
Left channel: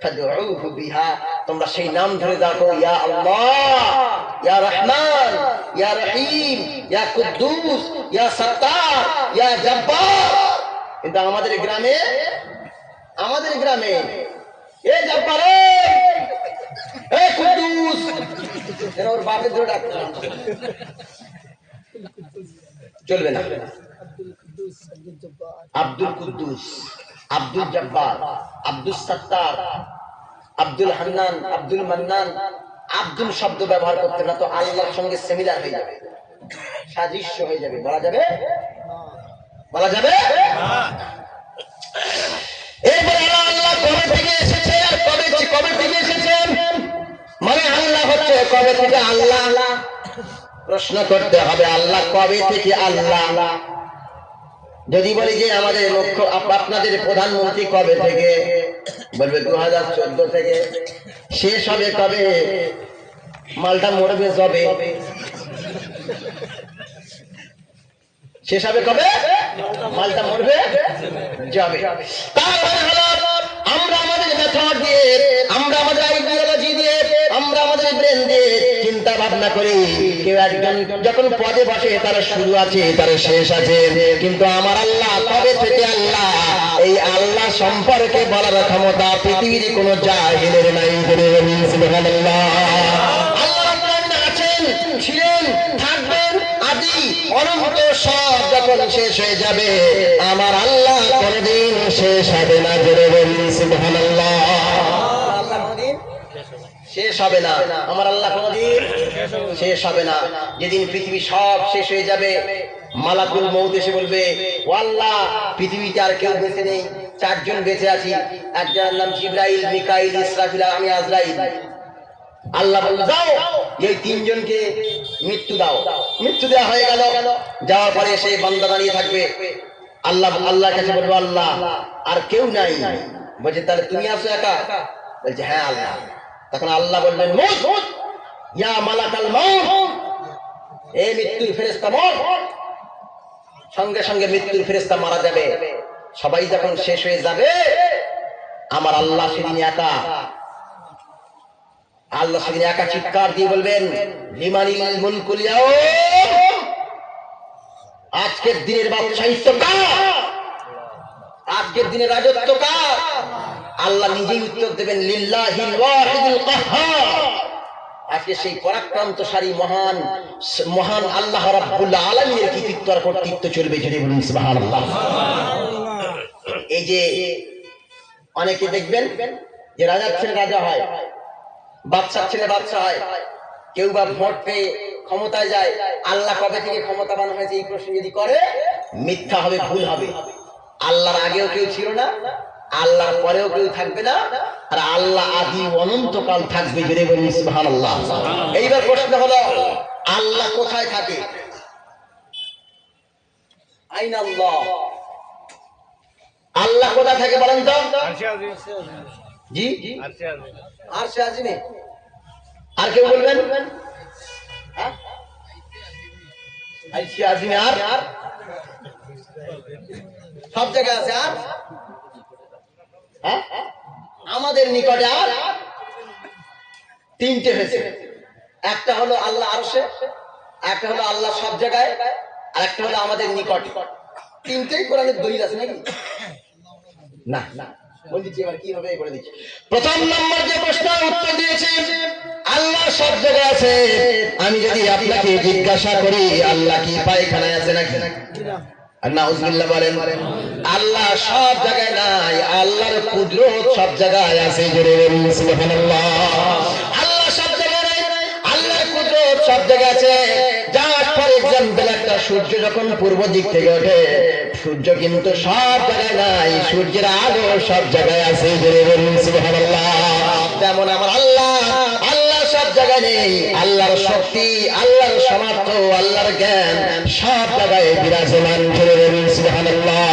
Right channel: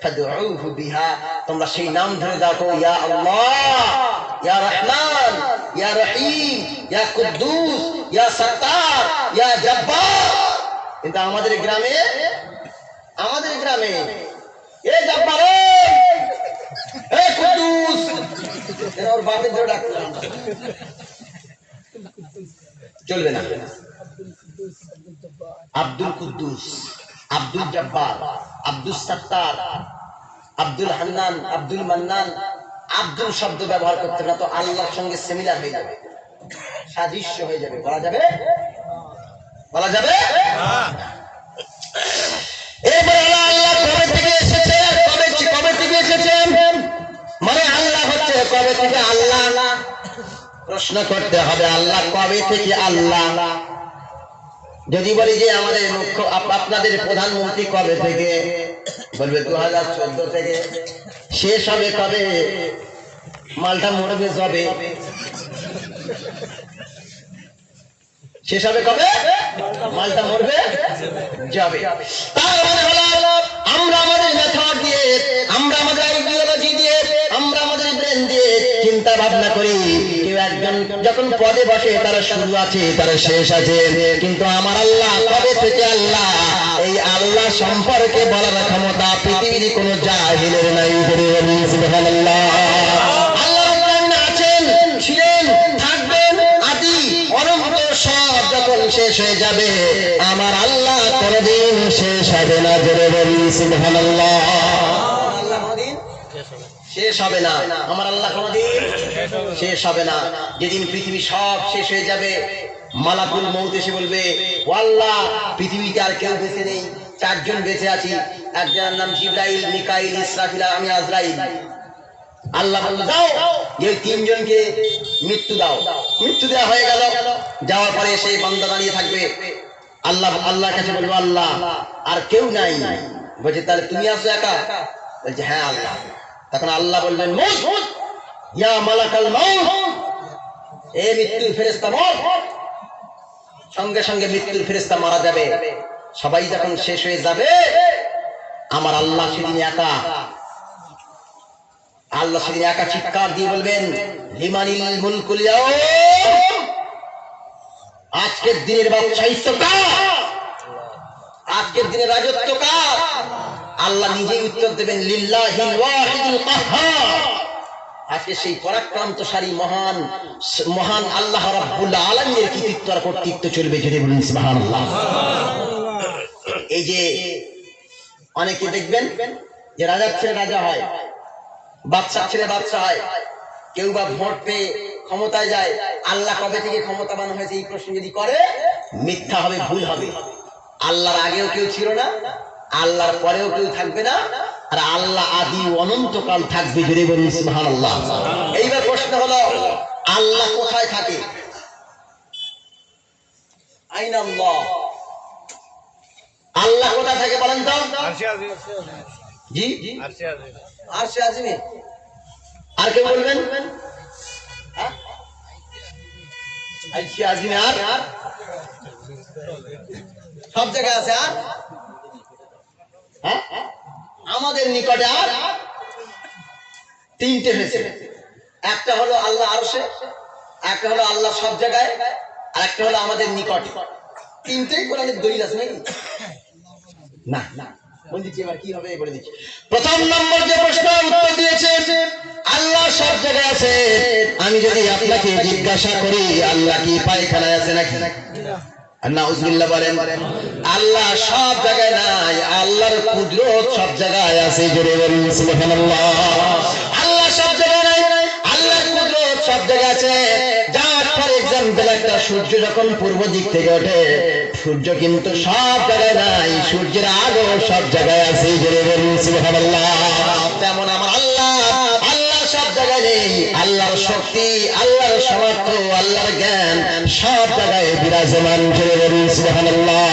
ফাদউহু বিহা তোমরা সেই নাম ধরে ডাকো ইয়া আল্লাহ ইয়া রহমান ইয়া রহিম ইয়া কুদ্দুস ইয়া সাত্তার ইয়া জব্বার। কিন্তু আমাদের গ্রামে এ জব্বার এ কুদ্দুস এরা ওর বাপের ধরে ডাকতে চলবে না। আব্দুল কুদ্দুস, আব্দুল জব্বার, আব্দুল সাত্তার, আব্দুল হান্নান, আব্দুল মান্নান, আব্দুল শব্দ ব্যবহার করতে না তো আল্লাহর সঙ্গে সিমিলার হয়ে যাবে, সাদৃশ্য হয়ে যাবে। বলা যাবে এরপরে আল্লাহ কবে থেকে এসেছে আর কবে থেকে এসেছেন মানে আল্লাহ হচ্ছে কবে থেকে আল্লাহ প্রশ্ন করতে হবে আল্লাহ কবে থেকে আল্লাহ। যদি বলি যে আমাদের মুখ্য আপনাদের প্রধানমন্ত্রী কবে থেকে বলবে 2014 থেকে। শেষ হবে কবে? মালটা মরবে যবে। শেষ হবে কবে? মালটা মরবে যাবে। তার মানে হলো আমরা আমাদের মেথড দিয়ে, আমরা আমাদের আইডিওলজি দিয়ে, আমরা আমাদের ব্রেন দিয়ে চিন্তা ভাবনা করি কেউ একজন যখন পদে বসে তার শুরু আছে তার শেষ আছে, কিন্তু আমার আল্লাহ কবে থেকে আল্লাহ এই আল্লাহ সম্পর্কে বলার ক্ষমতা পৃথিবীর কোনো জাহিলের নাই। সুবহানাল্লাহ। আল্লাহ আছেন, ছিলেন, থাকবেন, আদি অনন্ত সব যখন শেষ হয়ে যাবে আমার আল্লাহ কোনদিন শেষ হবে না। জোরে বলি সুবহানাল্লাহ। আল্লাহ কোনদিন শেষ হবে না, আমার আল্লাহ কোনদিন শেষ হবে না। যেদিন পৃথিবী সব শেষ হয়ে যাবে মালাকুল মউত এসে বলবে ও আল্লাহ পৃথিবীতে আর কেউ বেঁচে নেই, চারজন বেঁচে আছি, একজনের নাম জিবরাইল, মিকাইল, ইসরাফিল, আমি আজরাইল। আল্লাহ বলল যাও এই তিনজনকে মৃত্যু দাও। মৃত্যু দেওয়া হয়ে গেল। যাওয়ার পরে সেই বান্দা দাঁড়িয়ে থাকবে, আল্লাহর কাছে বলবো আল্লাহ আর কেউ নাই। বলছে তাহলে তুমি আছো একা? বলছে হ্যাঁ আল্লাহ। তখন আল্লাহ বললেন মুত ইয়া মালাকাল মাউত, এ মৃত্যুর ফেরেশতা মর। সঙ্গে সঙ্গে মৃত্যুর ফেরেশতা মারা যাবে। সবাই যখন শেষ হয়ে যাবে আমার আল্লাহ সেদিন একা। আল্লাহ সেদিন একা চিৎকার দিয়ে বলবেন লিমানিল মুলকুল ইয়াউম, আজকের দিনের বাদশাহিত্ব কার? আজকের দিনের রাজত্ব কার? আল্লাহ নিজেই উত্তর দেবেন লিল্লাহিল ওয়াহিদুল কাহ্হার। আজকে সেই পরাক্রান্তশালী মহান মহান আল্লাহ রাব্বুল আলামিনের কৃতিত্ব আর কর্তৃত্ব চলবে। জেনে বলুন সুবহানাল্লাহ। এই যে অনেকে দেখবেন যে রাজার ছেলে রাজা হয়, বাদশার ছেলে বাদশা হয়, কেউ বা ভোট পেয়ে ক্ষমতায় যায়। আল্লাহ কবে থেকে ক্ষমতাবান হয়েছে এই প্রশ্ন যদি করে মিথ্যা হবে, ভুল হবে। আল্লাহর আগেও কেউ ছিল না, আল্লাহর পরেও কেউ থাকবে না, আর আল্লাহ আদি অনন্তকাল থাকবে। জোরে বলুন সুবহানাল্লাহ। এইবার প্রশ্ন হলো আল্লাহ কোথায় থাকে? আইনা আল্লাহ, আল্লাহ কোথায় থাকে বলেন তো? জি আরশে আজিমে। আর কেউ বলবেন? আরশে আজিমে আর সব জায়গায় আছে। আর আমাদের নিকটে আর তিনটে হয়েছে। একটা হলো আল্লাহ আরশে, একটা হলো আল্লাহ সব জায়গায়, আর একটা হলো আমাদের নিকটে। তিনটেই কোরআনের দলিল আছে নাকি? না না, বলে দিচ্ছি এবার কি হবে বলে দিচ্ছি। প্রথম নম্বর যে প্রশ্নের উত্তর দিয়েছে আল্লাহ সব জায়গায় আছে। আমি যদি আপনাকে জিজ্ঞাসা করি আল্লাহ কি পায়খানায় আছে নাকি? নাউজুবিল্লাহ বলেন। আল্লাহ সব জায়গায় নাই, আল্লাহর কুদরত সব জায়গায় আছে। জোরে বলুন সুবহানাল্লাহ। আল্লাহ সব জায়গায় নাই, আল্লাহর কুদরত সব জায়গায় আছে। যার ফর এক্সাম্পল একটা সূর্য যখন পূর্ব দিক থেকে ওঠে, সূর্য কিন্তু সব জায়গায় নাই, সূর্যের আলো সব জায়গায় আছে। জোরে বলুন সুবহানাল্লাহ। যেমন আমার আল্লাহ, আল্লাহ সব জায়গায় নেই, আল্লাহর শক্তি, আল্লাহর সামর্থ্য, আল্লাহর জ্ঞান সব জায়গায় বিরাজমান। জোরে বলুন সুবহানাল্লাহ।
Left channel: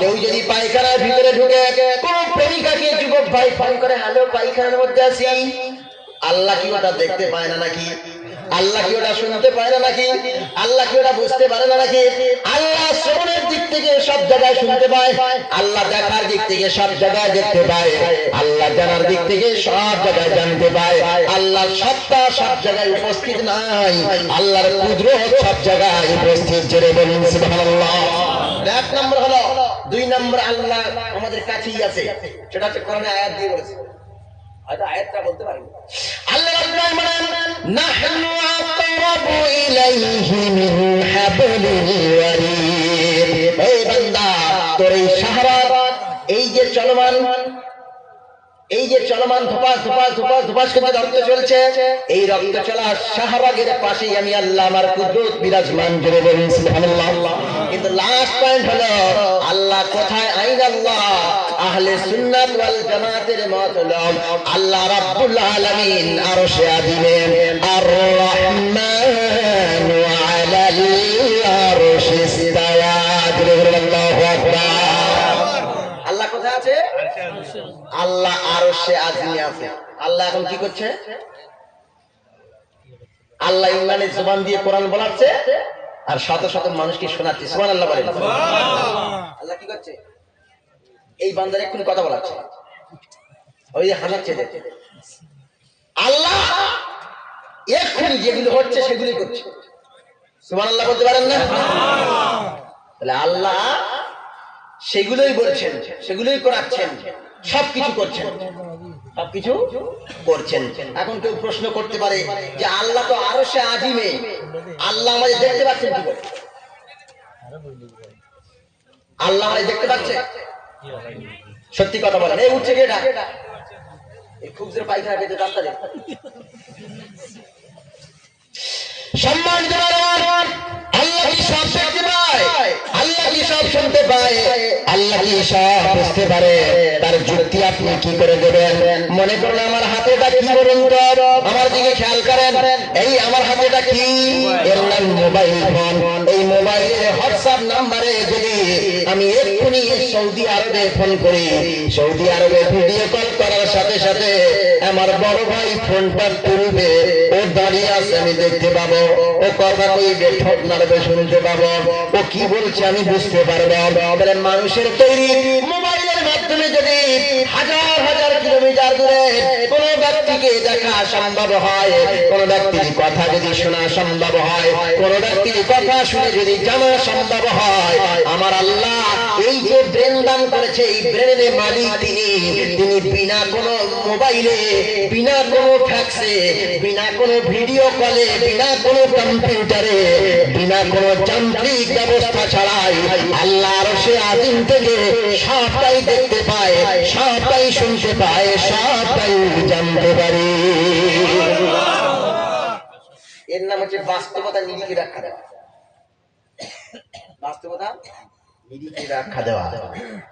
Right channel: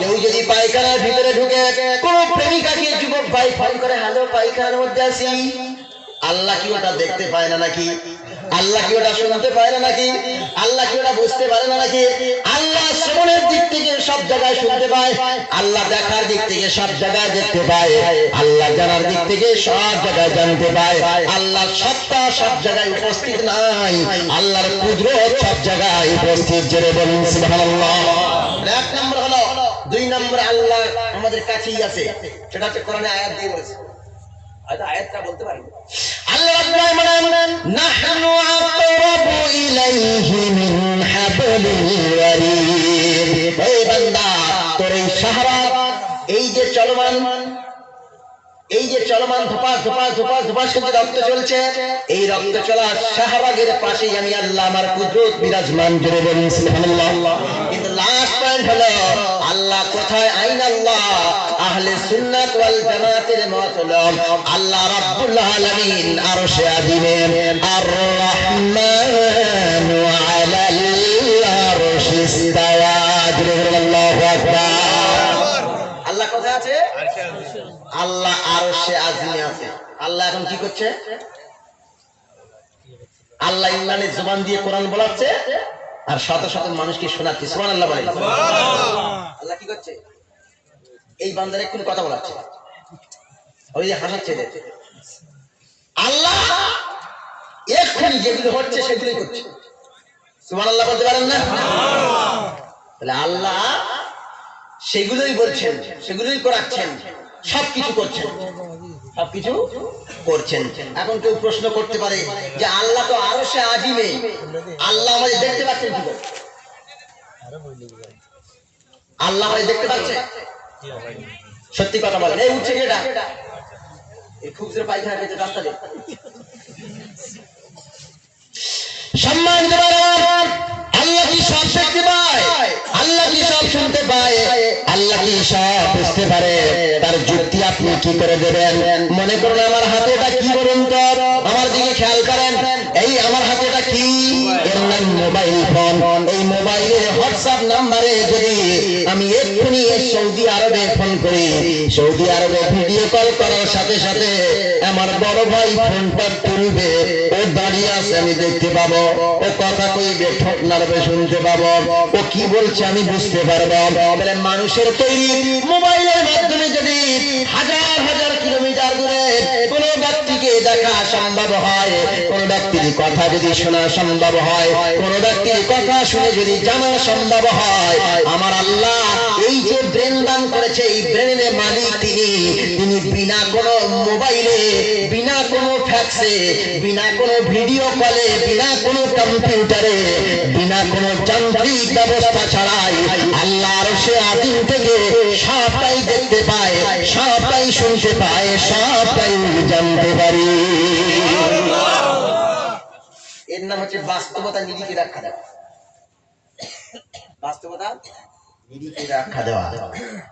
কেউ যদি পায়খানার ভিতরে ঢুকে কোন প্রেমিকাকে যুবক ভাই ফোন করে, হ্যালো পায়খানার মধ্যে আছি, আল্লাহ কি ওটা দেখতে পায় না নাকি? আল্লাহ কি ওটা শুনতে পায় না নাকি? আল্লাহ কি ওটা বুঝতে পারে না নাকি? আল্লাহ শ্রবণের দিক থেকে সব জায়গায় শুনতে পায়, আল্লাহ দেখার দিক থেকে সব জায়গায় দেখতে পায়, আল্লাহ জানার দিক থেকে সব জায়গায় জানতে পায়। আল্লাহ সত্তা সব জায়গায় উপস্থিত নাই, আল্লাহর কুদরত সব জায়গায় উপস্থিত। জোরে বলুন সুবহানাল্লাহ। এক নম্বর হলো। দুই নম্বর আল্লাহ আমাদের কাছেই আছে, সেটা হচ্ছে কোরআনে আয়াত দিয়ে বলেছে। হয়তো আয়াতটা বলতে পারি। আল্লাহ রাব্বুল বলেন, নাহনু আকরাবু ইলাইহি মিন হাবলিল ওয়ারিদ। এই বান্দা, তোর এই শাহওয়াত, এই যে চলমান ধোপা ধোপা ধোপা ধোপা করে রক্ত চলছে, এই রক্ত চলার শাহবাগের পাশেই আমি আল্লাহ আমার কুদরত বিরাজমান। জোরে বলুন সুবহানাল্লাহ। কিন্তু লাস্ট পয়েন্ট হলো আল্লাহ কোথায়? আইন আল্লাহ আহলে সুন্নাত ওয়াল জামাতের মত হলো আল্লাহ রাব্বুল আলামিন আরশে আজিমে আর রহমান আলাল আরশি ইস্তাওয়া। জোরে বলুন আল্লাহু আকবার। আল্লাহ কোথায় আছে? আল্লাহ আরশে আজিমে আছে। আল্লাহ এখন কি করছে? আল্লাহ ইমরানের জবান দিয়ে কোরআন বলাচ্ছে আর শত শত মানুষকে শোনাচ্ছে। সুবহানাল্লাহ বলেন। আল্লাহ কি করছে? এই বান্দার এক্ষুনি কথা বলাচ্ছে, ওই যে হাসাচ্ছে। আল্লাহ এক্ষুনি যেগুলো হচ্ছে সেগুলি করছে। সুবহানাল্লাহ বলতে পারেন না? তাহলে আল্লাহ সেগুলোই বলছেন, সেগুলোই করাচ্ছেন, সবকিছু করছেন, সবকিছু করছেন। এখন কেউ প্রশ্ন করতে পারে যে আল্লাহ তো আরশে আজিমে, আল্লাহ আমাদের দেখতে পাচ্ছেন কি করে? আল্লাহ আমাদের দেখতে পাচ্ছে? সত্যি কথা বলেন। এই উঠছে কেটা? এই খুব জোরে পায়খানা পেয়েছে রাস্তাতে। সম্মানিত আল্লাহ কি সব দেখতে পায়? আল্লাহ কি সব শুনতে পায়? আল্লাহ কি সব বুঝতে পারে? তার যুক্তি আপনি কি করে দেবেন? মনে করুন আমার হাতেটা কি বলুন তো, আমার দিকে খেয়াল করেন। এই আমার হাতেটা কি? এর নাম মোবাইল ফোন। এই মোবাইলের হোয়াটসঅ্যাপ নাম্বারে যদি আমি এক্ষুনি সৌদি আরবে ফোন করি, সৌদি আরবে ভিডিও কল করার সাথে সাথে আমার বড় ভাই ফোনটা তুলবে, ও দাঁড়িয়ে আছে আমি দেখতে পাবো, ও কথা কইবে ঠোঁট নাড়বে শুনতে পাবো, ও কি বলছে আমি বুঝতে পারবো। বলে মানুষের তৈরি মোবাইলের মাধ্যমে যদি হাজার হাজার কিলোমিটার দূরে কোন ব্যক্তিকে দেখা সম্ভব হয়, কোন ব্যক্তির কথা যদি শোনা সম্ভব হয়, কোন ব্যক্তির কথা শুনে যদি জানা সম্ভব হয়, আমার আল্লাহ এই যে ব্রেন দান করেছে, এই ব্রেনের মালিক তিনি বিনা কোনো মোবাইলে, বিনা কোনো ফ্যাক্সে, বিনা কোনো ভিডিও কলে, বিনা কোনো কম্পিউটারে, বিনা কোনো যান্ত্রিক ব্যবস্থা ছাড়াই আল্লাহ আরশে আজিম থেকে সবটাই দেখতে পায়, সবটাই শুনতে পায়, সবটাই জানতে পারে। এর নাম হচ্ছে বাস্তবতা নিরিখে রাখা দেওয়া। বাস্তবতা নিরিখে রাখা দেওয়া।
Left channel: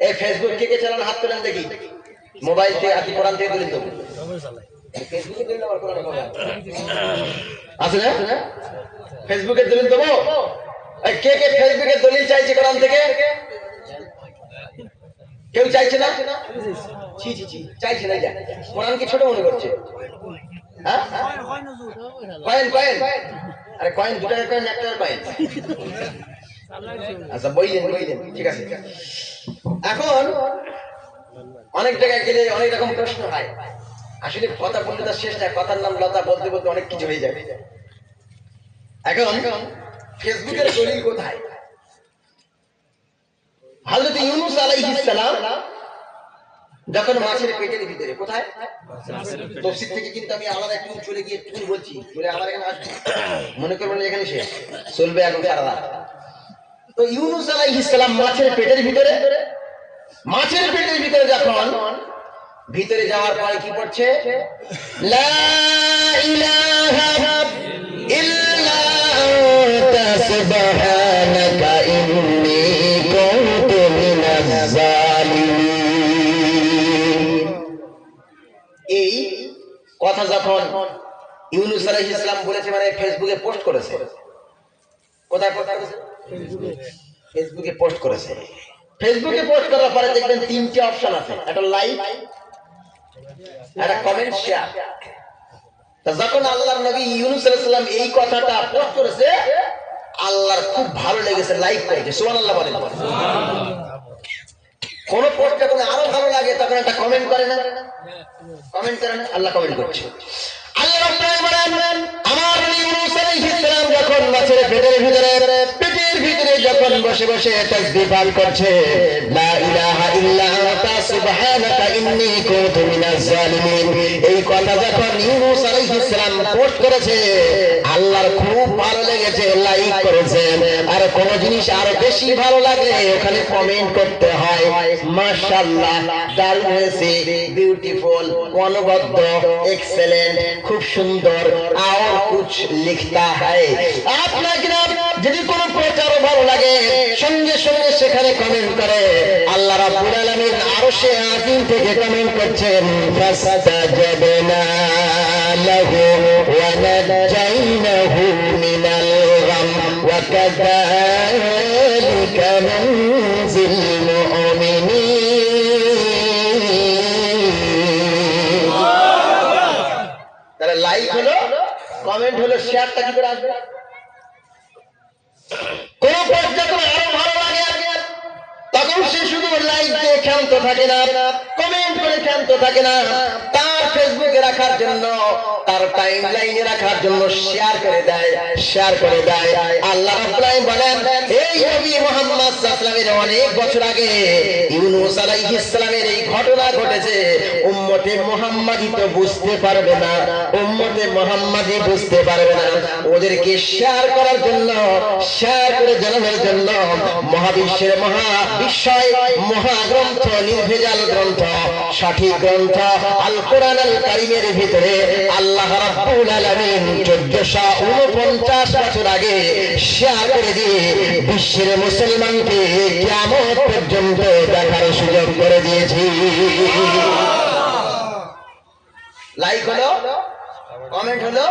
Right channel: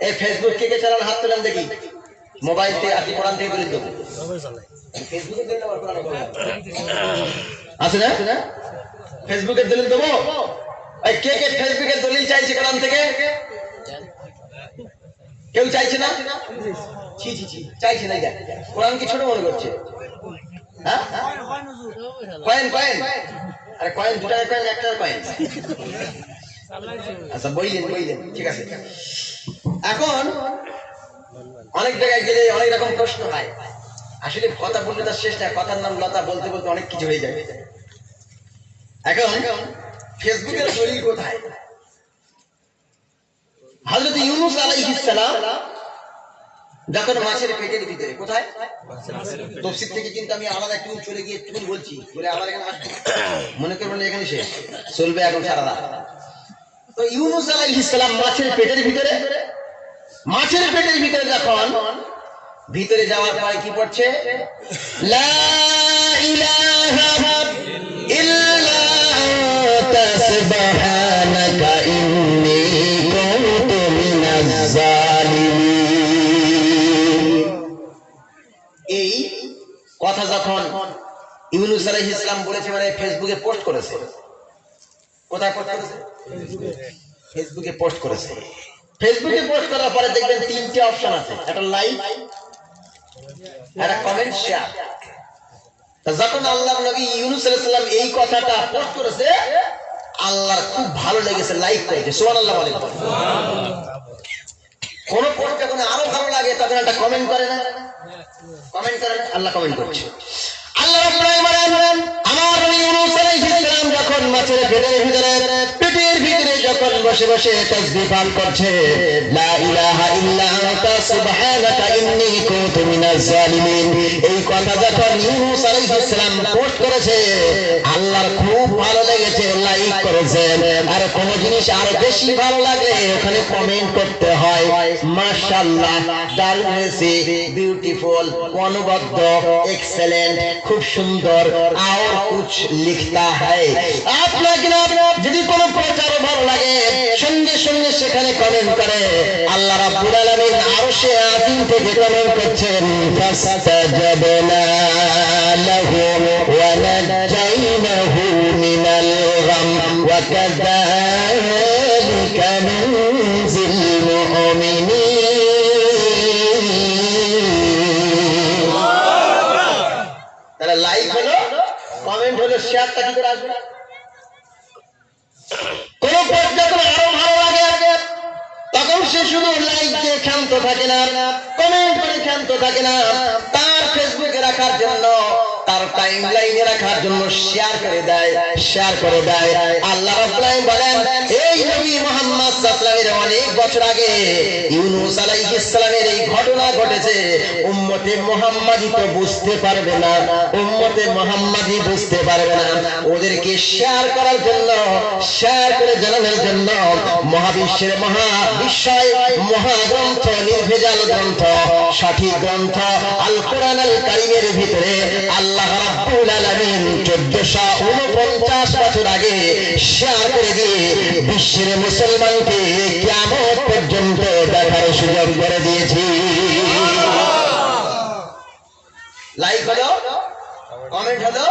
এই ফেসবুক থেকে চালান, হাত তুলেন দেখি। মোবাইল থেকে আপনি কোরআন থেকে তুলে দেবো। ফেসবুকে দিলে আবার কোরআন আছে না? ফেসবুকে দলিল দেবো। এই কে কে ফেসবুকে দলিল চাইছে কোরআন থেকে? কেউ চাইছে না? ছি ছি ছি, চাইছে না। কোরআন কি ছোট মনে করছে? হ্যাঁ, কয়েন কয়েন, আরে কয়েন 2 টাকার কয়েন, 1 টাকার কয়েন। আচ্ছা বইলেন, ঠিক আছে। এখন অনেক জায়গায় গেলে অনেক রকম প্রশ্ন হয়, আসলে কথা বলতে তার শেষ নাই, কথার নাম লতা, বলতে বলতে অনেক কিছু হয়ে যাবে। এখন ফেসবুকের দলিল কোথায়? হযরত ইউনূস আলাইহিস সালাম যখন মাছের পেটের ভিতরে, কোথায়? তাফসীর থেকে কিন্তু আমি আলাদা একটু চলে গিয়ে একটু বলছি, বলে আবার এখানে আসবো, মনে করবেন এখানে শেষ চলবে এখন সারা রাত। তো ইউনূস আলাইহিস সালাম মাছের পেটের ভিতরে, যখন ভিতরে যাওয়ার পরে কি পড়ছে? লা ইলাহা ইল্লা আনতা সুবহানাকা ইন্নী কুনতু মিনাজ জালিমিন। এই কথা যখন ইউনূস আলাইহিস সালাম বলেছে, মানে ফেসবুকে পোস্ট করেছে। কোথায় পোস্ট করেছে? ফেসবুকে পোস্ট করেছে। ফেসবুকে পোস্ট করার পরে দেখবেন তিনটি অপশন আছে, একটা লাইক, একটা কমেন্ট, শেয়ার। যখন আল্লাহর নবী ইউনূস আলাইহিস সালাম এই কথাটা পোস্ট করেছে, আল্লাহর খুব ভালো লেগেছে, লাইক করেছে। সুবহানাল্লাহ বলেন। কোন পোস্ট যখন আরো ভালো লাগে তখন একটা কমেন্ট করেন, আল্লাহ কমেন্ট করছে। আল্লাহ রাব্বুল আলামিন বলেন, আমার নবী ইউনূস আলাইহিস সালাম যখন মাছের পেটের ভিতরে যখন বসে বসে তাসবিহ পাঠ করছে, লা ইলাহা ইল্লা আনতা সুবহানাকা ইন্নী কুনতু মিনাজ জালিমিন, এই কথা যখন ইউনূস আলাইহিস সালাম পোস্ট করেছে, আল্লাহর খুব ভালো লেগেছে, লাইক করেছেন। আর কোন জিনিস আরো বেশি ভালো লাগলে ওখানে কমেন্ট করতে হয়, মাশাআল্লাহ, দারুণ হয়েছে, বিউটিফুল, অনবদ্য, এক্সেলেন্ট, খুব সুন্দর, আর কুছ লিখতা হয়। আপনাকে যদি কোনো প্রচার ভালো লাগে সঙ্গে সঙ্গে সেখানে কমেন্ট করে। আল্লাহ রাব্বুল আলামিন আরশে আজিম থেকে কমেন্ট করছেন, ফাসতাজাবনা লাহু ওয়া নাজাইনাহু মিনাল গাম ওয়া কাযালিকা নুনজিল মুমিনিন। তাহলে লাইক হলো, কমেন্ট হলো, শেয়ারটা কি করে আসবে? কোন পোস্ট যখন আরো ভালো লাগে তখন সে শুধু লাইক দিয়ে ক্ষান্ত থাকে না, কমেন্ট করে ক্ষান্ত থাকে না, তার ফেসবুকে রাখার জন্য, তার টাইমলাইনে রাখার জন্য শেয়ার করে দেয়। আল্লাহ রাব্বুল আলামিন বলেন, এই নবী মুহাম্মদ সাল্লাল্লাহু আলাইহি ওয়াসাল্লামের অনেক বছর আগে ইউনূস আলাইহিস সালামের এই ঘটনা ঘটেছে। উম্মতে মুহাম্মাদি তো বুঝতে পারবে না, ওদেরকে শেয়ার করার জন্য, শেয়ার করে জানানোর জন্য মহাবিশ্বের মহাবিশ্বয় মহাগ্রন্থ, নির্ভেজাল গ্রন্থ, সঠিক গ্রন্থ আল কোরআন আল কারীমের ভিতরে আল্লাহ রাব্বুল আলামিন 1449 বছর আগে শেয়ার করে দিয়ে বিশ্বের মুসলমানকে কিয়ামত পর্যন্ত দেখার সুযোগ করে দিয়েছি। লাইক হলো, কমেন্ট হলো,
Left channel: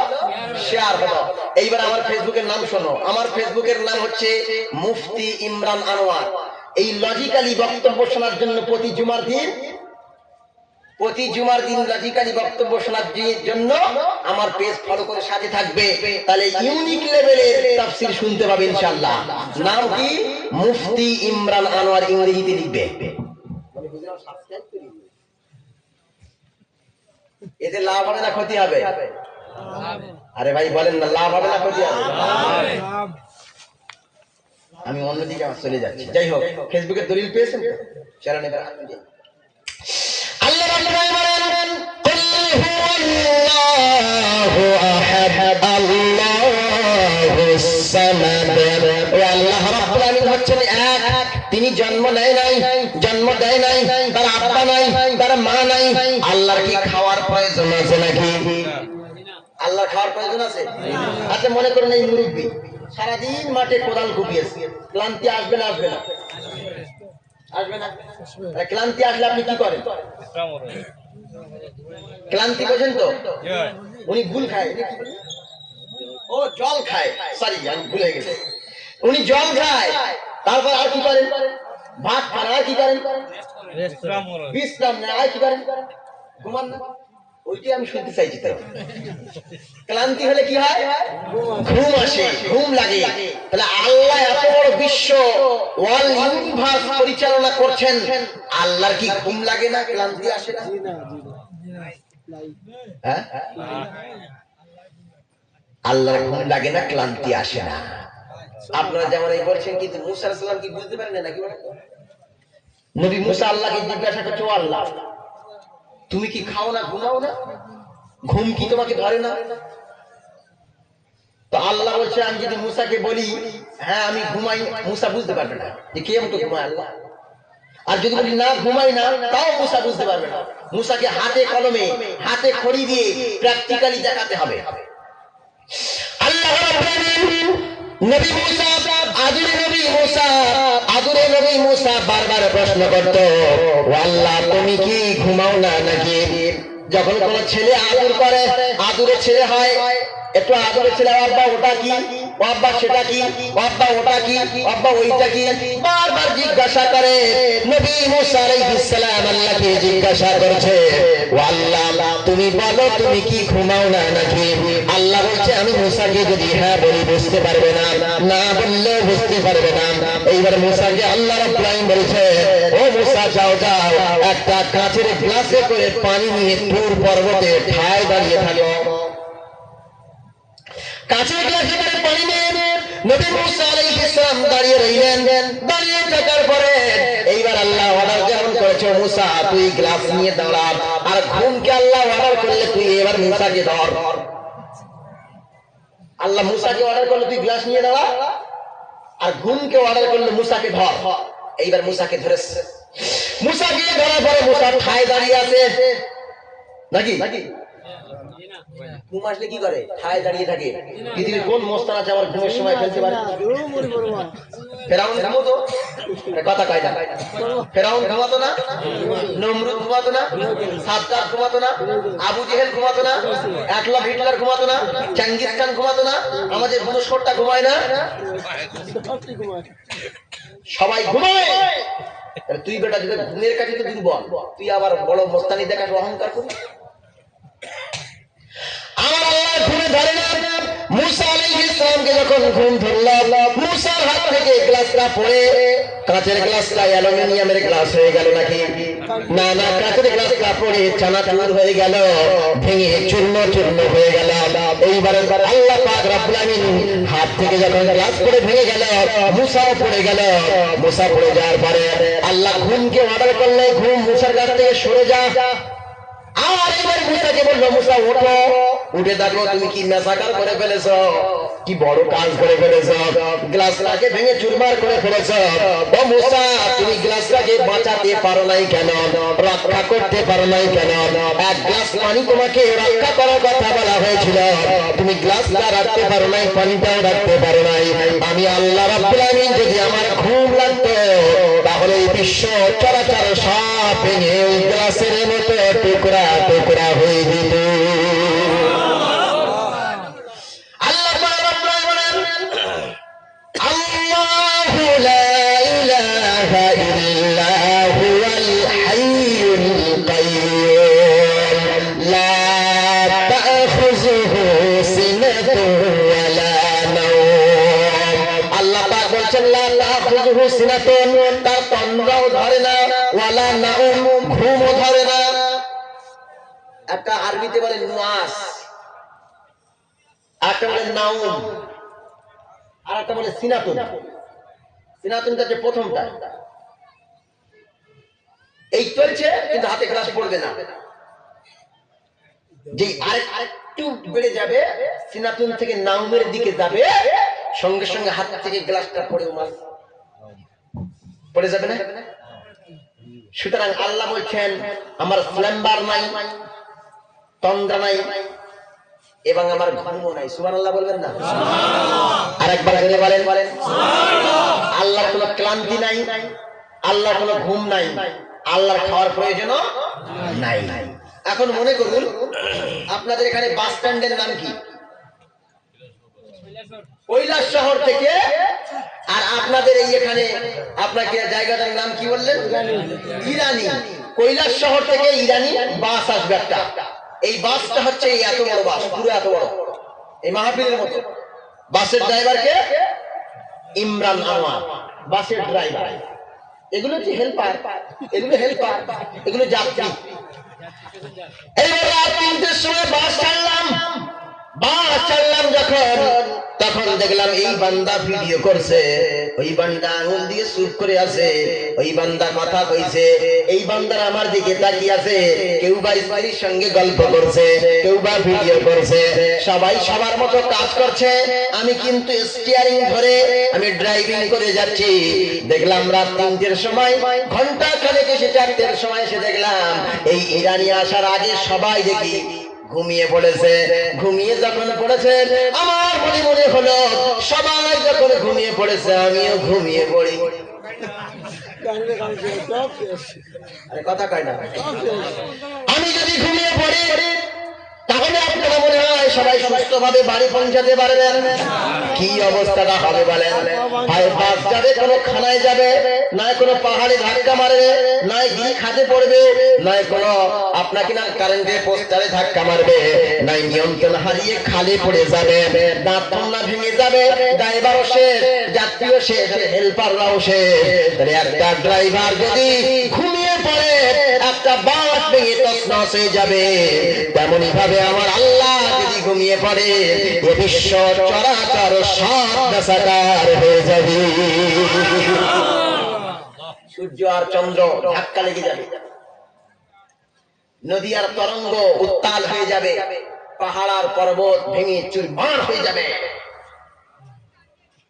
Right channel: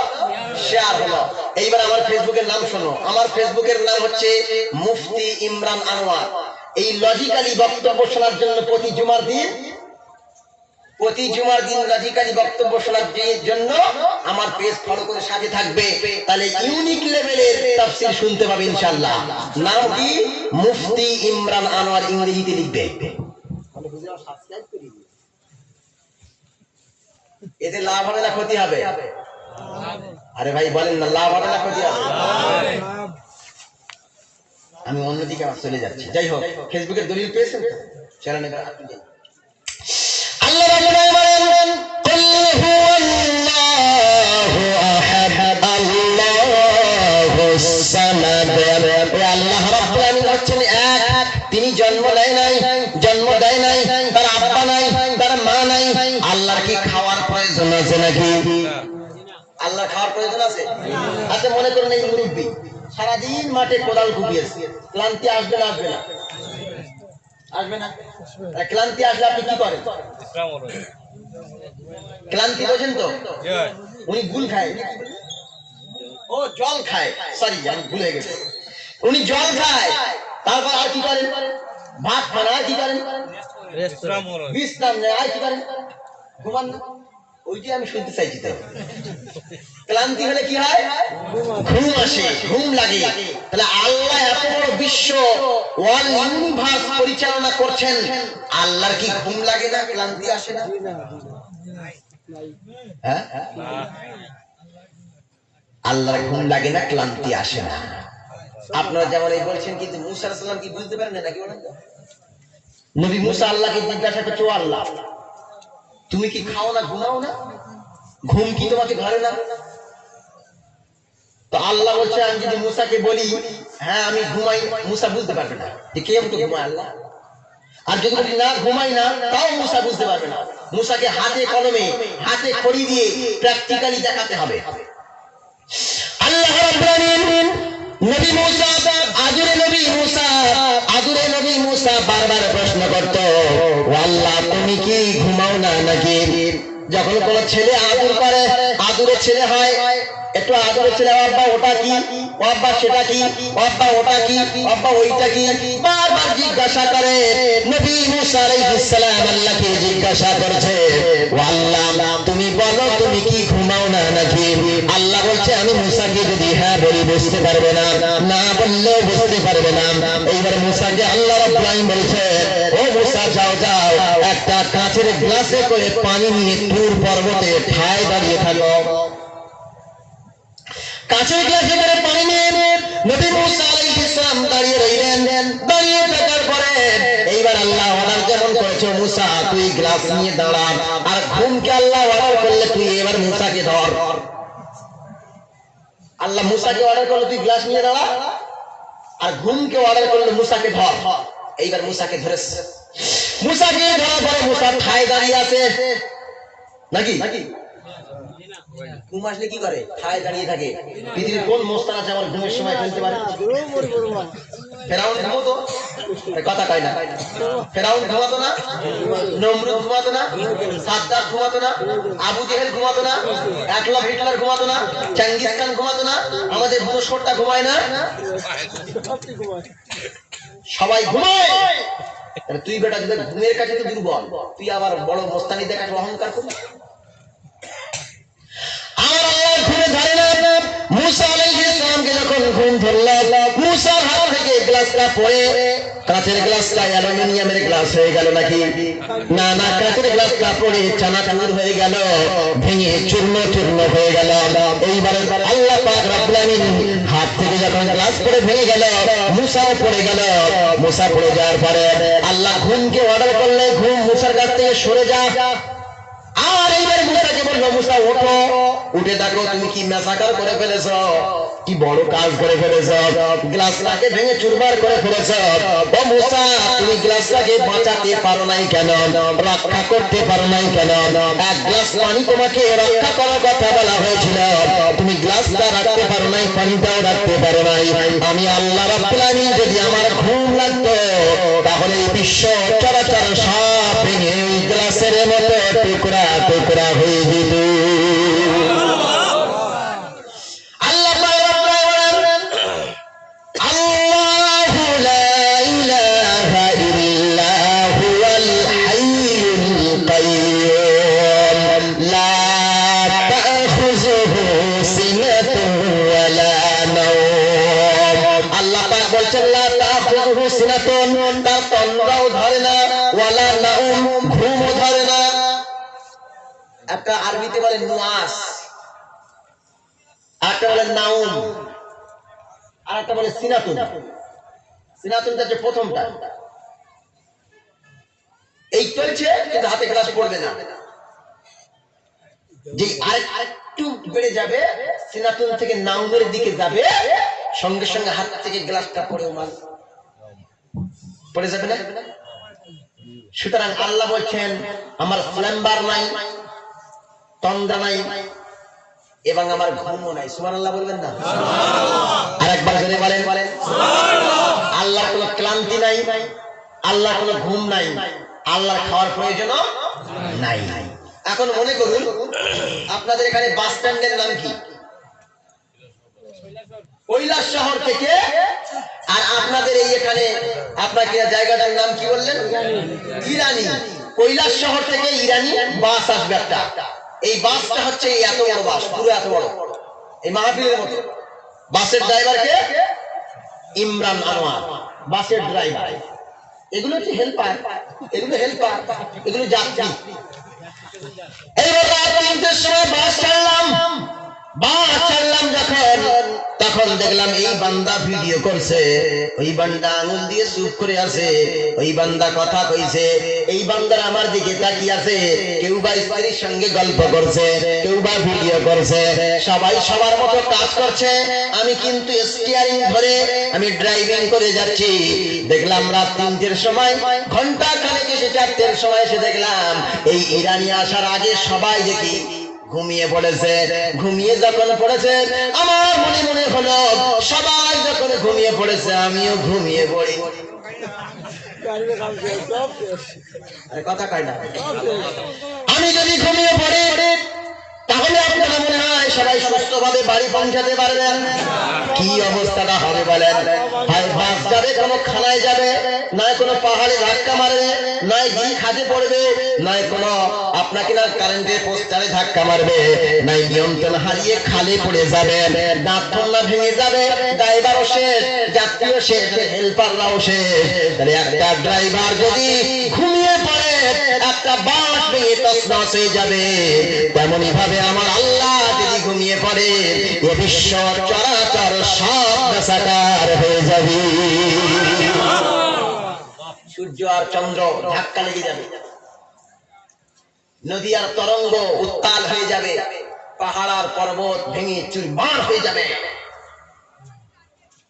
শেয়ার হলো। এইবার আমার ফেসবুকের নাম শোনো। আমার ফেসবুকের নাম হচ্ছে মুফতি ইমরান আনোয়ার। এই লজিক্যালি বক্তব্য শোনার জন্য প্রতি জুমার দিন লজিক্যালি বক্তব্য শোনার জন্য আমার পেজ ফলো করে সাথে থাকবে, তাহলে ইউনিক লেভেলের তাফসীর শুনতে পাবে ইনশাআল্লাহ। নাম কি? মুফতি ইমরান আনোয়ার, ইংরেজিতে লিখবে। মানে বুঝলাম, সাবস্ক্রাইব করে দিন। এতে লাভ হবে না ক্ষতি হবে? আরে ভাই বলেন না, লাভ হবে না ক্ষতি হবে? আমি অন্যদিকে চলে যাচ্ছি। যাই হোক, ফেসবুকের দলিল পেয়েছেন তো? চলেন এবার আপনি যাই। আল্লাহ রাব্বুল বলেন, কুল হুয়াল্লাহু আহাদ আল্লাহুস সামাদ। আল্লাহ রাব্বুল আলামিন হচ্ছেন এক, তিনি জন্ম দেয় নাই, তার আব্বা নাই, তার মা নাই। আল্লাহর কি খাওয়ার প্রয়োজন আছে নাকি? আল্লাহ খাওয়ার প্রয়োজন আছে? আচ্ছা, মনে করুন এই মুরব্বী সারাদিন মাঠে কোদাল কুপিয়েছে, ক্লান্তি আসবে না? ক্লান্তি আসলে আপনি কি করেন? ক্লান্তি বোঝেন তো? উনি গুল খায়, ও জল খায়, সরি আমি ভুলে গেছি। উনি জল খায়, তারপর আর কি করেন? ভাত খান, আর কি করেন? বিশ্রাম নেয়, আর কি করেন? ঘুমান না? ওইটাই আমি শুনতে চাইছি। তাই ক্লান্তি হলে কি হয়? ঘুম আসে, ঘুম লাগে। তাহলে আল্লাহ এত বড় বিশ্ব ওয়ার্ল্ড ইউনিভার্স পরিচালনা করছেন, আল্লাহর কি ঘুম লাগে না, ক্লান্তি আসে না? হ্যাঁ, আল্লাহর ঘুম লাগে না, ক্লান্তি আসে না। আপনারা যেমন এই বলছেন, কিন্তু মুসা আলাইহিস সালাম কি বুঝতে পারেন না নাকি বলেন তো? নবী মুসা আল্লাহকে জিজ্ঞাসা করছে, ও আল্লাহ, তুমি কি খাও না, ঘুমাও না? ঘুম কি তোমাকে ধরে না? তো আল্লাহ বলছে, আমি যদি মুসাকে বলি হ্যাঁ আমি ঘুমাই, মুসা বুঝতে পারবে না যে কে আমাকে ঘুমায় আল্লাহ। আর যদি বলি না ঘুমাই না, তাও মুসা বুঝতে পারবে না। মুসাকে হাতে কলমে, হাতে খড়ি দিয়ে প্র্যাকটিক্যালি দেখাতে হবে। আল্লাহ রাব্বুল আলামিন নবী মুসা, আদুরে নবী মুসা বারবার প্রশ্ন করত, ও আল্লাহ তুমি কি ঘুমাও না নাকি? যখন কোন ছেলে আদর করে, আদুরে ছেলে হয়, একটু আদুরে ছেলে, আব্বা ওটা কি, আব্বা সেটা কি, আব্বা ওটা কি, আব্বা ওইটা কি, বারবার জিজ্ঞাসা করে। নবী মুসা আলাইহিস সালাম আল্লাহকে জিজ্ঞাসা করছে, ও আল্লাহ তুমি বলো তুমি কি ঘুমাও না নাকি? আল্লাহ বলছে, আমি মুসাকে যদি হ্যাঁ বলি বুঝতে পারবে না, না বললেও বুঝতে পারবে না। এইবার মুসাকে আল্লাহ রাব্বুল আলামিন বলছে, ও মুসা যাও যাও, একটা কাঁচের গ্লাসে করে পানি নিয়ে তুর পর্বতে ঠায় দাঁড়িয়ে থাকো। কাঁচের গ্লাসে করে পানি নিয়ে নবী মুসা আলাইহিস সালাম দাঁড়িয়ে রইলেন। দাঁড়িয়ে থাকার পরে এইবার আল্লাহ অর্ডার যেমন করেছে, মুসা তুই গ্লাস নিয়ে দাঁড়া। আর ঘুমকে আল্লাহ অর্ডার করলে তুই এবার মুসাকে ধর। আল্লাহ মুসাকে অর্ডার করলে তুই গ্লাস নিয়ে দাঁড়া, আর ঘুমকে অর্ডার করলে মুসাকে ধর। এইবার মুসাকে ধরেছে। মুসাকে ধরার পরে মুসা ঠায় দাঁড়িয়ে আছে নাকি? ঘুম আসলে কি করে? ঠায় দাঁড়িয়ে থাকে। পৃথিবীর কোন মোস্তান আছে আমার ঘুমের সময় ফেলতে পারে? ফেরাউন ঘুমাতো? কথা কয় না। ফেরাউন ঘুমাতো না? নমরুদ ঘুমাতো না? সাদ্দাত ঘুমাতো না? আবু জেহেল ঘুমাতো না? অ্যাডলফ হিটলার ঘুমাতো না? চেঙ্গিস খান ঘুমাতো না? আমাদের ভূস্বরটা ঘুমায় না? সবাই ঘুমায়। তুই বেটা যদি ঘুমের কাছে তো দুর্বল, তুই আবার বড় মোস্তানি দেখাস, অহংকার করিস। আমার আল্লাহ ঘুমে ধরে না। মুসা আলাইহিস সালামকে যখন ঘুম ধরল, মুসার হাত থেকে গ্লাসটা পড়ে, কাঁচের গ্লাসটা অ্যালুমিনিয়ামের গ্লাস হয়ে গেল নাকি? না না, কাঁচের গ্লাসটা পড়ে চানাচুর হয়ে গেল, ভেঙে চূর্ণ চূর্ণ হয়ে গেল। এইবার আল্লাহ পাক রব্বুল আলামিন হাত থেকে যখন গ্লাস পড়ে ভেঙে গেল, মুসাও পড়ে গেল। মুসা পড়ে যাওয়ার পরে আল্লাহ ঘুমকে অর্ডার করলে, ঘুম মুসার কাছ থেকে সরে যা। আমার এইবার মুসাকে বললো, মুসা ওঠো, উঠে দেখো তুমি কি মেসাকার করে ফেলেছ, কি বড় কাজ করে ফেলেছ, গ্লাসটাকে ভেঙে চুরমার করে ফেলেছ। ও মুসা, তুমি গ্লাসটাকে বাঁচাতে পারো নাই কেন, রক্ষা করতে পারো নাই কেন? এক গ্লাস পানি তোমাকে রক্ষা করার কথা বলা হয়েছিল, তুমি গ্লাসটা রাখতে পারো নাই, পানিটাও রাখতে পারো নাই। আমি আল্লাহ রাব্বুল আলামিন যদি আমার ঘুম লাগতো, তাহলে এই বিশ্ব চরাচর সব ভেঙে ওই গ্লাসের মতো টুকরা টুকরা হয়ে যেত। একটা আরবিতে বলে নুয়াস, একটা বলে নাউম, আর একটা বলে সিনাতুন। সিনাতুনটা যে প্রথমটা, এই চলছে কিন্তু হাতে গ্লাস পড়বে না। যে আরেকটু বেড়ে যাবে, সিনাতুন থেকে নাউমের দিকে যাবে, সঙ্গে সঙ্গে হাত থেকে গ্লাসটা পড়ে মাল পড়ে যাবে না। সুতরাং আল্লাহ বলছেন, আমার স্ল্যাম্বার নাই, তন্দ্রা নাই, এবং আমার ঘুমও নাই। সুবহানাল্লাহ বলবেন না? আরেকবার জোরে বলেন, বলেন আল্লাহর কোনো ক্লান্তি নাই, আল্লাহর কোনো ঘুম নাই, আল্লাহর খাওয়ার প্রয়োজন নাই। এখন মনে করুন আপনাদের এখানে বাস স্ট্যান্ডের নাম কি? কৈলাস শহর থেকে, আর আপনাদের এই এখানে আপনার কি জায়গাটার নাম কি বললেন? ইরানি। কৈলাস শহর থেকে ইরানি বাস আসবে একটা। এই বাসটা হচ্ছে এত বড় বাস, পুরো এত বড়, এই মাহফিলের মতো। বাসের ড্রাইভারকে ইমরান আনোয়ার, বাসের ড্রাইভার, এগুলো হচ্ছে হেল্পার, এগুলো হেল্পার, এগুলো যাত্রী। এবার রাত 3টের সময় বাস ছাড়লাম যখন, তখন দেখলাম এই বান্দা ভিডিও করছে, ওই বান্দা আঙুল দিয়ে চুপ করে আছে, ওই বান্দা কথা কইছে, এই বান্দার আমার দিকে তাকিয়ে আছে, কেউ বা স্ত্রীর সঙ্গে গল্প করছে, কেউ বা ভিডিও করছে, সবাই সবার মতো কাজ করছে। আমি কিন্তু স্টিয়ারিং ধরে আমি ড্রাইভিং করে যাচ্ছি। দেখলাম রাত 3টের সময়, ঘন্টা খানেক এসে 4টের সময় এসে দেখলাম এই ইরানি আসার আগে সবাই দেখি ঘুমিয়ে পড়েছে। ঘুমিয়ে যখন পড়েছে আমার মনে হলো সবাই যখন ঘুমিয়ে পড়েছে আমিও ঘুমিয়ে পড়ি। আরে কথা কয় না। আমি যদি ঘুমিয়ে পড়ি তাহলে আপনারা মনে হয় সবাই সুস্থভাবে বাড়ি পৌঁছাতে পারবেন? কি অবস্থাটা হবে বলেন? আরে বাস যাবে কোনো খানায় যাবে, নয় কোনো পাহাড়ে ধাক্কা মারবে, নয় ঘি খাতে পড়বে, নয় কোনো আপনাকে না কারেন্টের পোস্টারে ধাক্কা মারবে, নয় নিয়ন্ত্রণ হারিয়ে খালে পড়ে যাবে, দাঁত ঠোঁলা ভেঙে যাবে, ড্রাইভারও শেষ, যাত্রীও শেষ, হেল্পাররাও শেষ। তাহলে একটা ড্রাইভার যদি ঘুমিয়ে পড়ে একটা বাস ভেঙে তছনছ হয়ে যাবে, তেমনি ভাবে আমার আল্লাহ যদি ঘুমিয়ে পড়ে এ বিশ্ব চরাচর সব বেসাকার হয়ে যাবে। সূর্য আর চন্দ্র ধাক্কা লেগে যাবে, নদী আর তরঙ্গ উত্তাল হয়ে যাবে, পাহাড় আর পর্বত ভেঙে চুরমার হয়ে যাবে।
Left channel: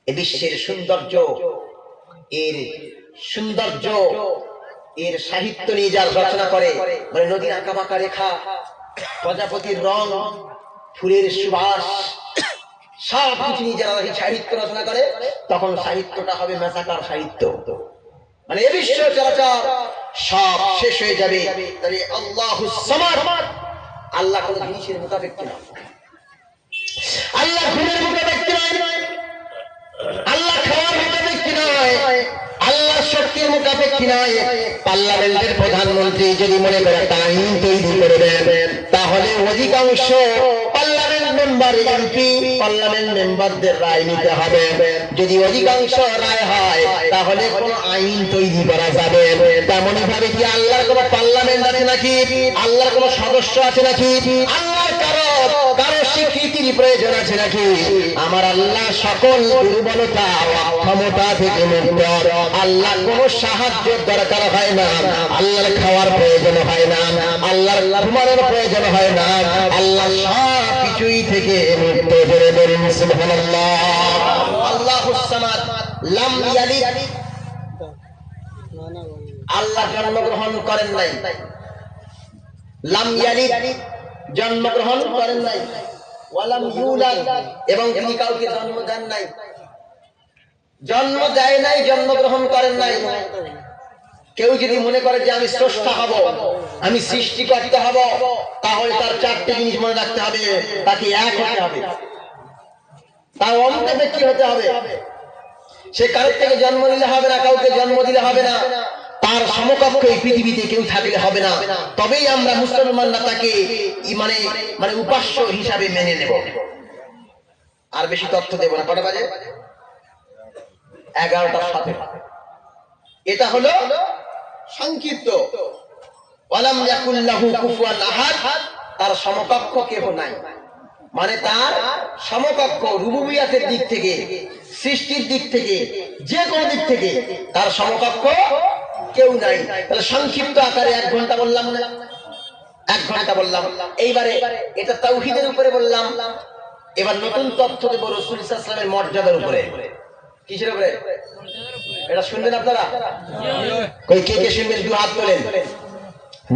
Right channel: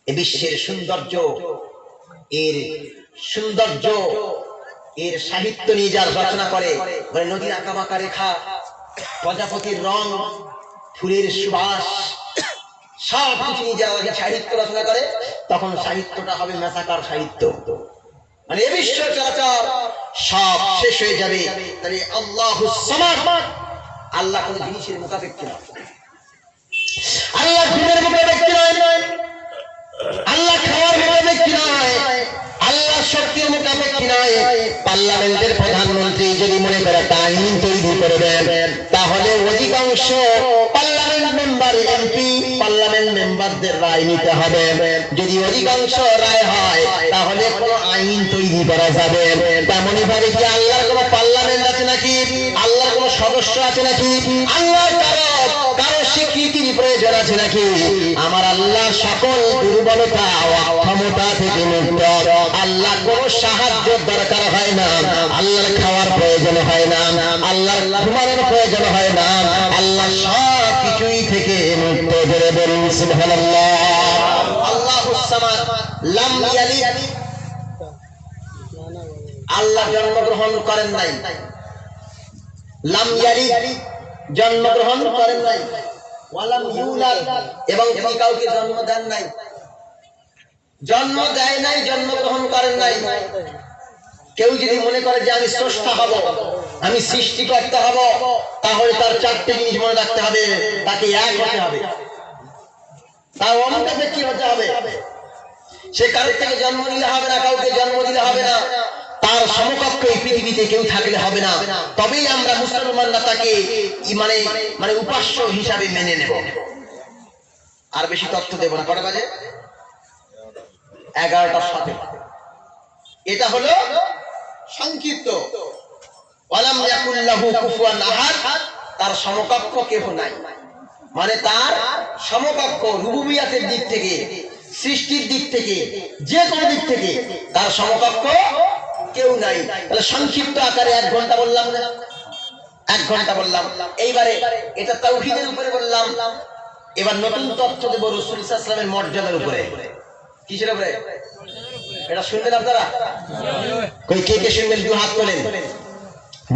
এ বিশ্বের সৌন্দর্য, এর সৌন্দর্য, এর সাহিত্য নিয়ে যারা রচনা করে, মানে নদীর আঁকাবাঁকা রেখা, প্রজাপতির রং, ফুলের সুবাস, সব কিছু নিয়ে যারা সাহিত্য রচনা করে, তখন সাহিত্যটা হবে মেসাকার সাহিত্য। মানে এ বিশ্ব চরাচর সব শেষ হয়ে যাবে। তাহলে আল্লাহুস সামাদ, আল্লাহ কোন জিনিসের মুখাপেক্ষী নয়, আল্লাহ ঘুমের মুখাপেক্ষী নয়, আল্লাহ খাওয়ার মুখাপেক্ষী নয়, আল্লাহ শক্তির মুখাপেক্ষী নয়। পার্লামেন্টের প্রধানমন্ত্রী যদি মনে করে আইন তৈরি করবেন, তাহলে অধিকাংশ পার্লামেন্ট মেম্বার, এমপি, পার্লামেন্ট মেম্বারদের রায় নিতে হবে। যদি অধিকাংশ রায় হয় তাহলে কোন আইন তৈরি করা যাবে। তেমনি ভাবে কি আল্লাহর কোন পার্লামেন্ট আছে নাকি? আল্লাহর কোন সদস্য আছে নাকি? আল্লাহর কারো স্বীকৃতির প্রয়োজন আছে নাকি? আমার আল্লাহ সকল দুর্বলতা অক্ষমতা থেকে মুক্ত। আল্লাহ কোন সাহায্যের দরকার হয় না, আল্লাহর খাওয়ার প্রয়োজন হয় না, আল্লাহর ঘুমানোর প্রয়োজন হয় না, আল্লাহ সব কিছুই থেকে মুক্ত। জোরে বলুন সুবহানাল্লাহ। আল্লাহুস সামাদ লাম ইয়ালিদ, আল্লাহ জন্মগ্রহণ করেন নাই, লাম ইয়ালিদ জন্মগ্রহণ করেন নাই, ওয়ালাম ইউলাদ এবং তিনি কাউকে জন্ম দেন নাই, জন্ম দেয় নাই, জন্মগ্রহণ করেন নাই। কেউ যদি মনে করে যে আমি স্রষ্টা হব, আমি সৃষ্টিকর্তা হব, তাহলে তার 4টে জিনিস মনে রাখতে হবে। তাকে এক হতে হবে, তার অন্তরে কি হতে হবে? সে কারোর থেকে জন্ম নিলে হবে না, কাউকে জন্ম দিলে হবে না, তার সমকক্ষ এই পৃথিবীতে কেউ থাকলে হবে না। তবেই আমরা মুসলমানরা তাকে মানে মানে উপাস্য হিসাবে মেনে নেব। আর বেশি তথ্য দেব না। কটা বাজে? 11টার সাথে। এটা হলো সংক্ষিপ্ত। ওয়ালাম ইয়াকুল লাহু কুফুয়ান আহাদ, তার সমকক্ষ কেউ নাই, মানে তার সমকক্ষ রুবুবিয়াতের দিক থেকে, সৃষ্টির দিক থেকে, যে কোনো দিক থেকে তার সমকক্ষ কেউ নাই। তাহলে সংক্ষিপ্ত আকারে 1 ঘন্টা বললাম না, 1 ঘন্টা বললাম। এইবারে এটা তাওহীদের উপরে বললাম। এবার নতুন তথ্য দেব রাসূল সাল্লাল্লাহু আলাইহি ওয়াসাল্লামের মর্যাদার উপরে। কিসের উপরে? এটা শুনবেন আপনারা? কই কে কে শুনবেন? দুই হাত তোলেন।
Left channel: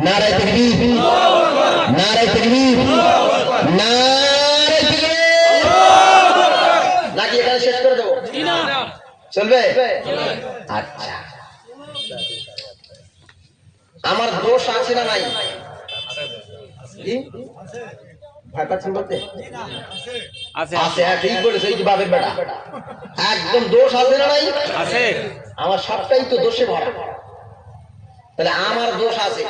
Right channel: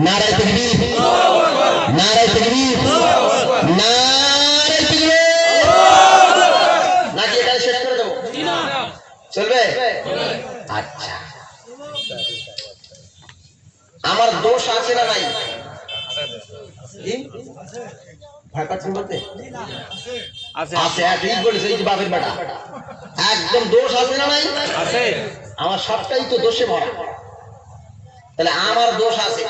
নারায়ে তাকবীর, নারায়ে তাকবীর, নারায়ে তাকবীর। নাকি এখানে শেষ করে দেব? চলবে? আচ্ছা, আমার দোষ আছে না নাই? জি, ভয় পাচ্ছেন বলতে? আছে, আছে। ঠিক বলেছে, এই যে বাপের বেটা, একদম দোষ আছে না নাই? আছে। আমার সবটাই তো দোষে ভরা। তাহলে আমার দোষ আছে,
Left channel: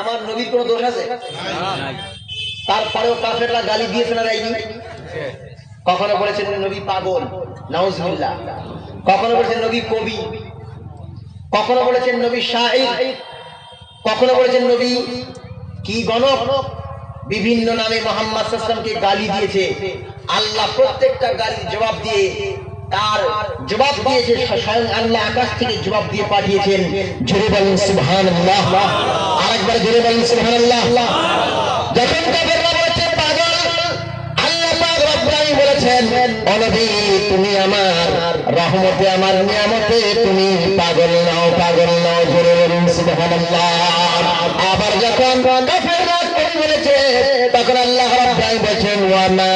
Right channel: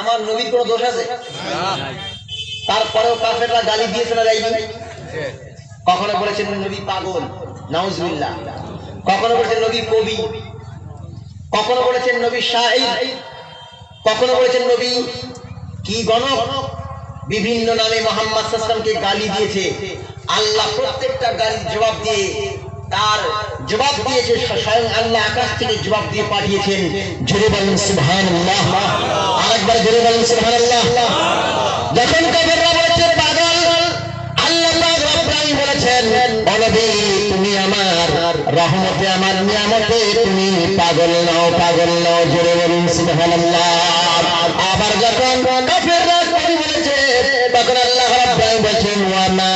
আমার নবীর কোনো দোষ আছে? তারপরেও কাফেররা গালি দিয়েছে না দেয়নি? কখনো বলেছেন নবী পাগল? নাউজুবিল্লাহ। কখনো বলেছেন নবী কবি, কখনো বলেছেন নবী শাইর, কখনো বলেছেন নবী কি গণক, বিভিন্ন নামে মোহাম্মদ সাল্লাল্লাহু আলাইহি ওয়াসাল্লামকে গালি দিয়েছে। আল্লাহ প্রত্যেকটা গালির জবাব দিয়ে তার জবাব দিয়ে যে স্বয়ং আল্লাহ আকাশ থেকে জবাব দিয়ে পাঠিয়েছেন। জোরে বলেন সুবহানাল্লাহ, আরেকবার জোরে বলেন সুবহানাল্লাহ। যখন কাফেররা বলেছে পাগল, আল্লাহ পাক রব্বুল আলামিন বলেছেন ও নবী তুমি আমার রহমতে আমার নিয়ামতে তুমি পাগল নাও, পাগল নাও। জোরে বলেন সুবহানাল্লাহ। আবার যখন কাফেররা কবি বলেছে তখন আল্লাহ রাব্বুল আলামিন বলেছেন ওয়া মা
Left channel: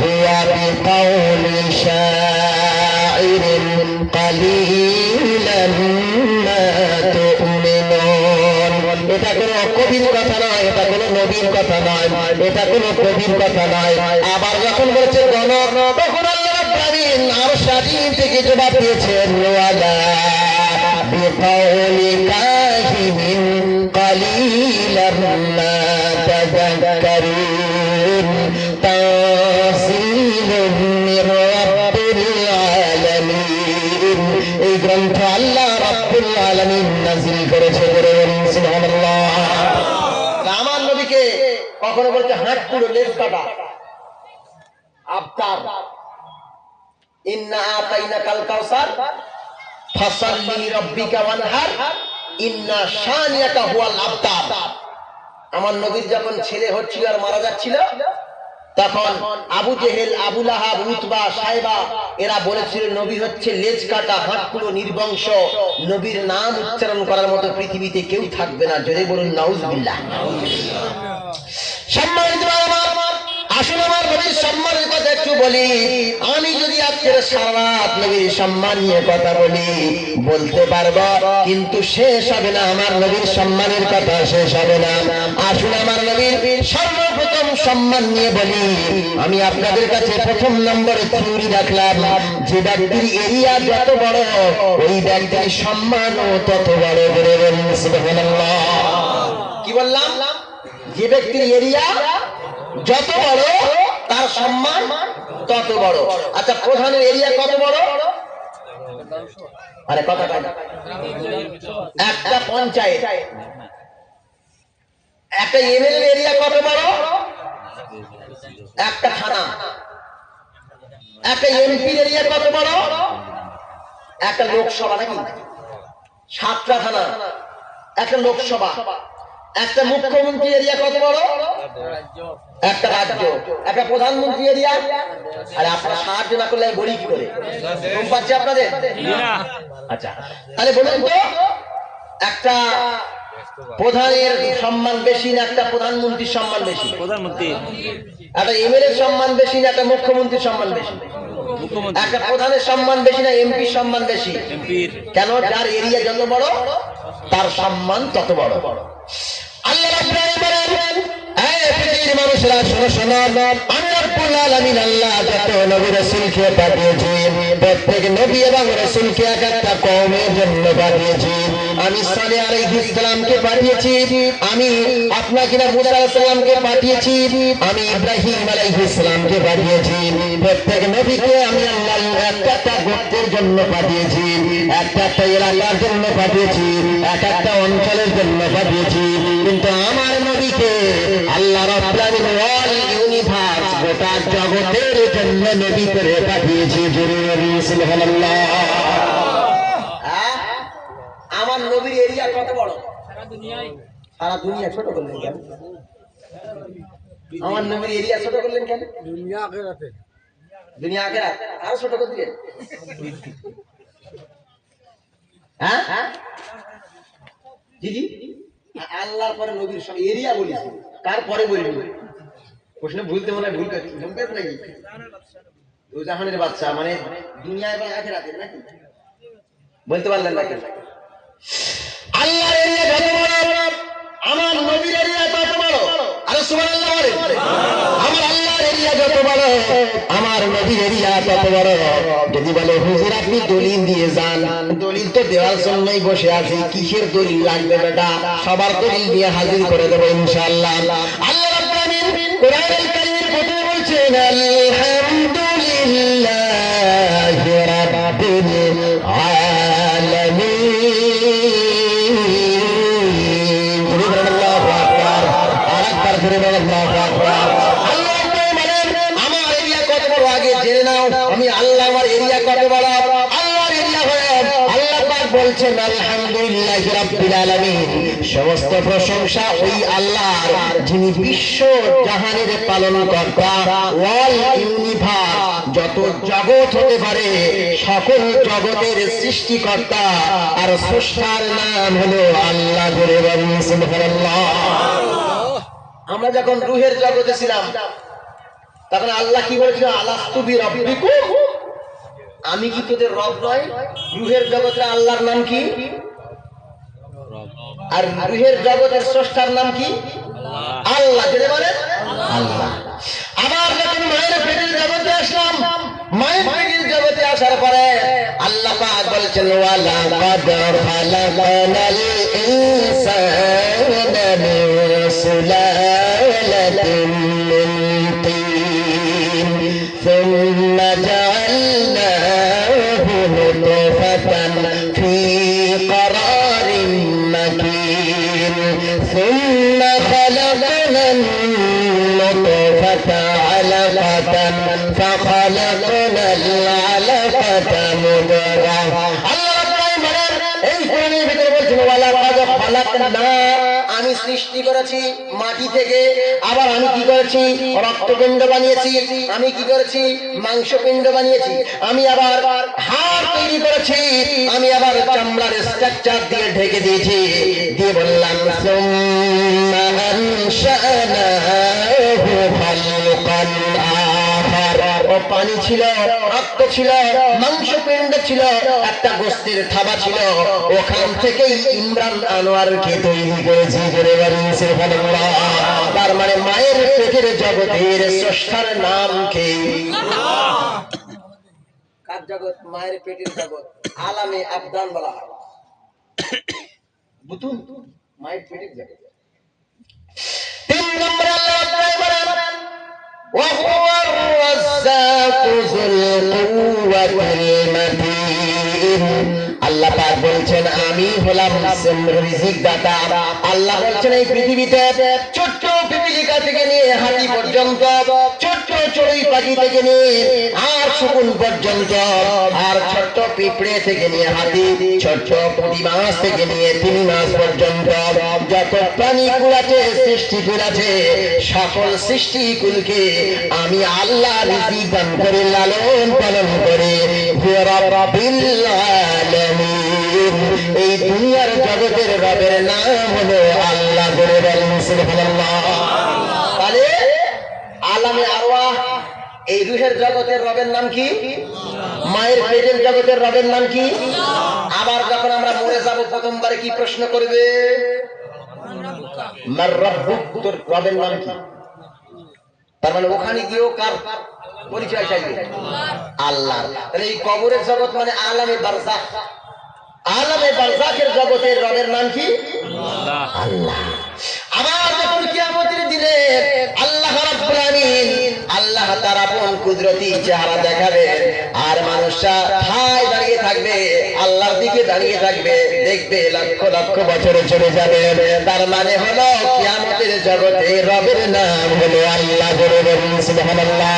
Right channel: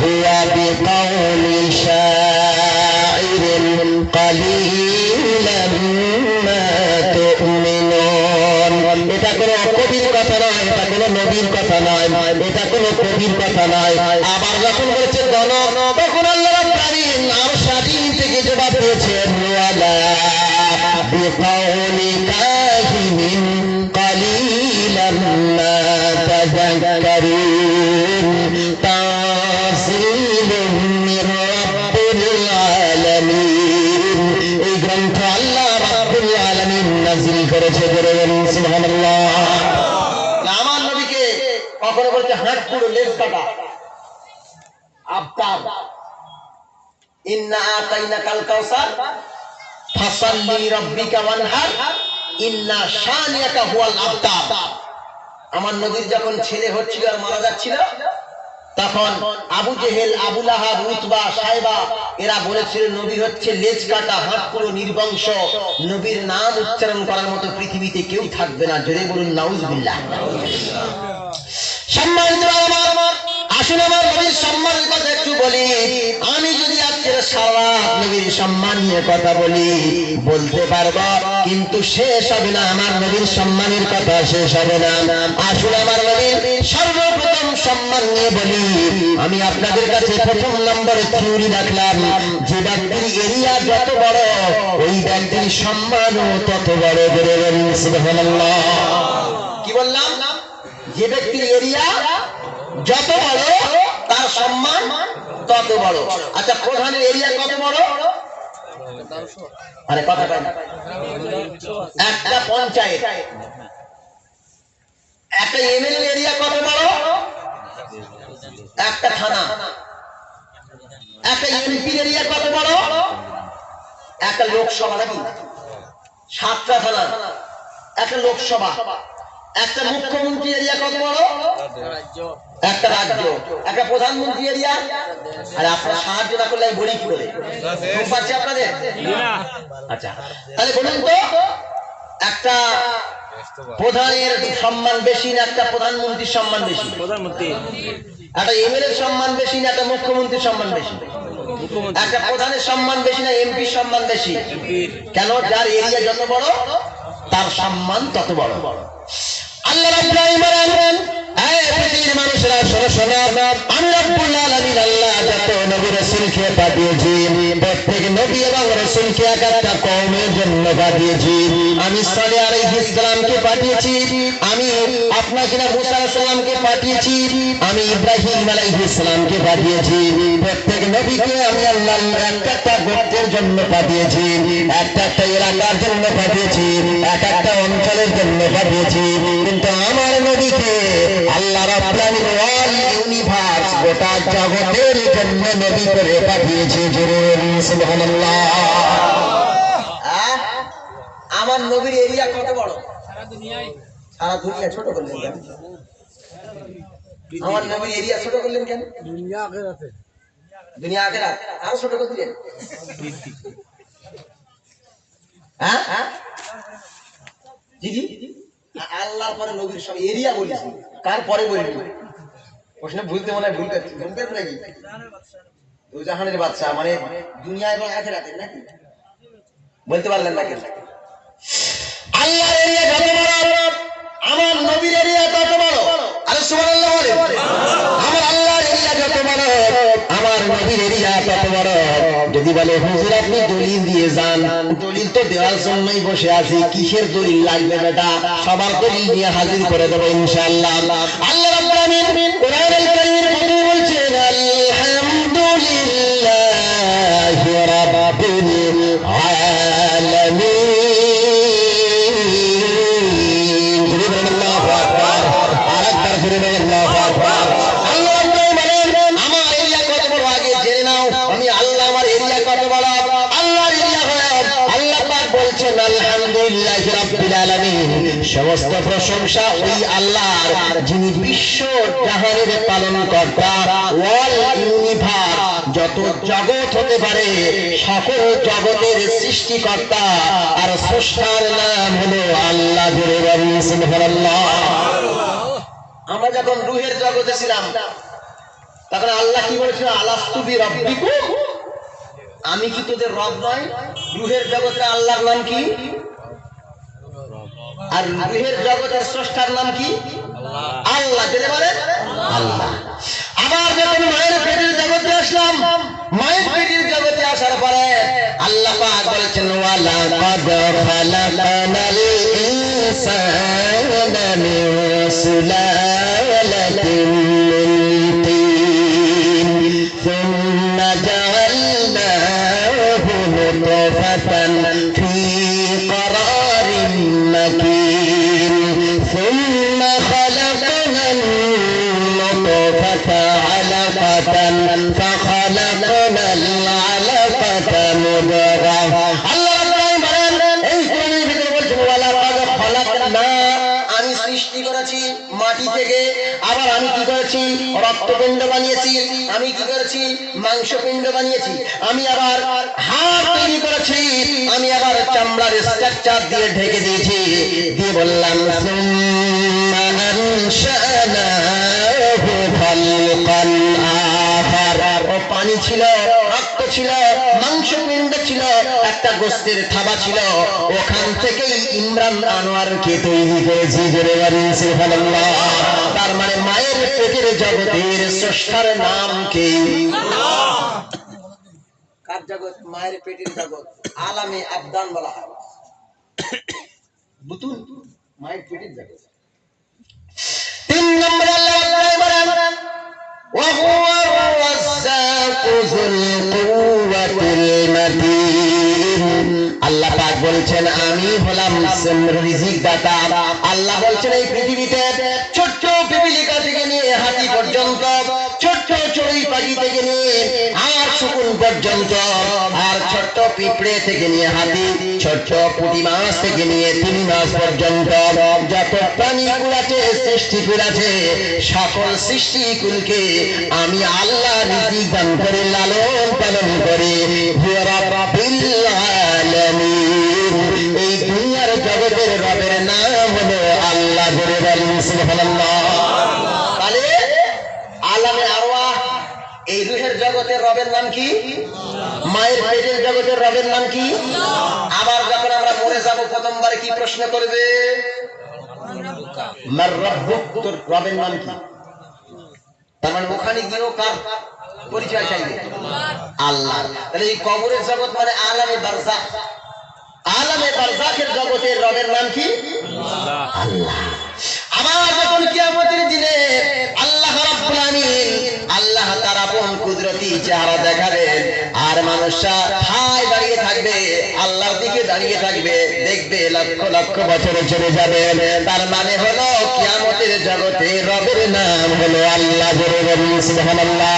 হুয়া বিকাউলি শাইরিন কালিলাম মা তুমিনুন। এটা কোনো কবির কথা নয়, এটা কোনো নবীর কথা নয়, এটা কোনো কবির কথা নয়। আবার যখন বলেছে গণক তখন আল্লাহ রাব্বুল আলামিন আরশ আজিম থেকে জবাব দিয়েছেন ওয়ালা বিকাউলি কাহিনিন কালিলাম মা তাযাক্কারুন তানজিলুম মির রাব্বিল আলামিন। এই গ্রন্থ আল্লাহ রাব্বুল আলামিন নাযিল করেছে। বলুন সুবহানাল্লাহ। আমার নবীকে কখনো বলতে হাত পুরো লেজ কাটা, আফতাব ইন্না আতাইনাকাল কাউসার ফাসাল্লি লিরাব্বিকা ওয়ানহার ইন্না শানিয়াকা হুয়াল আবতার। আমার নবীর যখন ছেলে হচ্ছিল আর মারা যাচ্ছিল তখন আবু জেহেল, আবু লাহাব, উতবা, সাইবা এরা বলেছিল নবী হচ্ছে লেজ কাটা, হাত পুরো নির্বংশ, নবীর নাম উচ্চারণ করার মতো পৃথিবীতে কেউ থাকবে না। জোরে বলুন নাউজুবিল্লাহ। সম্মানিত বাবা, আসুন আমার নবীর সম্মানের কথা একটু বলি। আমি যদি আজকের সারা রাত নবীর সম্মান নিয়ে কথা বলি বলতে পারবো, কিন্তু শেষ হবে না। আমার নবীর সম্মানের কথা শেষ হবে না। আসুন আমার নবীর সর্বপ্রথম সম্মান নিয়ে বলি। আমি আপনাদের কাছে প্রথম নম্বরে থিওরি রাখলাম, যে ব্যক্তির এরিয়া যত বড় ওই ব্যক্তির সম্মানও তত বড়। বলুন সুবহানাল্লাহ। কি বললাম? যে ব্যক্তির এরিয়া যত বড় তার সম্মান তত বড়। আচ্ছা, প্রধানের এরিয়া কত বড়? আরে কথা বলেন। একটা পঞ্চায়েত, একটা এমএলএ এরিয়া কত বড়? একটা থানা। একটা এমপি এরিয়া কত বড়? একটা লোকসভা, নাকি 7টা থানা, একটা লোকসভা। একটা মুখ্যমন্ত্রী এরিয়া কত বড়? একটা রাজ্য। একটা প্রধানমন্ত্রী এরিয়া। আর আপনারা সাহায্য না করলে আমি বলি কি করে? পাচ্ছি আপনাদের? আচ্ছা, তাহলে বলুন তো, একটা প্রধানের সম্মান বেশি না একটা প্রধানমন্ত্রীর সম্মান বেশি? প্রধানমন্ত্রী। একটা এমএলএ সম্মান বেশি না একটা মুখ্যমন্ত্রীর সম্মান বেশি? মুখ্যমন্ত্রী। একটা প্রধানের সম্মান বেশি না এমপির সম্মান বেশি? এমপির। কেন? যার এরিয়া যত বড় তার সম্মান তত বড়। আল্লাহ রাব্বুল আলামিন বলেন, হে পৃথিবীর মানুষেরা শোনো শোনো, আমি রাব্বুল আলামিন আল্লাহ যত নবী রাসূলকে পাঠিয়েছি প্রত্যেক নবী এবং রাসূলকে এক একটা কওমের জন্য পাঠিয়েছি। আমি সালেহ আলাইহিস সালামকে পাঠিয়েছি, আমি আপনাকে মুসা আলাইহিস সালামকে পাঠিয়েছি, আমি ইব্রাহিম আলাইহিস সালামকে পাঠিয়েছি। প্রত্যেক নবীকে আমি আল্লাহ একটা একটা গোত্রের জন্য পাঠিয়েছি, একটা একটা এলাকার জন্য পাঠিয়েছি, এক একটা অঞ্চলের জন্য পাঠিয়েছি। কিন্তু আমার নবীকে আল্লাহ রাব্বুল আলামিন অল ইউনিভার্স, গোটা জগতের জন্য নবী করে পাঠিয়েছি। জোরে বলুন সুবহানাল্লাহ। আমার নবীর এরিয়া কত বড়? সারা দুনিয়ায়। সারা দুনিয়া ছোট করলেন কেন? আমার নবীর এরিয়া ছোট করলেন কেন? দুনিয়া আখিরাতে। দুনিয়া আখিরাত আর ছোট করে দিলেন? হ্যাঁ জি জি, আল্লাহর পরে নবীর সব এরিয়া বলেছি, তারপরে বলবি প্রশ্ন ভুলতে মনে হয় ভুল করছি, ভুলতে নাকি? দুজাহানের বাদশা মানে দুনিয়া এবং আখিরাতের, নাকি বলতে পারলেন নাকি? আল্লাহর এরিয়া যত বড় আমার নবীর এরিয়া তত বড়। আরে সুবহানাল্লাহ বলেন। আমার আল্লাহর এরিয়া যত বড় আমার নবীর এরিয়া তত বড়। যদি বলে হুজুর আপনি দলিল দিয়ে যান, দলিল তো দেওয়ার জন্যই বসে আছি, কিসের দলিল লাগবে বেটা? সবার দলিল দিয়ে হাজির করে দেবো ইনশাআল্লাহ। আল্লাহ রাব্বুল আলামিন কোরআনুল কারীমের মধ্যে বলছেন আলহামদুলিল্লাহি রাব্বিল আল্লাহু আকবার। আল্লাহ বলেন আমার এরিয়া কত বড় আগে জেনে নাও। আমি আল্লাহ আমার এরিয়া কত বড়। আল্লাহর এরিয়া হয় আল্লাহ পাক বলছেন আলহামদুলিল্লাহি রাব্বিল আলামিন। সমস্ত প্রশংসা ওই আল্লাহর যিনি বিশ্ব জাহানের পালনকর্তা, ওয়াল ইউনিভার্স, যত জগৎ হতে পারে সকল জগতের সৃষ্টিকর্তা আর স্রষ্টার নাম হলো আল্লাহ। জোরে বলুন সুবহানাল্লাহ। আমরা যখন রূহের জগতে ছিলাম তখন আল্লাহ কি বলেছিল? আলাস্তু বিরাব্বিকুম, আমি কি তোদের রব নয়? রূহের জগতে আল্লাহর নাম কি? আর রূহের জগতের স্রষ্টার নাম কি? আল্লাহ। জেনে বলেন আল্লাহ। আবার যখন মায়ের পেটের জগতে আসলাম, মায়ের পেটের জগতে আসার পরে আল্লাহ পাক বলেছেন ওয়ালা কাদ খালাকানাল ইনসানা মিন সুলালাতিন মিন তিন সুম্মা জাআলনাহু নুতফাতান ফি قرارٍ مكين ثم خلقنا النطفة علقة فخلقنا العلقة مضغة। আল্লাহ বলেন এই কোণের ভিতরে বলছেন ওয়ালাকাদ খালাকনা, আমি সৃষ্টি করেছি মাটি থেকে। আবার আমি কি করেছি? রক্তপিণ্ড বানিয়েছি। আমি কি করেছি? মাংসপিণ্ড বানিয়েছি। আমি আবার হাড় তৈরি করেছি। আমি আবার চামড়ার স্ট্রাকচার দিয়ে ঢেকে দিয়েছি। দিয়ে বললাম সুম্মা আনশানাহু খালকান আখার। ও পানি ছিল, রক্ত ছিল, মাংসপিণ্ড ছিল, একটা গোস্তের থাবা ছিল। ওখান থেকেই ইমরান আনোয়ারকে তৈরি করেছি। জোরে বলুন সুবহানাল্লাহ। তার মানে মায়ের পেটের জগতের স্রষ্টার নাম কি? কার জগৎ? মায়ের পেটের জগৎ। আলামে আবদান বলা হয়। বুতুন মায়ের পেটের জগৎ। 3 নম্বরে আল্লাহ বলেন ওয়া হুয়ার রাজ্জাকু যুল কুওয়াতিল মাতিন। আল্লাহ পাক বলছেন আমি হলাম রিজিক দাতা। আল্লাহ বলছেন এই পৃথিবীতে ছোট্ট পিপিলিকা থেকে নিয়ে হাতি পর্যন্ত, ছোট্ট চড়ুই পাখি থেকে নিয়ে আর শকুন পর্যন্ত, আর ছোট্ট পিঁপড়ে থেকে নিয়ে হাতি, ছোট্ট পুঁটি মাছ থেকে নিয়ে তিমি মাছ পর্যন্ত যত প্রাণীকুল আছে, সৃষ্টিকুল আছে, সকল সৃষ্টিকুলকে আমি আল্লাহ রিজিক দান করে লালন পালন করে রব্বিল আলামিন। এই দুনিয়ার জগতের রবের নাম হলো আল্লাহ। জোরে বলুন সুবহানাল্লাহ। তাহলে আলামে আরওয়াহ, এই রূহের জগতের রবের নাম কি? মায়ের পেটের জগতের রবের নাম কি? আবার যখন আমরা মরে যাব প্রথমবারে কি প্রশ্ন করবে? মার রব্বুক, তোর রবের নাম কি? তার মানে ওখানে গিয়েও কার পরিচয় চাইবে? আল্লাহ। তাহলে এই কবরের জগৎ মানে আলামে বারজাখ। আলামে বারজাখের জগতের রবের নাম কি? আল্লাহ। আবার যখন কিয়ামতের দিনে আল্লাহ রাব্বুল আলামিন, আল্লাহ তার আপন কুদরতি চেহারা দেখাবেন আর মানুষরা ঠায় দাঁড়িয়ে থাকবে, আল্লাহর দিকে দাঁড়িয়ে থাকবে, দেখবে লক্ষ লক্ষ বছরে চলে যাবে। তার মানে হলো কিয়ামতের জগতে রবের নাম হলো আল্লাহ। জোরে বলুন সুবহানাল্লাহ।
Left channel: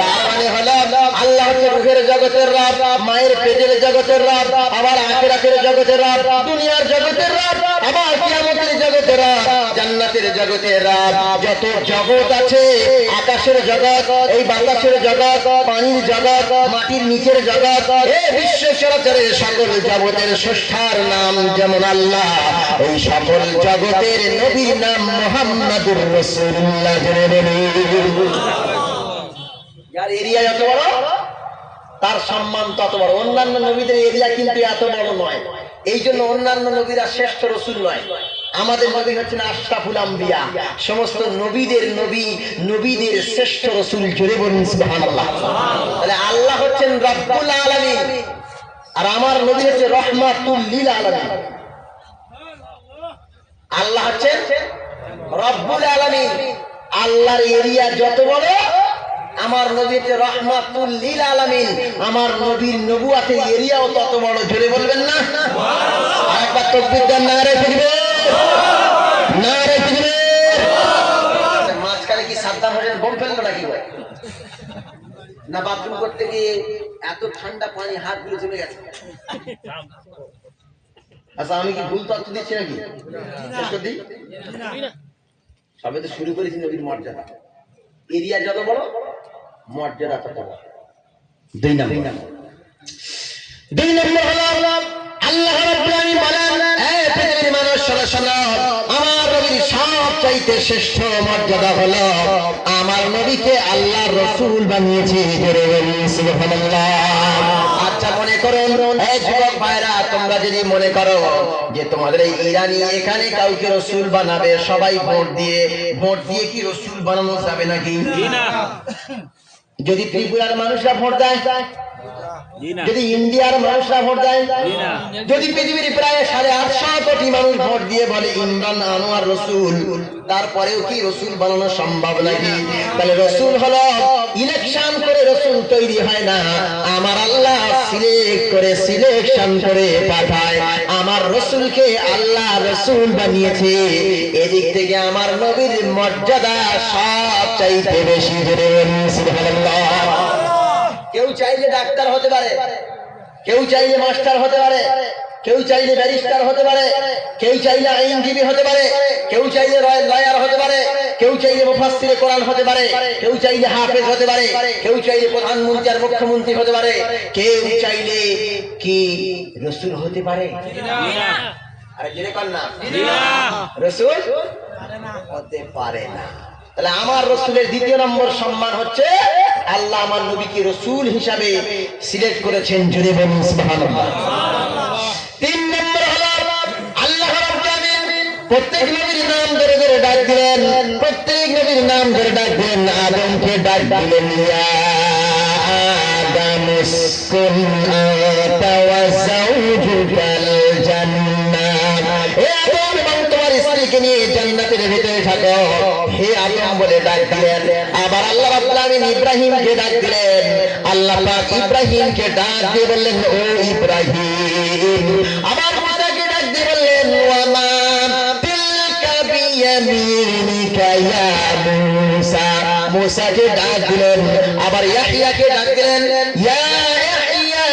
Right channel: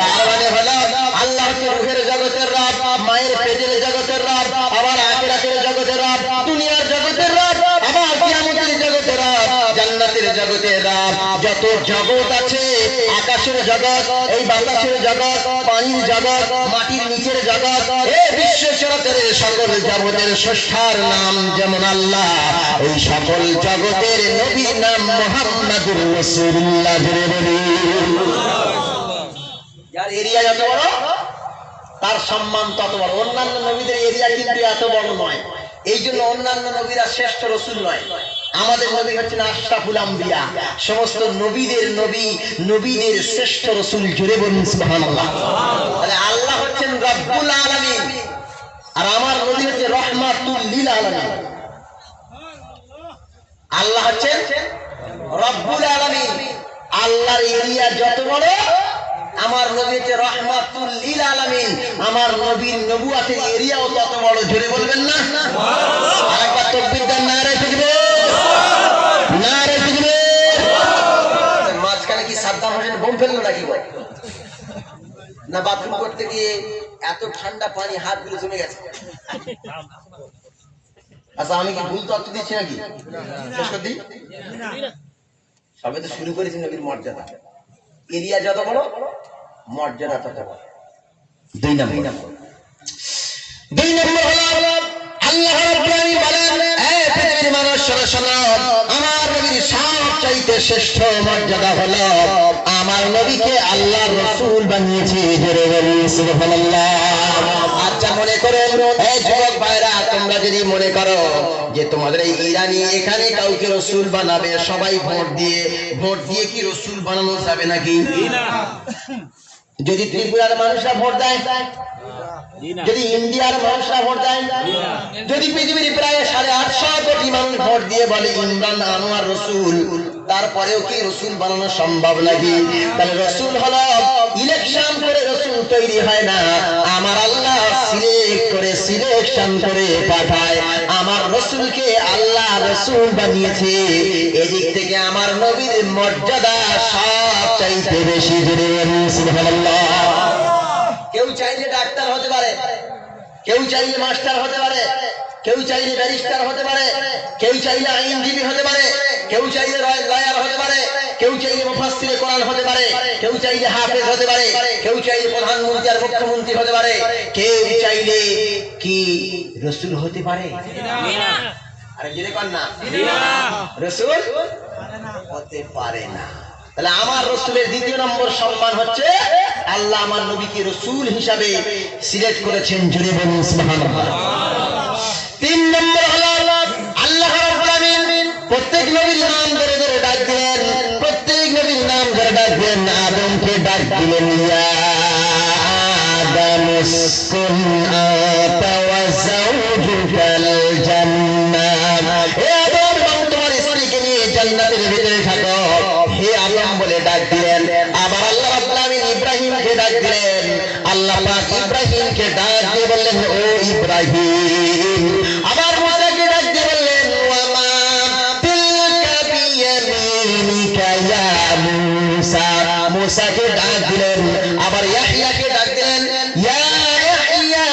তার মানে হলো আল্লাহ হচ্ছে রূহের জগতের রব, মায়ের পেটের জগতের রব, আবার আখিরাতের জগতের রব, দুনিয়ার জগতের রব, আবার কিয়ামতের জগতের রব, জান্নাতের জগতের রব। যত জগৎ আছে, আকাশের জগৎ, এই বাতাসের জগৎ, পানির জগৎ, মাটির নিচের জগৎ, এই বিশ্ব চরাচরের সকল জগতের স্রষ্টার নাম যেমন আল্লাহ, এই সকল জগতের নবীর নাম মুহাম্মাদুর রাসূলুল্লাহ। জোরে বলুন। যার এরিয়া এত বড় তার সম্মান তত বড়। অন্যান্য নবীদের এরিয়া কিন্তু এত বড় নয়, এই জন্য অন্যান্য নবীরা শ্রেষ্ঠ রসুল নয়। আমাদের নবী হচ্ছেন আশরাফুল আম্বিয়া, সমস্ত নবীদের নবী, নবীদের শ্রেষ্ঠ রসুল। জোরে বলুন সুবহানাল্লাহ। তাহলে আল্লাহ হচ্ছেন রব্বুল আলামিন আর আমার নবী হচ্ছে রহমাতুল লিল আলামিন। আল্লাহ হচ্ছেন রব্বুল আলামিন। আল্লাহর এরিয়া যত বড়, আমার নবী হচ্ছে রহমাতুল লিল আলামিন। আমার নবীর নবুয়াতের এরিয়াও তত বড়। জোরে বলবেন না? আরেকবার তাকবীর দেন, নারে তাকবীর, নারে তাকবীর। কি সাদ্দাম হোসেন বোম ফেললো নাকি বল? না বাথরুম করতে গিয়ে এত ঠান্ডা পানি হাতগুলো জমে গেছে? আচ্ছা আমি কি ভুল তথ্য দিচ্ছি নাকি? শেষ করে দিই। সবে তো শুরু করেছি নবীর মর্যাদা। এরিয়া যত বলো মর্যাদা তত বড়। দুই নম্বর হলো আল্লাহ রাব্বুল আলামিন বলেন, এই পৃথিবীর মানুষ শোনো শোনো, আমার নবীর সবচাইতে শ্রেষ্ঠ মর্যাদা হলো আমার নবীকে আল্লাহর রাসূল বানিয়েছে। জোরে বলি সুবহানাল্লাহ। আচ্ছা মনে করেন এই যুবক ভাইরা, তোমরা যদি মনে করো যে তোমাদের এই ইরানি এখানে কাউকে রাসূল বানাবে, সবাই ভোট দিয়ে কি রাসূল বানানো যাবে নাকি? না। যদি ত্রিপুরার মানুষরা ভোট দেয়, যদি ইন্ডিয়ার মানুষরা ভোট দেয়, যদি পৃথিবীর প্রায় 850 কোটি মানুষ ভোট দিয়ে বলে ইমরান আনোয়ার রাসূল, তারপরেও কি রাসূল বানানো সম্ভব নাকি? তাহলে রাসূল হলো ইলেকশন করে রাসূল তৈরি হয় না, আমার আল্লাহ সিলেকশন করে পাঠায়। আমার রাসূলকে আল্লাহ রাসূল বানিয়েছে। এদিক থেকে আমার নবীর মর্যাদা সবচাইতে বেশি। সুবহানাল্লাহ। কেউ চাইলে ডাক্তার হতে পারে, কেউ চাইলে মাস্টার হতে পারে, কেউ চাইলে ব্যারিস্টার হতে পারে, কেউ চাইলে আইনজীবী হতে পারে, কেউ চাইলে লয়ার হতে পারে, কেউ চাইলে মুফাসসিরে কোরআন হতে পারে, কেউ চাইলে হাফেজ হতে পারে, কেউ চাইলে প্রধানমন্ত্রী আর মুখ্যমন্ত্রী হতে পারে, কেউ চাইলে কি রাসূল হতে পারে? আরে জেনে পান না, রাসূল হতে পারে না। তাহলে আমার রাসূলের দ্বিতীয় নম্বর সম্মান হচ্ছে আল্লাহ আমার নবীকে রাসূল হিসাবে সিলেক্ট করেছেন। জুড়ে বলুন সুবহানাল্লাহ। 3 নম্বর হলো আল্লাহ রাব্বুল আলামিন প্রত্যেক নবীর নাম ধরে ধরে ডাক দিলেন, প্রত্যেক নবীর নাম ধরে ডাক দিলেন। আদমকে ডাক দিলেন ইয়া আদম উসকুন আনতা ওয়া যাওজুকাল জান্নাহ, হে আদম তোমার স্ত্রীকে নিয়ে জান্নাতের ভিতরে থাকো, হে আদম বলে ডাক দিলেন। আবার আল্লাহ রাব্বুল আলামিন ইব্রাহিমকে ডাক দিলেন, আল্লাহ পাক ইব্রাহিমকে ডাক দিয়ে বললেন ও ইব্রাহিম। আবার মুসাকে ডাক দিয়ে বললেন ওয়া মা তিলকা বিয়ামিনিকা ইয়া মুসা, মুসাকে ডাক দিলেন। আবার ইয়াহইয়াকে ডাক দিলেন ইয়া ইয়াহইয়া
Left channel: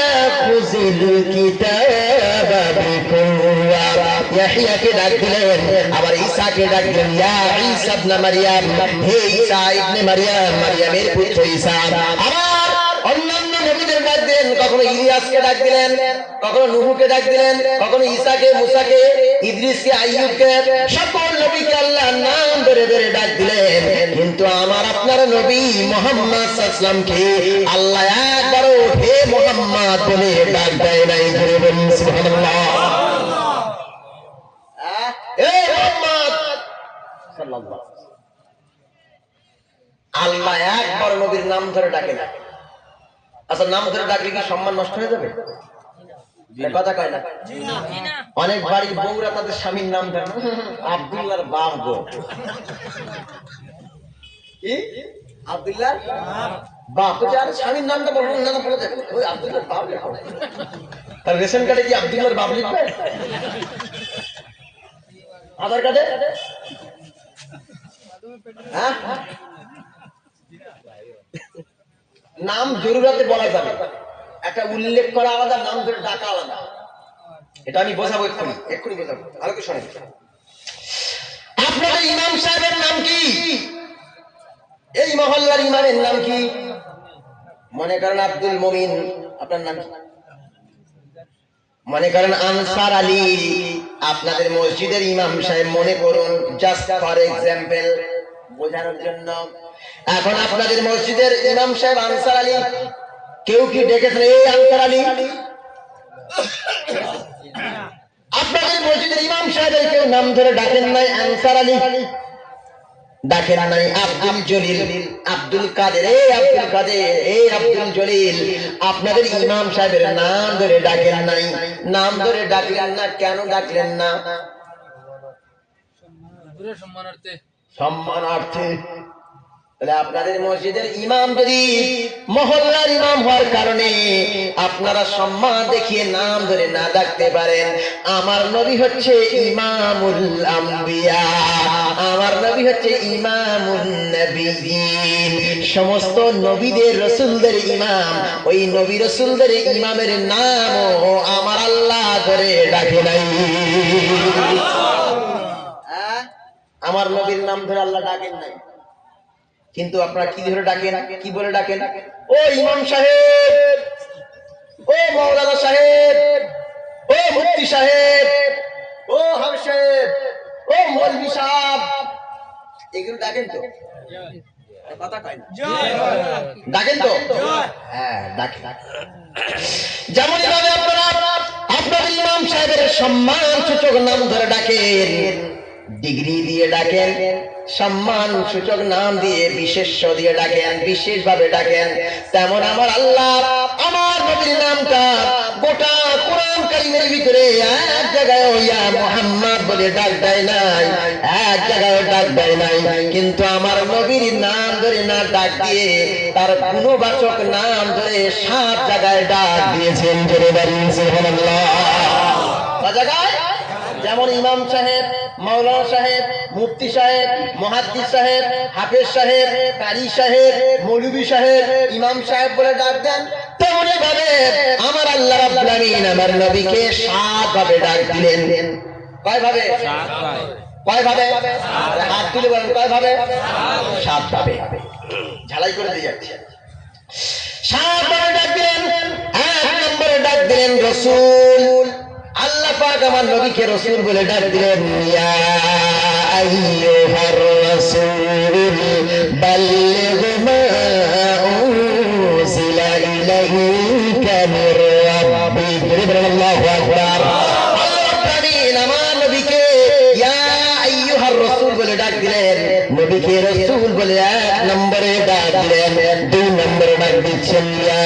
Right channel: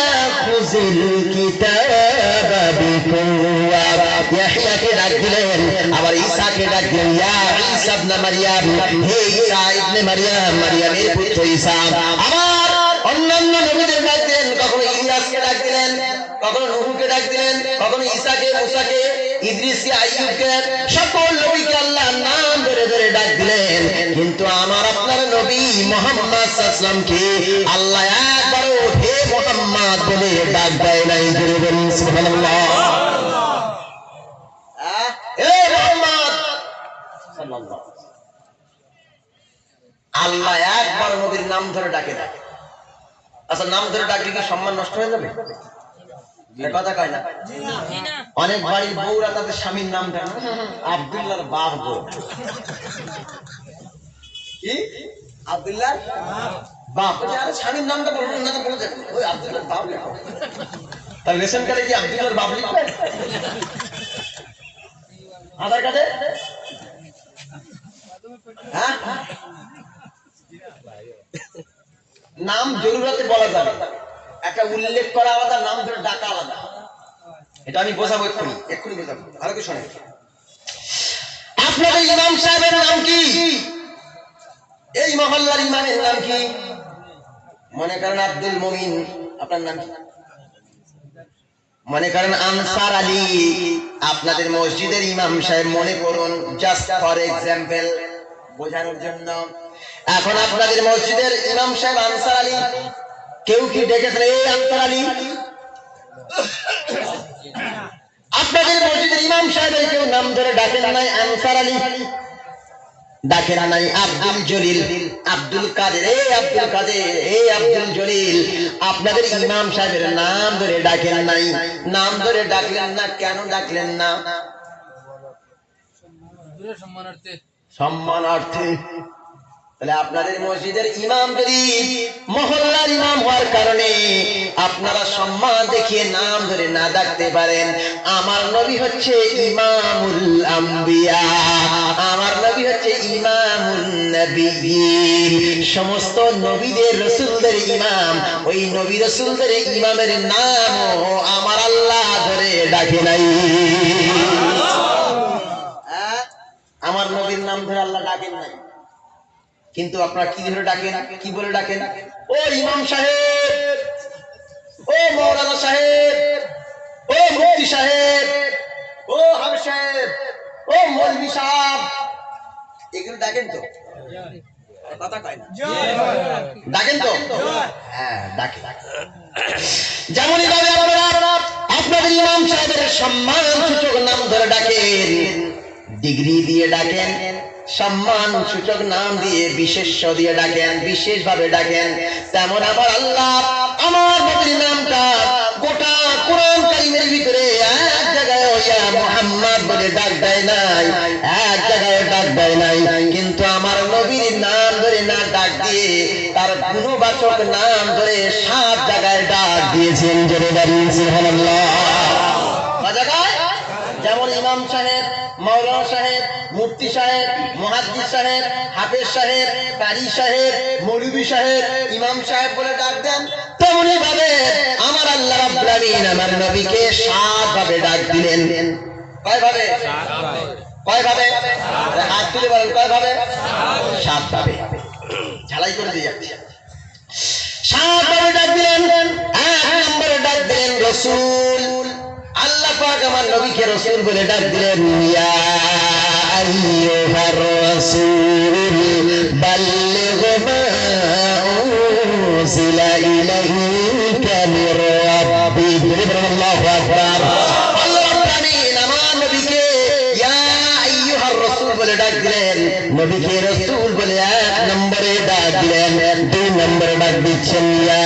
খুযিল কিতাবা বিকুওয়া, ইয়াহইয়াকে ডাক দিলেন। আবার ঈসাকে ডাক দিলেন ইয়া ঈসা ইবনে মারইয়াম, হে ঈসা ইবনে মারইয়াম, মারইয়ামের পুত্র ঈসা। আবার অন্যান্য নবীদের ডাক দিলেন, কখনো ইলিয়াসকে ডাক দিলেন, কখনো নূহকে ডাক দিলেন, কখনো ঈসাকে, মুসাকে, ইদ্রিসকে, আইয়ুবকে, সকল নবীকে আল্লাহ নাম ধরে ধরে ডাক দিলেন। কিন্তু আমার আপনার নবী মুহাম্মদ সাল্লাল্লাহু আলাইহি ওয়াসাল্লামকে আল্লাহ একবারও হে মুহাম্মদ বলে ডাক দেয় নাই। জোরে বলুন সুবহানাল্লাহ। হে মুহাম্মদ সাল্লাল্লাহু আলাইহি ওয়াসাল্লাম, আল্লাহ একবার নবীর নাম ধরে ডাকে না। আচ্ছা নাম ধরে ডাকলে কি সম্মান নষ্ট হয়ে যাবে? কথা কয় না। অনেক বাড়ির বউরা তাদের স্বামীর নাম ধরে আব্দুল্লাহর বাপ গো, কি আব্দুল্লাহ বাপ, বলছে আরে স্বামীর নামটা বলবো না, বলে দেবে ওই আব্দুল্লাহর বাপ লেখো। তার রেশন কার্ডে কি আব্দুল্লাহর বাপ লিখবে? আধার কার্ডে? হ্যাঁ, নাম জরুরতে বলা যাবে, একটা উল্লেখ করা আলাদা, নাম ধরে ডাকা আলাদা। এটা আমি বোঝাবো, এক্ষুনি বোঝাবো। ভালো করে শোনেন। আপনাদের ইমাম সাহেবের নাম কি? এই মহল্লার ইমামের নাম কি? মনে করেন আব্দুল মুমিন, আপনার নাম কি? মনে করেন আনসার আলী, আপনাদের মসজিদের ইমাম সাহেব মনে করুন, জাস্ট ফর এক্সাম্পল, বোঝানোর জন্য। এখন আপনাদের মসজিদের ইমাম সাহেব আনসার আলী, কেউ কি ডেকেছেন এই আনসার আলী? আপনাদের মসজিদের ইমাম সাহেবের কেউ নাম ধরে ডাকেন নাই আনসার আলী, ডাকেন নাই আব্দুল জলিল, আব্দুল কাদের, এই আব্দুল কাদের, এই আব্দুল জলিল। আপনাদের ইমাম সাহেবের নাম ধরে ডাকেন নাই। নাম ধরে ডাকলেন না, কেন ডাকলেন না? সম্মানার্থে। তাহলে আপনাদের মসজিদের ইমাম যদি মহল্লার ইমাম হওয়ার কারণে আপনারা সম্মান দেখিয়ে নাম ধরে না ডাকতে পারেন, আমার নবী হচ্ছে ইমামুল আম্বিয়া, আমার নবী হচ্ছে ইমামুন নবিয়্যিন, সমস্ত নবীদের রাসূলদের ইমাম। ওই নবী রাসূলদের ইমামের নামও আমার আল্লাহ ধরে ডাকে নাই। হ্যাঁ আমার নবীর নাম ধরে আল্লাহ ডাকেন নাই, কিন্তু আপনারা কি ধরে ডাকেন? কি বলে ডাকেন? ও ইমাম সাহেব, ও মৌলানা সাহেব, ও মুফতি সাহেব, ও হাফেজ সাহেব, ও মৌলভী সাহেব, এগুলো ডাকেন তো আরে কথা কয় না ডাকেন তো? হ্যাঁ ডাকেন। যেমনই ভাবে আপনারা আপনাদের ইমাম সাহেবের সম্মান সূচক নাম ধরে ডাকেন, ডিগ্রি দিয়ে ডাকেন, সম্মান সূচক নাম দিয়ে বিশেষ্য দিয়ে ডাকেন, বিশেষ ভাবে ডাকেন, তেমন আমার আল্লাহ আমার নবীর নামটা গোটা কোরআন কারীমের ভিতরে এক জায়গায় ইয়া মুহাম্মদ বলে ডাক দেয় নাই, এক জায়গায় ডাক দেয় নাই, কিন্তু আমার নবীর নাম ধরে না ডাক দিয়ে তার গুণবাচক নাম ধরে 7 জায়গায় ডাক দিয়েছেন। জোরে বলুন সুবহানাল্লাহ। কয় জায়গায়? যেমন ইমাম সাহেব, মাওলানা সাহেব, মুফতি সাহেব, মুহাদ্দিস সাহেব, হাফেজ সাহেব, কারি সাহেব, মৌলভী সাহেব, ইমাম সাহেব বলে ডাক দেন, তেমনি ভাবে আমার আল্লাহ রাব্বুল আলামিন আমার নবীকে 7 ভাবে ডাক দিলেন। কয় ভাবে? কয় ভাবে? হাত তুলে বলেন কয় ভাবে? 7 ভাবে। ঝালাই করে দিয়ে যাচ্ছি। 7 ভাবে ডাক দিলেন। 1 নম্বরে ডাক দিলেন রাসূল। আল্লাহ পাক আমার নবীকে রাসূল বলে ডাক দিলেন, ইয়া আইয়ুহার রাসূল বাল্লিগ মা উনজিলা ইলাইকা মির রাব্বিক। আল্লাহু আকবার। আল্লাহ আমিন আমার নবীকে ইয়া আইয়ুহার রাসূল বলে ডাক দিলেন, নবীকে রাসূল বলে 1 নম্বরে ডাক দিলেন। 2 নম্বরে ডাক দিচ্ছেন, ইয়া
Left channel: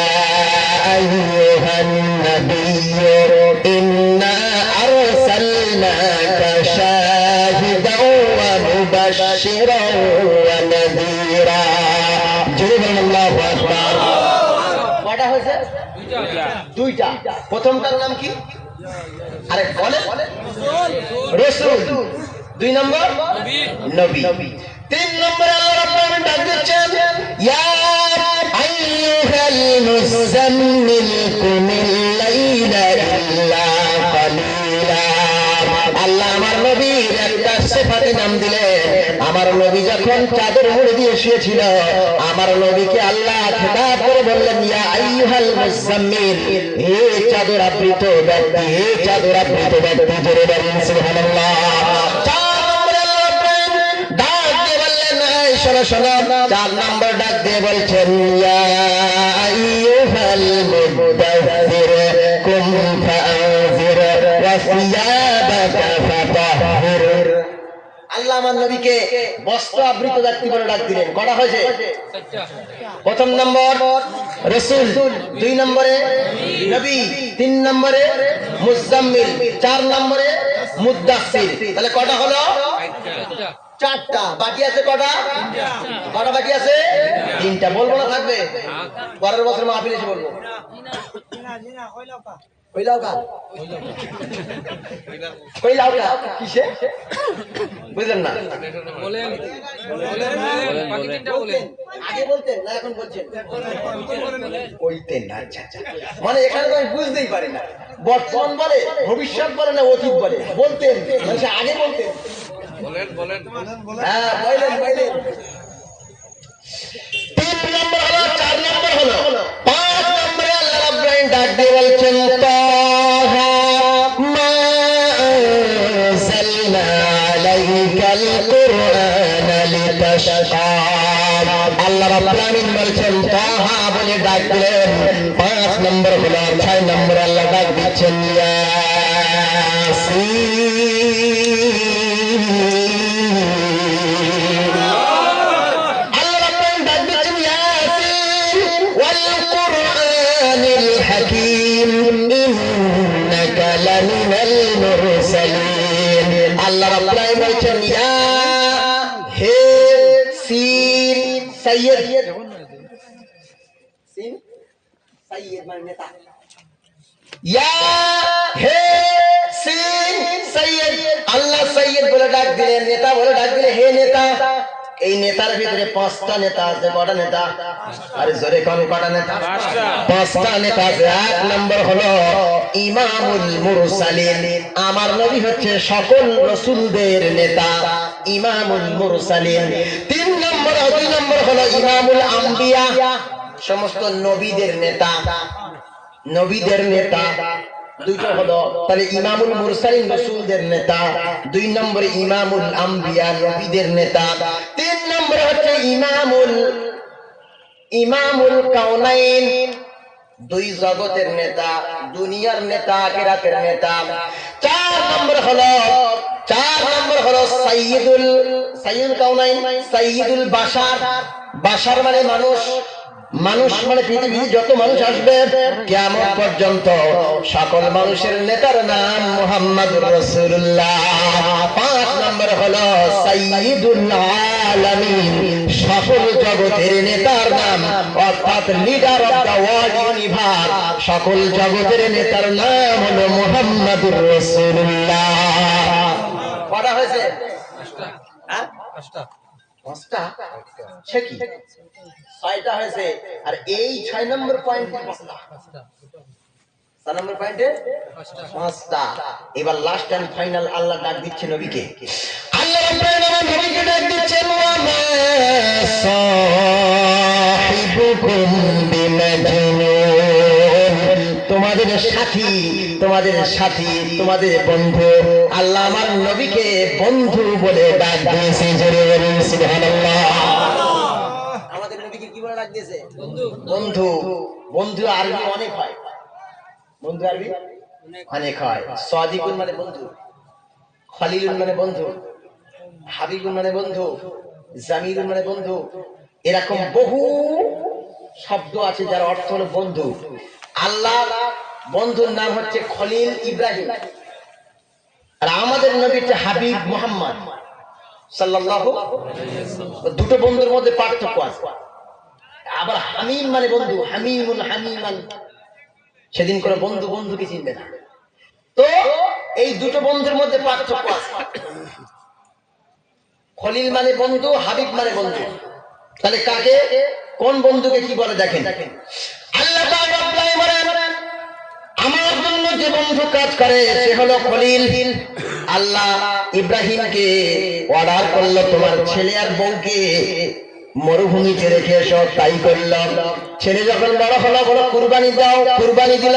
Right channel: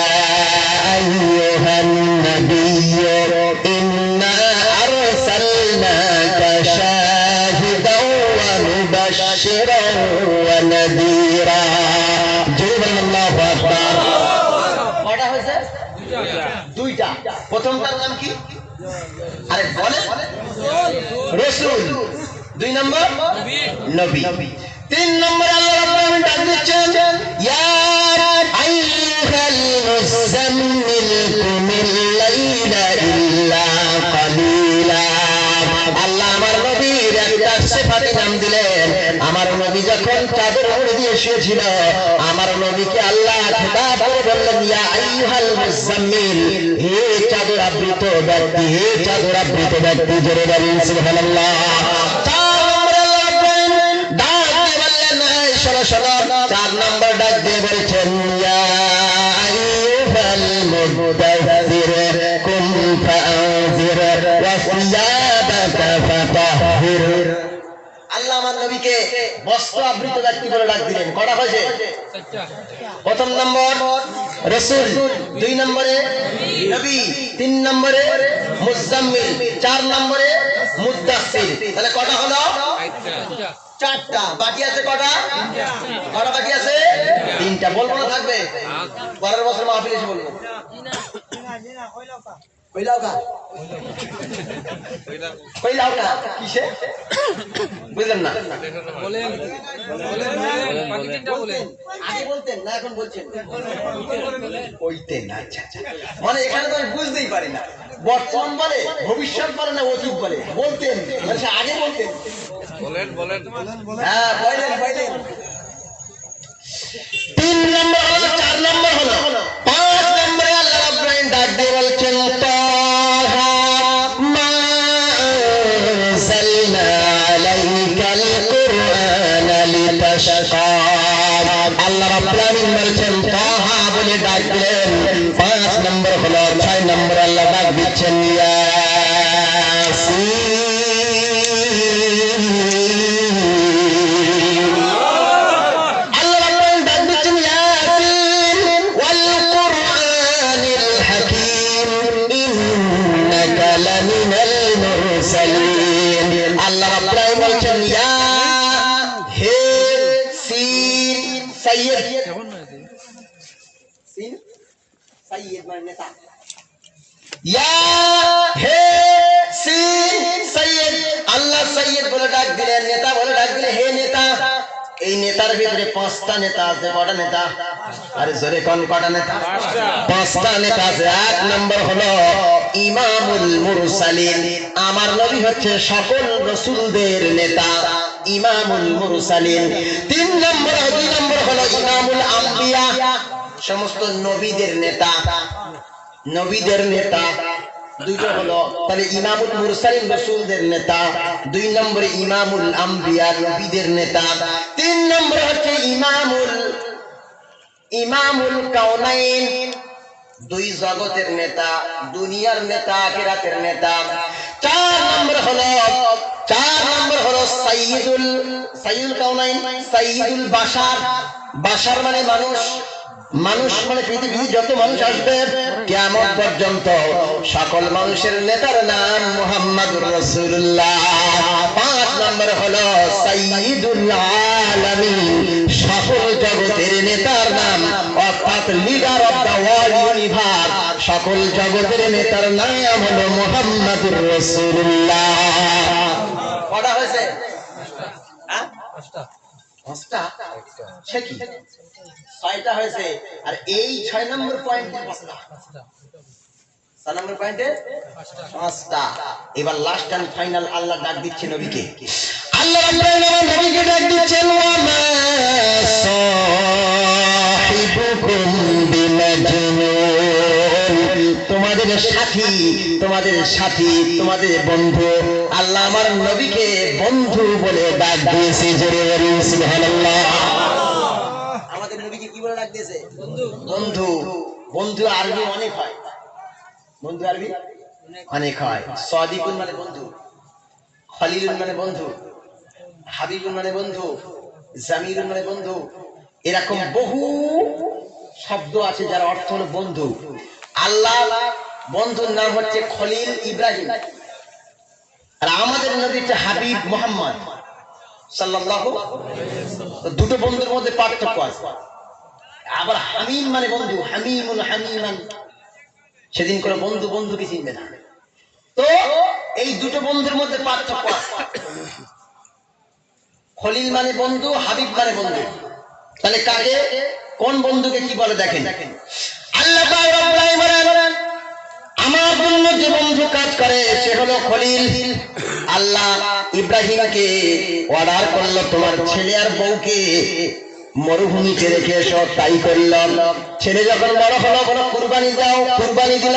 আইয়ুহান নাবিয়্যু ইন্না আরসালনাকা শাহিদাও ওয়া মুবাশশিরাও ওয়া নাযীরা। জোরে বলেন আল্লাহু আকবার। কয়টা হয়েছে? দুইটা। প্রথমটার নাম কি? আরে বলেন। রাসূল। 2 নম্বর নবী। 3 নম্বরে আল্লাহ রাব্বুল আলামিন ডাক দিচ্ছেন, ইয়া আইয়ুহাল মুযাম্মিল কুমিল লাইলা ইল্লা কালিলা। আল্লাহ আমার নবীর একটা সিফাতি নাম দিলেন। আমার নবী যখন চাদর মুড়ি দিয়ে শুয়েছিল, আমার নবীকে আল্লাহ খেতাব করে বললেন, ইয়া আইয়ুহাল মুযাম্মিল, হে চাদর আবৃত ব্যক্তি, হে চাদর আবৃত ব্যক্তি। জোরে বলেন সুবহানাল্লাহ। 4 নম্বরে আল্লাহ রাব্বুল আলামিন ডাক দিয়ে বললেন, এই শোনো শোনো, 4 নম্বর ডাক দিয়ে বলছেন, ইয়া আইয়ুহাল মুদাথথির কুম ফাআযির ওয়া সিয়াবাকা ফাতাহহির। আল্লাহ আমার নবীকে বস্ত্র আবৃত ব্যক্তি বলে ডাক দিলেন। কটা হয়েছে? প্রথম নম্বর রাসূল, 2 নম্বরে নবী, 3 নম্বরে মুযাম্মিল, 4 নম্বরে মুদাসসির। তাহলে কটা হলো? 4টা। বাকি আছে কটা? কটা বাকি আছে? 3টা। বলবো না থাকবে? পরের বছর মাহফিল এসে বলবো। কইলাও কা কইলাও কা কিসে? বুঝলেন না? বলতেন আগে বলতেন না এখন বলছেন কইতেন। আচ্ছা আচ্ছা। মানে এখানে তো আমি বুঝতেই পারি না, বর্তমান বলে, ভবিষ্যৎ বলে না অতীত বলে? বলতেন মানে সে আগে বলতেন। হ্যাঁ বলেন বলেন। 3 নম্বর হলো, 4 নম্বর হলো, 5 নম্বরে আল্লাহ রাব্বুল আলামিন ডাক দিয়ে বলছেন, তাহা মা আনজালনা আলাইকাল কুরআনা লিতাশকা। আল্লাহ রাব্বুল আলামিন বলছেন তাহা বলে ডাক দিলেন। 5 নম্বর হলো, 6 নম্বরে আল্লাহ ডাক দিচ্ছেন, ইয়াসিন। সাইয়্যিদ মানে নেতা। ইয়া হে সিন সাইয়্যিদ। আল্লাহ সাইয়্যিদ বলে ডাক দিলেন, নেতা বলে ডাক দিলে, হে নেতা। এই নেতার ভিতরে 5টা নেতা আছে। কটা নেতা? আরে জোরে কোন কটা নেতা? 5টা নেতা আছে। 1 নম্বর হলো ইমামুল মুরসালিন। আমার নবী হচ্ছে সকল রাসূলদের নেতা, ইমামুল মুরসালিন। 2 নম্বর হলো ইমামুল আম্বিয়া, সমস্ত নবীদের নেতা, নবীদের নেতা। দুইটা হলো তাহলে ইমামুল মুরসালিন রাসূলদের নেতা, 2 নম্বরে ইমামুল আম্বিয়া নবীদের নেতা, 3 নম্বরে হচ্ছে ইমামুল কাউনাইন, 2 জগতের নেতা, দুনিয়ার নেতা, আখিরাতের নেতা। 4 নম্বর হলো সাইয়্যিদুল কাউনাইন, সাইয়্যিদুল বাশার। বাশার মানে মানুষ, মানুষ মানে পৃথিবীর যত মানুষ আসবে কিয়ামত পর্যন্ত সকল মানুষের নেতার নাম মুহাম্মদুর রাসূলুল্লাহ। 5 নম্বর হলো সাইয়্যিদুল আলামিন, সকল জগতের নেতার নাম, অর্থাৎ leader of the world universe, সকল জগতের নেতার নাম হলো মুহাম্মদুর রাসূলুল্লাহ। কটা হয়েছে? হ্যাঁ, 5টা। সে কি 6টা হয়েছে। আর এই 6 নম্বর পয়েন্টে 5টা, 6 নম্বর পয়েন্টে 5টা। এবার লাস্ট এন্ড ফাইনাল আল্লাহ ডাক দিচ্ছে নবীকে। আল্লাহ নবীকে ডাক দিচ্ছেন, ওয়া সাহিবুকুম বিমাজনুন। তোমাদের সাথী, তোমাদের বন্ধু। আল্লাহ আমার নবীকে বন্ধু বলে ডাক দিয়েছে। জোরে বলুন সুবহানাল্লাহ। আমাদের নবীকে কি বলে ডাক দিয়েছে? বন্ধু। বন্ধু আরবি অনেক হয়, বন্ধু আরবি অনেক হয়। সাদিকুন মানে বন্ধু, খলিলুন মানে বন্ধু, হাবিবুন মানে বন্ধু, জামিলুন মানে বন্ধু। এরকম বহু শব্দ আছে যার অর্থ হলো বন্ধু। আল্লাহ বন্ধুর নাম হচ্ছে খলিল ইব্রাহিম, আর আমাদের নবী হচ্ছে হাবিব মুহাম্মদ সাল্লাল্লাহু আলাইহি ওয়াসাল্লাম। দুটো বন্ধুর মধ্যে পার্থক্য আছে। আবার হামিম মানে বন্ধু, হামিমুন হামিমান, সেদিন করে বন্ধু বন্ধুকে চিনবে না। তো এই দুটো বন্ধুর মধ্যে পার্থক্য আছে। খলিল মানে বন্ধু, হাবিব মানে বন্ধু। তাহলে কাকে, কোন বন্ধুকে কি বলে দেখেন। আল্লাহ তাআলা বলেন, আমার জন্য যে বন্ধু কাজ করে সে হলো খলিল। আল্লাহ ইব্রাহিমকে অর্ডার করলো, তোমার ছেলে আর বউকে মরুভূমিতে রেখে এসো, তাই করলাম। ছেলে যখন বড় হলো, বলো কুরবানি দাও, কুরবানি দিল।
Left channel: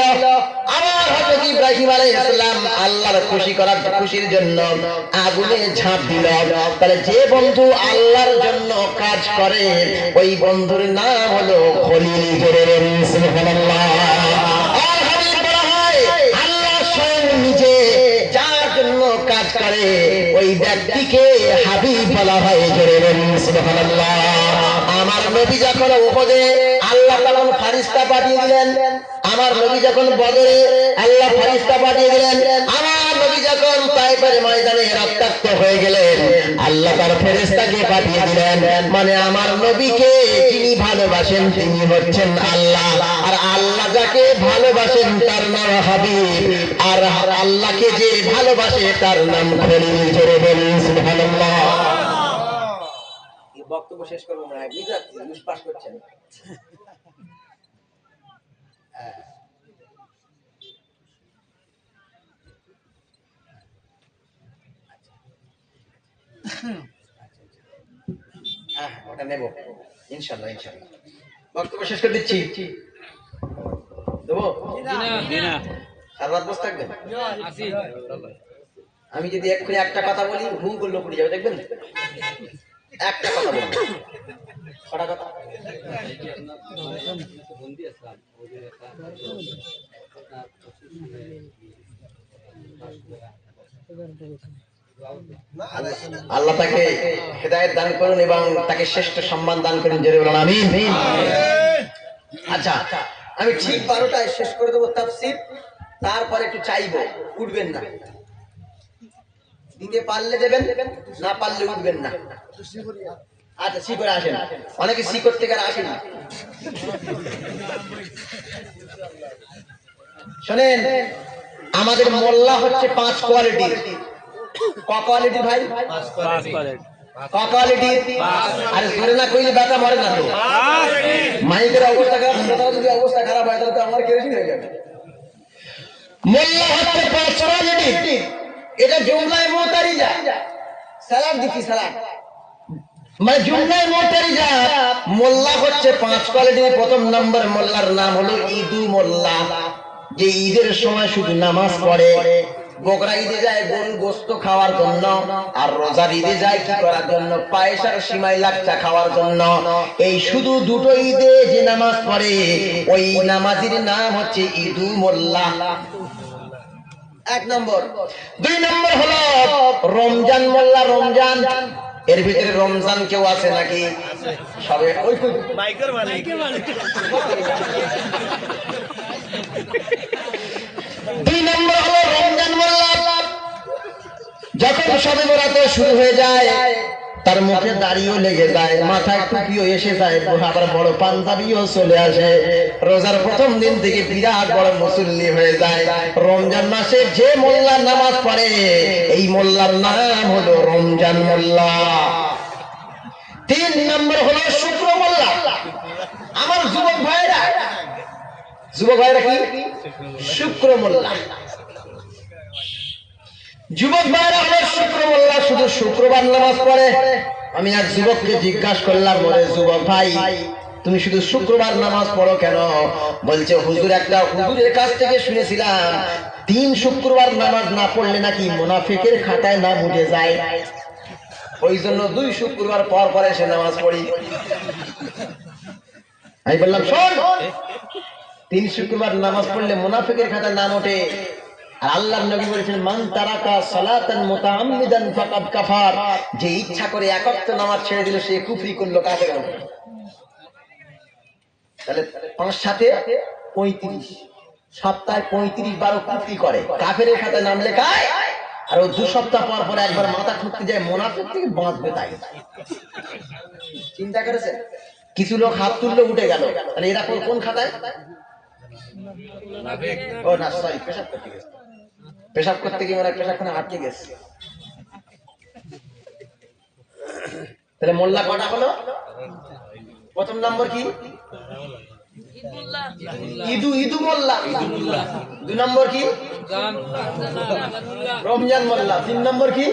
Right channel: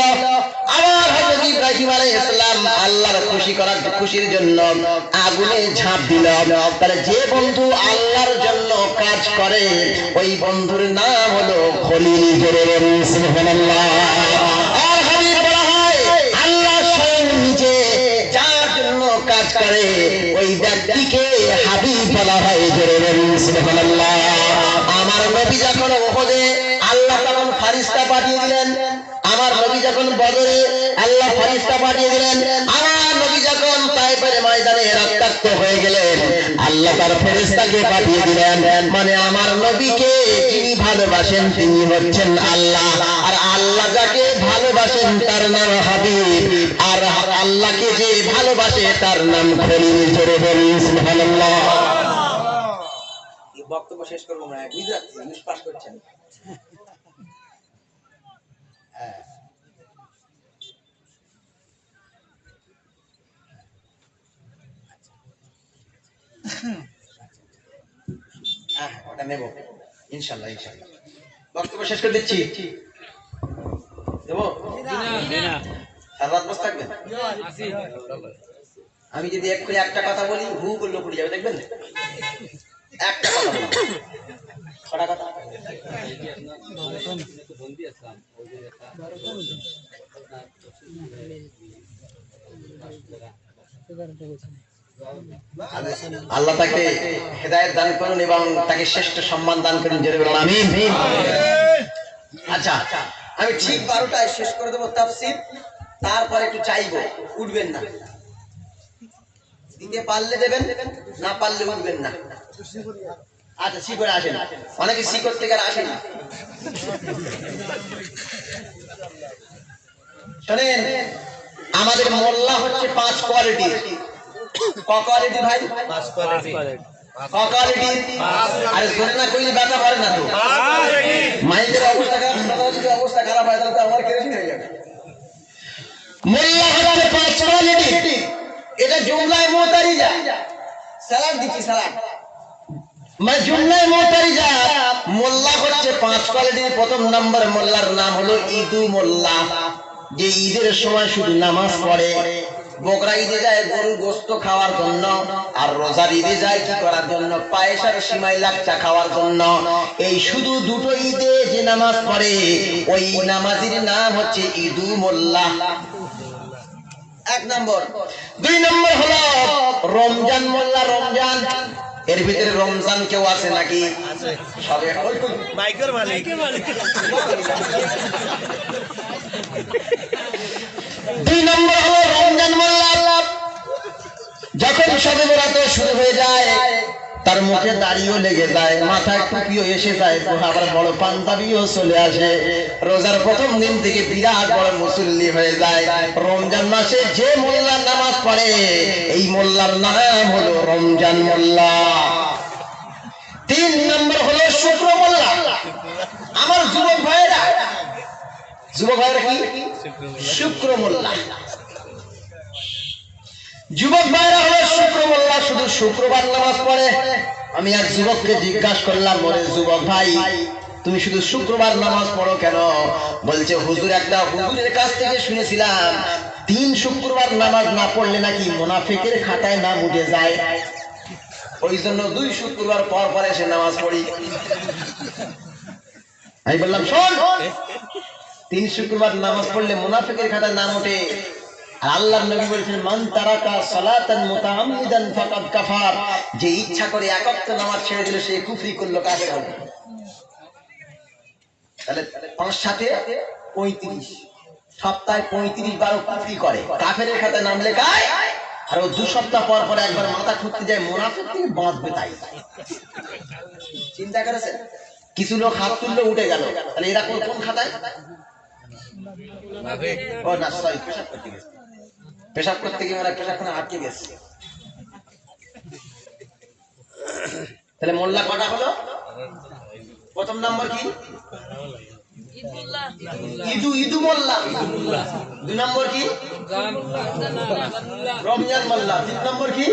আবার হযরত ইব্রাহিম আলাইহিস সালাম আল্লাহর খুশির জন্য আগুনে ঝাঁপ দিল। তাহলে যে বন্ধু আল্লাহর জন্য কাজ করে ওই বন্ধুর নাম হলো খলিল। জোরে বলুন সুবহানাল্লাহ। আর হাবিব বলা হয় আল্লাহ স্বয়ং নিজে যার জন্য কাজ করে ওই ব্যক্তিকে হাবিব বলা হয়। জোরে বলুন সুবহানাল্লাহ। আমার নবী যখন উহুদে আল্লাহ তখন ফেরেশতা পাঠিয়ে দিলেন, আমার নবী যখন বদরে আল্লাহ ফেরেশতা পাঠিয়ে দিলেন, আমার নবী যখন তায়েফের ময়দানে রক্তাক্ত হয়ে গেলেন আল্লাহ তার ফেরেশতাকে পাঠিয়ে দিলেন। মানে আমার নবীকে যিনি ভালোবাসেন তিনি হচ্ছেন আল্লাহ, আর আল্লাহ যাকে ভালোবাসেন তার নাম হাবিব, আর আল্লাহকে যে ভালোবাসে তার নাম খলিল। জোরে বলুন সুবহানাল্লাহ। বক্তব্য শেষ করবো না, বুঝতে পাস করছেন। ওটা নেব ইনশাআল্লাহ, ইনশাআল্লাহ। বক্তব্য শেষ করে দিচ্ছি, দেবো আর রাত বসে থাকবেন। আমি যদি এক্ষুনি একটা কথা বলি ভু বললো পড়ে যাবে, দেখবেন। একটা কথা বলবো, ছটা কথা। আল্লাহ তাকে হেদায়েত দান করুন এবং তাকে শ্রেষ্ঠ সম্মান দান করুন। জোরে বলুন আমিন। আচ্ছা, আমি ঠিক 12টায় শেষ করে দেবো তাফসীর, তারপরে একটু চাইবো, উঠবেন না। দিতে পারলে দেবেন, না পারলে উঠবেন না। আচ্ছা, সি করে আসেন, অনেকে সি করতে গেলে আসেন। শোনেন, আমাদের মোল্লা হচ্ছে 5 কোয়ালিটির। ক কোয়ালিটি ভাই? 5 কোয়ালিটি। অকালিটি আরে জোরে না কইলে ব্যথা মারে না তো মাইন্ডের অবস্থা খারাপ তোমার যদি অবস্থা খারাপ হয় তাহলে তো আমার কেরোসিন হয়ে যাবে মোল্লা হচ্ছে পার্সোনালিটি এটা জুমলায় মুতারিজা সালাম দিচ্ছি সালাম মানে জুমলায় মুতারিজা মোল্লা হচ্ছে 5 কোয়ালিটির প্রথম নাম্বার মোল্লার নাম হলো ইদু মোল্লা যে ঈদের সময় শুধু নামাজ পড়ে বকরা ঈদে যায় গরুর গোশত খাওয়ার জন্য আর রোজার ঈদে যায় কি করার জন্য পায়েস আর সিমাই লাচ্ছা খাওয়ার জন্য এই শুধু দুটো ঈদে যে নামাজ পড়ে ওই নামাজের নাম হচ্ছে ইদু মোল্লা এক নম্বর 2 নম্বর হলো রমজান মোল্লা রমজান এর ভিতরে রমজান কেউ আছে নাকি সবে ওই মাইকের মালিক 2 নম্বর হলো রমজান মোল্লা যখন সবে বরাত শুরু হয়ে যায় তার মুখে দাড়িও লেগে যায় মাথায় টুপিও এসে যায় আবার বড় পাঞ্জাবিও চলে আসে রোজার প্রথম দিন থেকে বিরাট বড় মুসল্লি হয়ে যায় রমজান মাসে যে মোল্লার নামাজ পড়ে এই মোল্লার নাম হলো রমজান মোল্লা 3 নম্বর হলো শুক্র মোল্লা আমার যুবক ভাইরা কি শুক্র মোল্লা যুবক ভাইরা হলো শুক্র মোল্লা শুধু শুক্রবার নামাজ পড়ে আমি এক যুবককে জিজ্ঞাসা করলাম ওরে যুবক ভাই তুমি শুধু শুক্রবার নামাজ পড়ো কেন বলছে হুজুর একটা হুজুরের কাছ থেকে শুনেছিলাম 3 শুক্রবার নামাজ না পড়লে নাকি মুনাফিকের খাতায় নাম উঠে যায় ওই জন্য 2 শুক্রবার পর পর এসে নামাজ পড়ি আমি বললাম শোন 3 শুক্রবার নামাজ পড়লে মুনাফিকের খাতায় নাম ওঠে আল্লাহর নবী বলেছেন মান তারাকা সালাতান মুতাআম্মিদান ফাকাদ কাফার যে ইচ্ছা করে এক ওয়াক্ত নামাজ ছেড়ে দিল সে কুফরি করলো কাকে বলে তাহলে 5 সাথে 35 সপ্তাহে 35 বার কুফরি করে কাফেরের খাতায় নাম লেখায় আর 2 সপ্তাহ পর পর একবার মাথা ঠুকতে যায় মুনাফিক থেকে বাঁচবে তাই চিন্তা করেছেন কিছু লোক হাত তুলতে উঠে গেল তাহলে এরা কোন খাতায় ও না সরি পেশাব করতে গিয়ে মানে পেশাবখানা আটকে গেছে তাহলে মোল্লা কটা হলো প্রথম নম্বর কি ইদু মোল্লা 2 নম্বর কি রমজান মোল্লা 3 নম্বর কি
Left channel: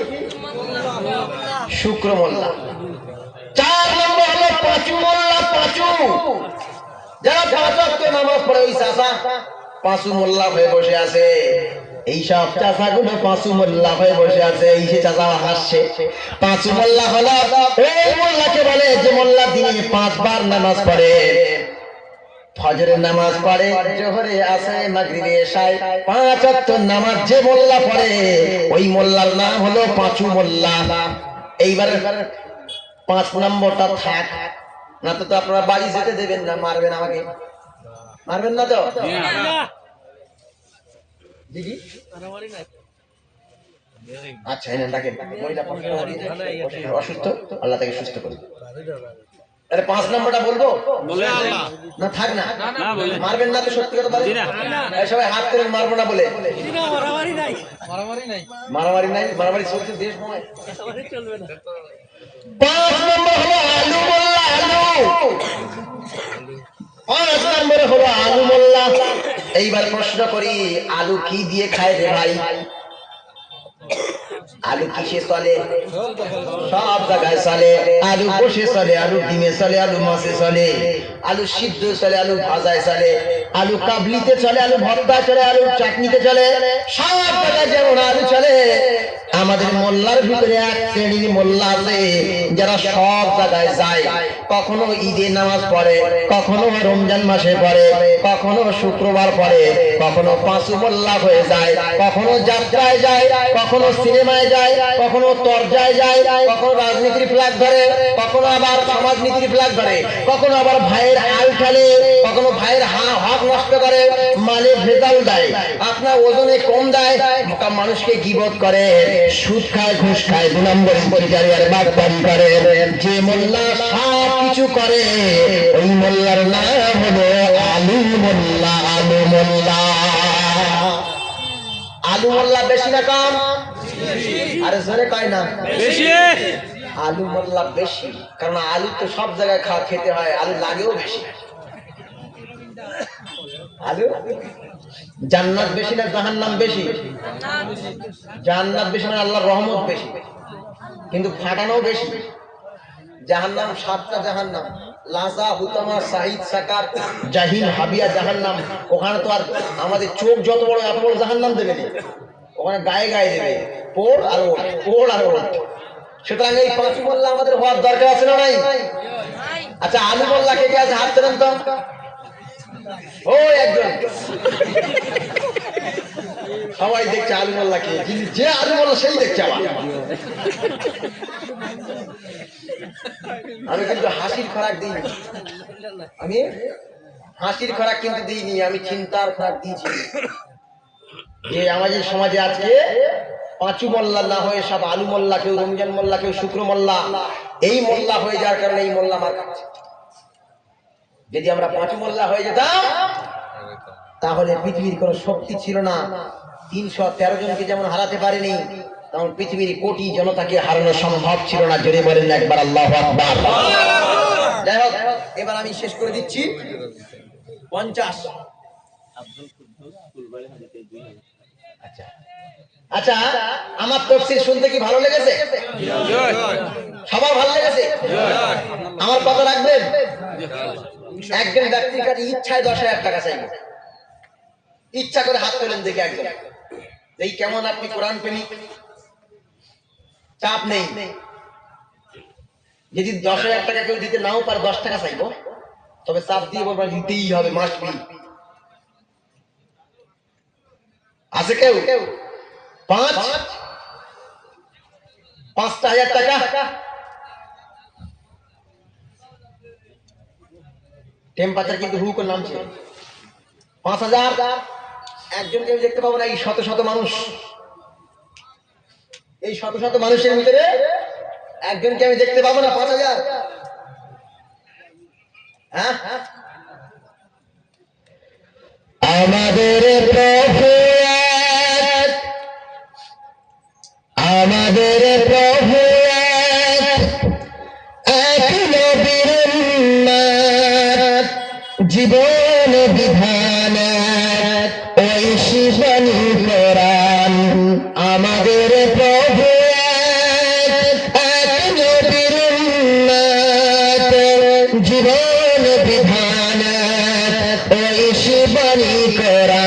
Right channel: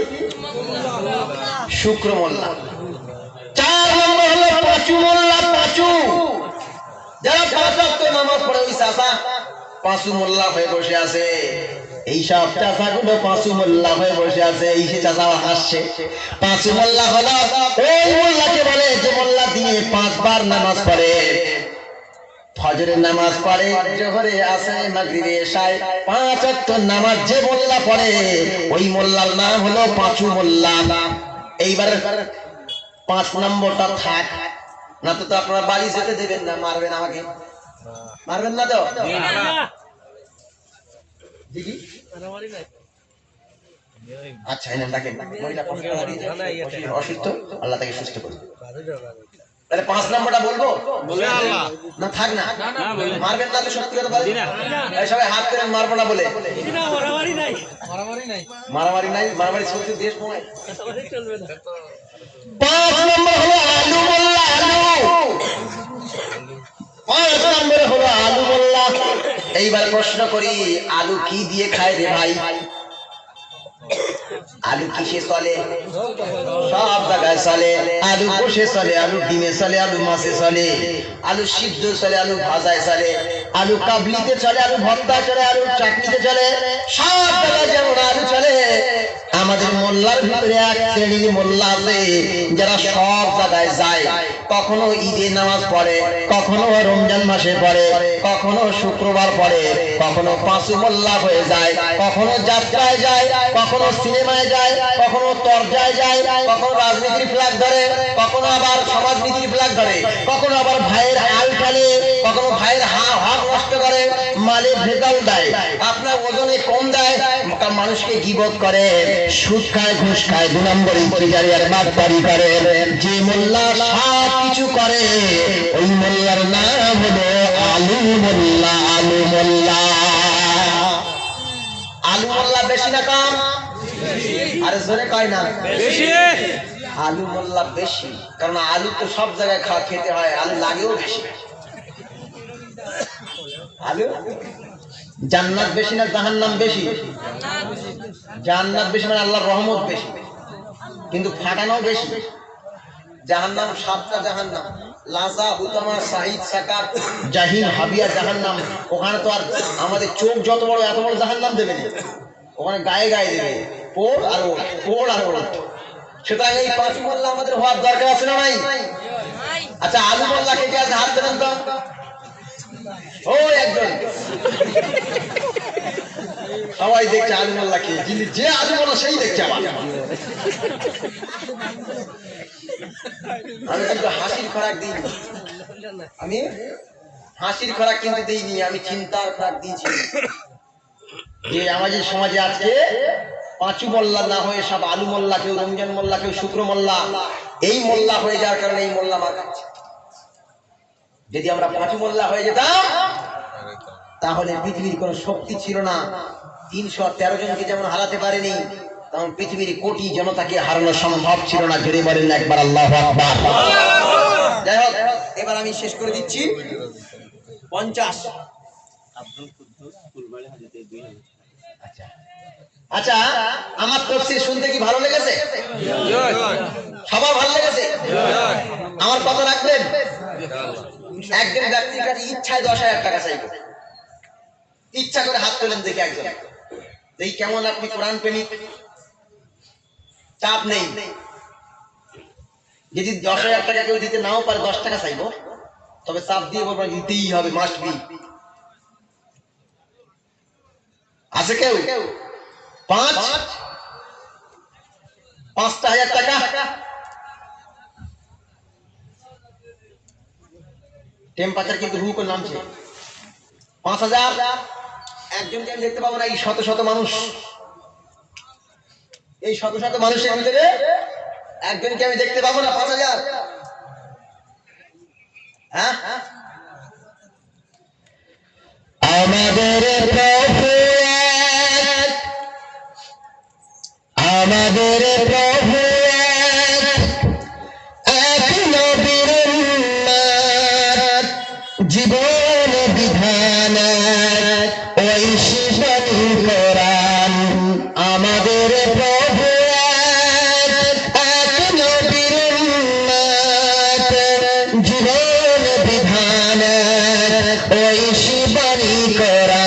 শুক্র মোল্লা 4 নম্বর হলো পাঁচু মোল্লা পাঁচু যারা 5 ওয়াক্ত নামাজ পড়ে ওই চাচা পাঁচু মোল্লা হয়ে বসে আছে এই সব চাচাগুলো পাঁচু মোল্লা হয়ে বসে আছে এই সে চাচা হাসছে পাঁচু মোল্লা হলো ওই মোল্লাকে বলে যে মোল্লা দিনে 5 বার নামাজ পড়ে ফজরের নামাজ পড়ে জোহরে আসরে মাগরিবে এশায় 5 ওয়াক্ত নামাজ যে মোল্লা পড়ে ওই মোল্লার নাম হলো পাঁচু মোল্লা এইবার 5 নম্বরটা থাক না তো আপনারা বাড়ি যেতে দেবেন না মারবেন আমাকে মারবেন না তো দিদি আচ্ছা এনে রাখেন মহিলা অসুস্থ আল্লাহ তাকে সুস্থ করুন তাহলে 5 নম্বরটা বলবো না থাক না মারবেন না তো সত্যি কথা বলেন সবাই হাত করে মারবো না বলে মারামারি চলছে দেশ নয় 5 নম্বর হলো আলু মোল্লা আলু 5 নম্বরে হলো আলু মোল্লা এইবার প্রশ্ন করি আলু কি দিয়ে খায় রে ভাই আলু কিসে চলে সব জায়গায় চলে আলু কষে চলে আলু ডিমে চলে আলু মাছে চলে আলু সিদ্ধ চলে আলু ভাজায় চলে আলু কাবলিতে চলে আলু ভর্তা চলে আলু চাটনিতে চলে সব জায়গায় যেমন আলু চলে আমাদের মোল্লার ভিতরে এক শ্রেণীর মোল্লা আছে যারা সব জায়গায় যায় কখনো ঈদে নামাজ পড়ে কখনো রমজান মাসে পড়ে কখনো শুক্রবার পড়ে কখনো পাঁচু মোল্লা হয়ে যায় কখনো যাত্রায় যায় কখনো সিনেমায় যায় কখনো তরজায় যায় কখনো রাজনীতির ফ্ল্যাগ ধরে কখনো আবার সমাজনীতির ফ্ল্যাগ ধরে কখনো আবার ভাইয়ের আল ঠালে কখনো ভাইয়ের হক নষ্ট করে মালে ভেজাল দেয় আপনার ওজনে কম দেয় মানুষকে গীবত করে সুদ খায় ঘুষ খায় 2 নম্বর পরিচারি আর বাটপারি করে যে মোল্লা সব কিছু করে ওই মোল্লার নাম হলো আলু মোল্লা আলু মোল্লা আলু মোল্লা বেশি না কম আরে জোরে কয় না বেশি আলু মোল্লা বেশি, কারণ আলু তো সব জায়গায় খেতে হয়, আলু লাগেও বেশি। আলু জান্নাত বেশি না জাহান্নাম বেশি? জান্নাত বেশি না আল্লাহর রহমত বেশি, কিন্তু ফাটানো বেশি। জাহান্নাম 7টা জাহান্নাম, লাজা, বুতামা, সাইদ, সাকার, জাহিম, হাবিয়া জাহান্নাম। ওখানে তো আর আমাদের চোখ যত বড় এত বড় জাহান্নাম দেবে না, ওখানে গায়ে গায়ে দেবে, পোড় আর ওড়, পোড় আর ওড়। সুতরাং এই 5 মোল্লা আমাদের হওয়ার দরকার আছে না ভাই? আচ্ছা, আলু মোল্লা কে কে আছে হাত দেবেন তো? ও একজন, সবাই দেখছে আলু মোল্লা কে, যে আলু মোল্লা সেই দেখছে আমার। আমি কিন্তু হাসির খোরাক দিইনি, আমি হাসির খোরাক কিন্তু দিইনি, আমি চিন্তার খোরাক দিয়েছি। যে আমাদের সমাজে আছে 5 মোল্লা না হয়ে সব আলু মোল্লা, কেউ রমজান মোল্লা, কেউ শুক্র মোল্লা, এই মোল্লা হয়ে যাওয়ার কারণে এই মোল্লা মার খাচ্ছে। যদি আমরা 5 মোল্লা হয়ে যেতাম তাহলে পৃথিবীর কোন শক্তি ছিল না। 313 জনকে যেমন হারাতে পারেনি, তখন পৃথিবীর কোটি জনতাকে হারানো সম্ভব ছিল না। জোরে বলেন না একবার আল্লাহু আকবার। যাই হোক, এবার আমি শেষ করে দিচ্ছি। 50। আচ্ছা আচ্ছা, আমার তাফসীর শুনতে কি ভালো লেগেছে? সবার ভালো লেগেছে? আমার কথা রাখবেন? একজন ব্যক্তির কাছে ইচ্ছায় 10,000 টাকা চাইবে, ইচ্ছা করে হাত তোলেন দেখে একজন, এই কেমন আপনি কোরআন প্রেমিক? চাপ নেই, যদি 10,000 টাকা কেউ দিতে নাও পারে 10 টাকা চাইবো, তবে চাপ দিয়ে বলবো দিতেই হবে, মাস্ট বি। আছে কেউ? 5,000 টাকা টেম্পারেচার কিন্তু হু করে নামছে। 5,000 একজনকে আমি দেখতে পাবো না। এই শত শত মানুষ, এই শত শত মানুষের ভিতরে একজনকে আমি দেখতে পাবো না। 5,000, হ্যাঁ? আমাদের প্রভু এক, আমাদের প্রভু এক, এক নবীর উম্মত, জীবন বিধান এক, ওই শিবানী কোরআন। আমাদের প্রভু এক, এক নবীর উম্মত, জীবন বিধান এক, ওই শিবানী কোরআন।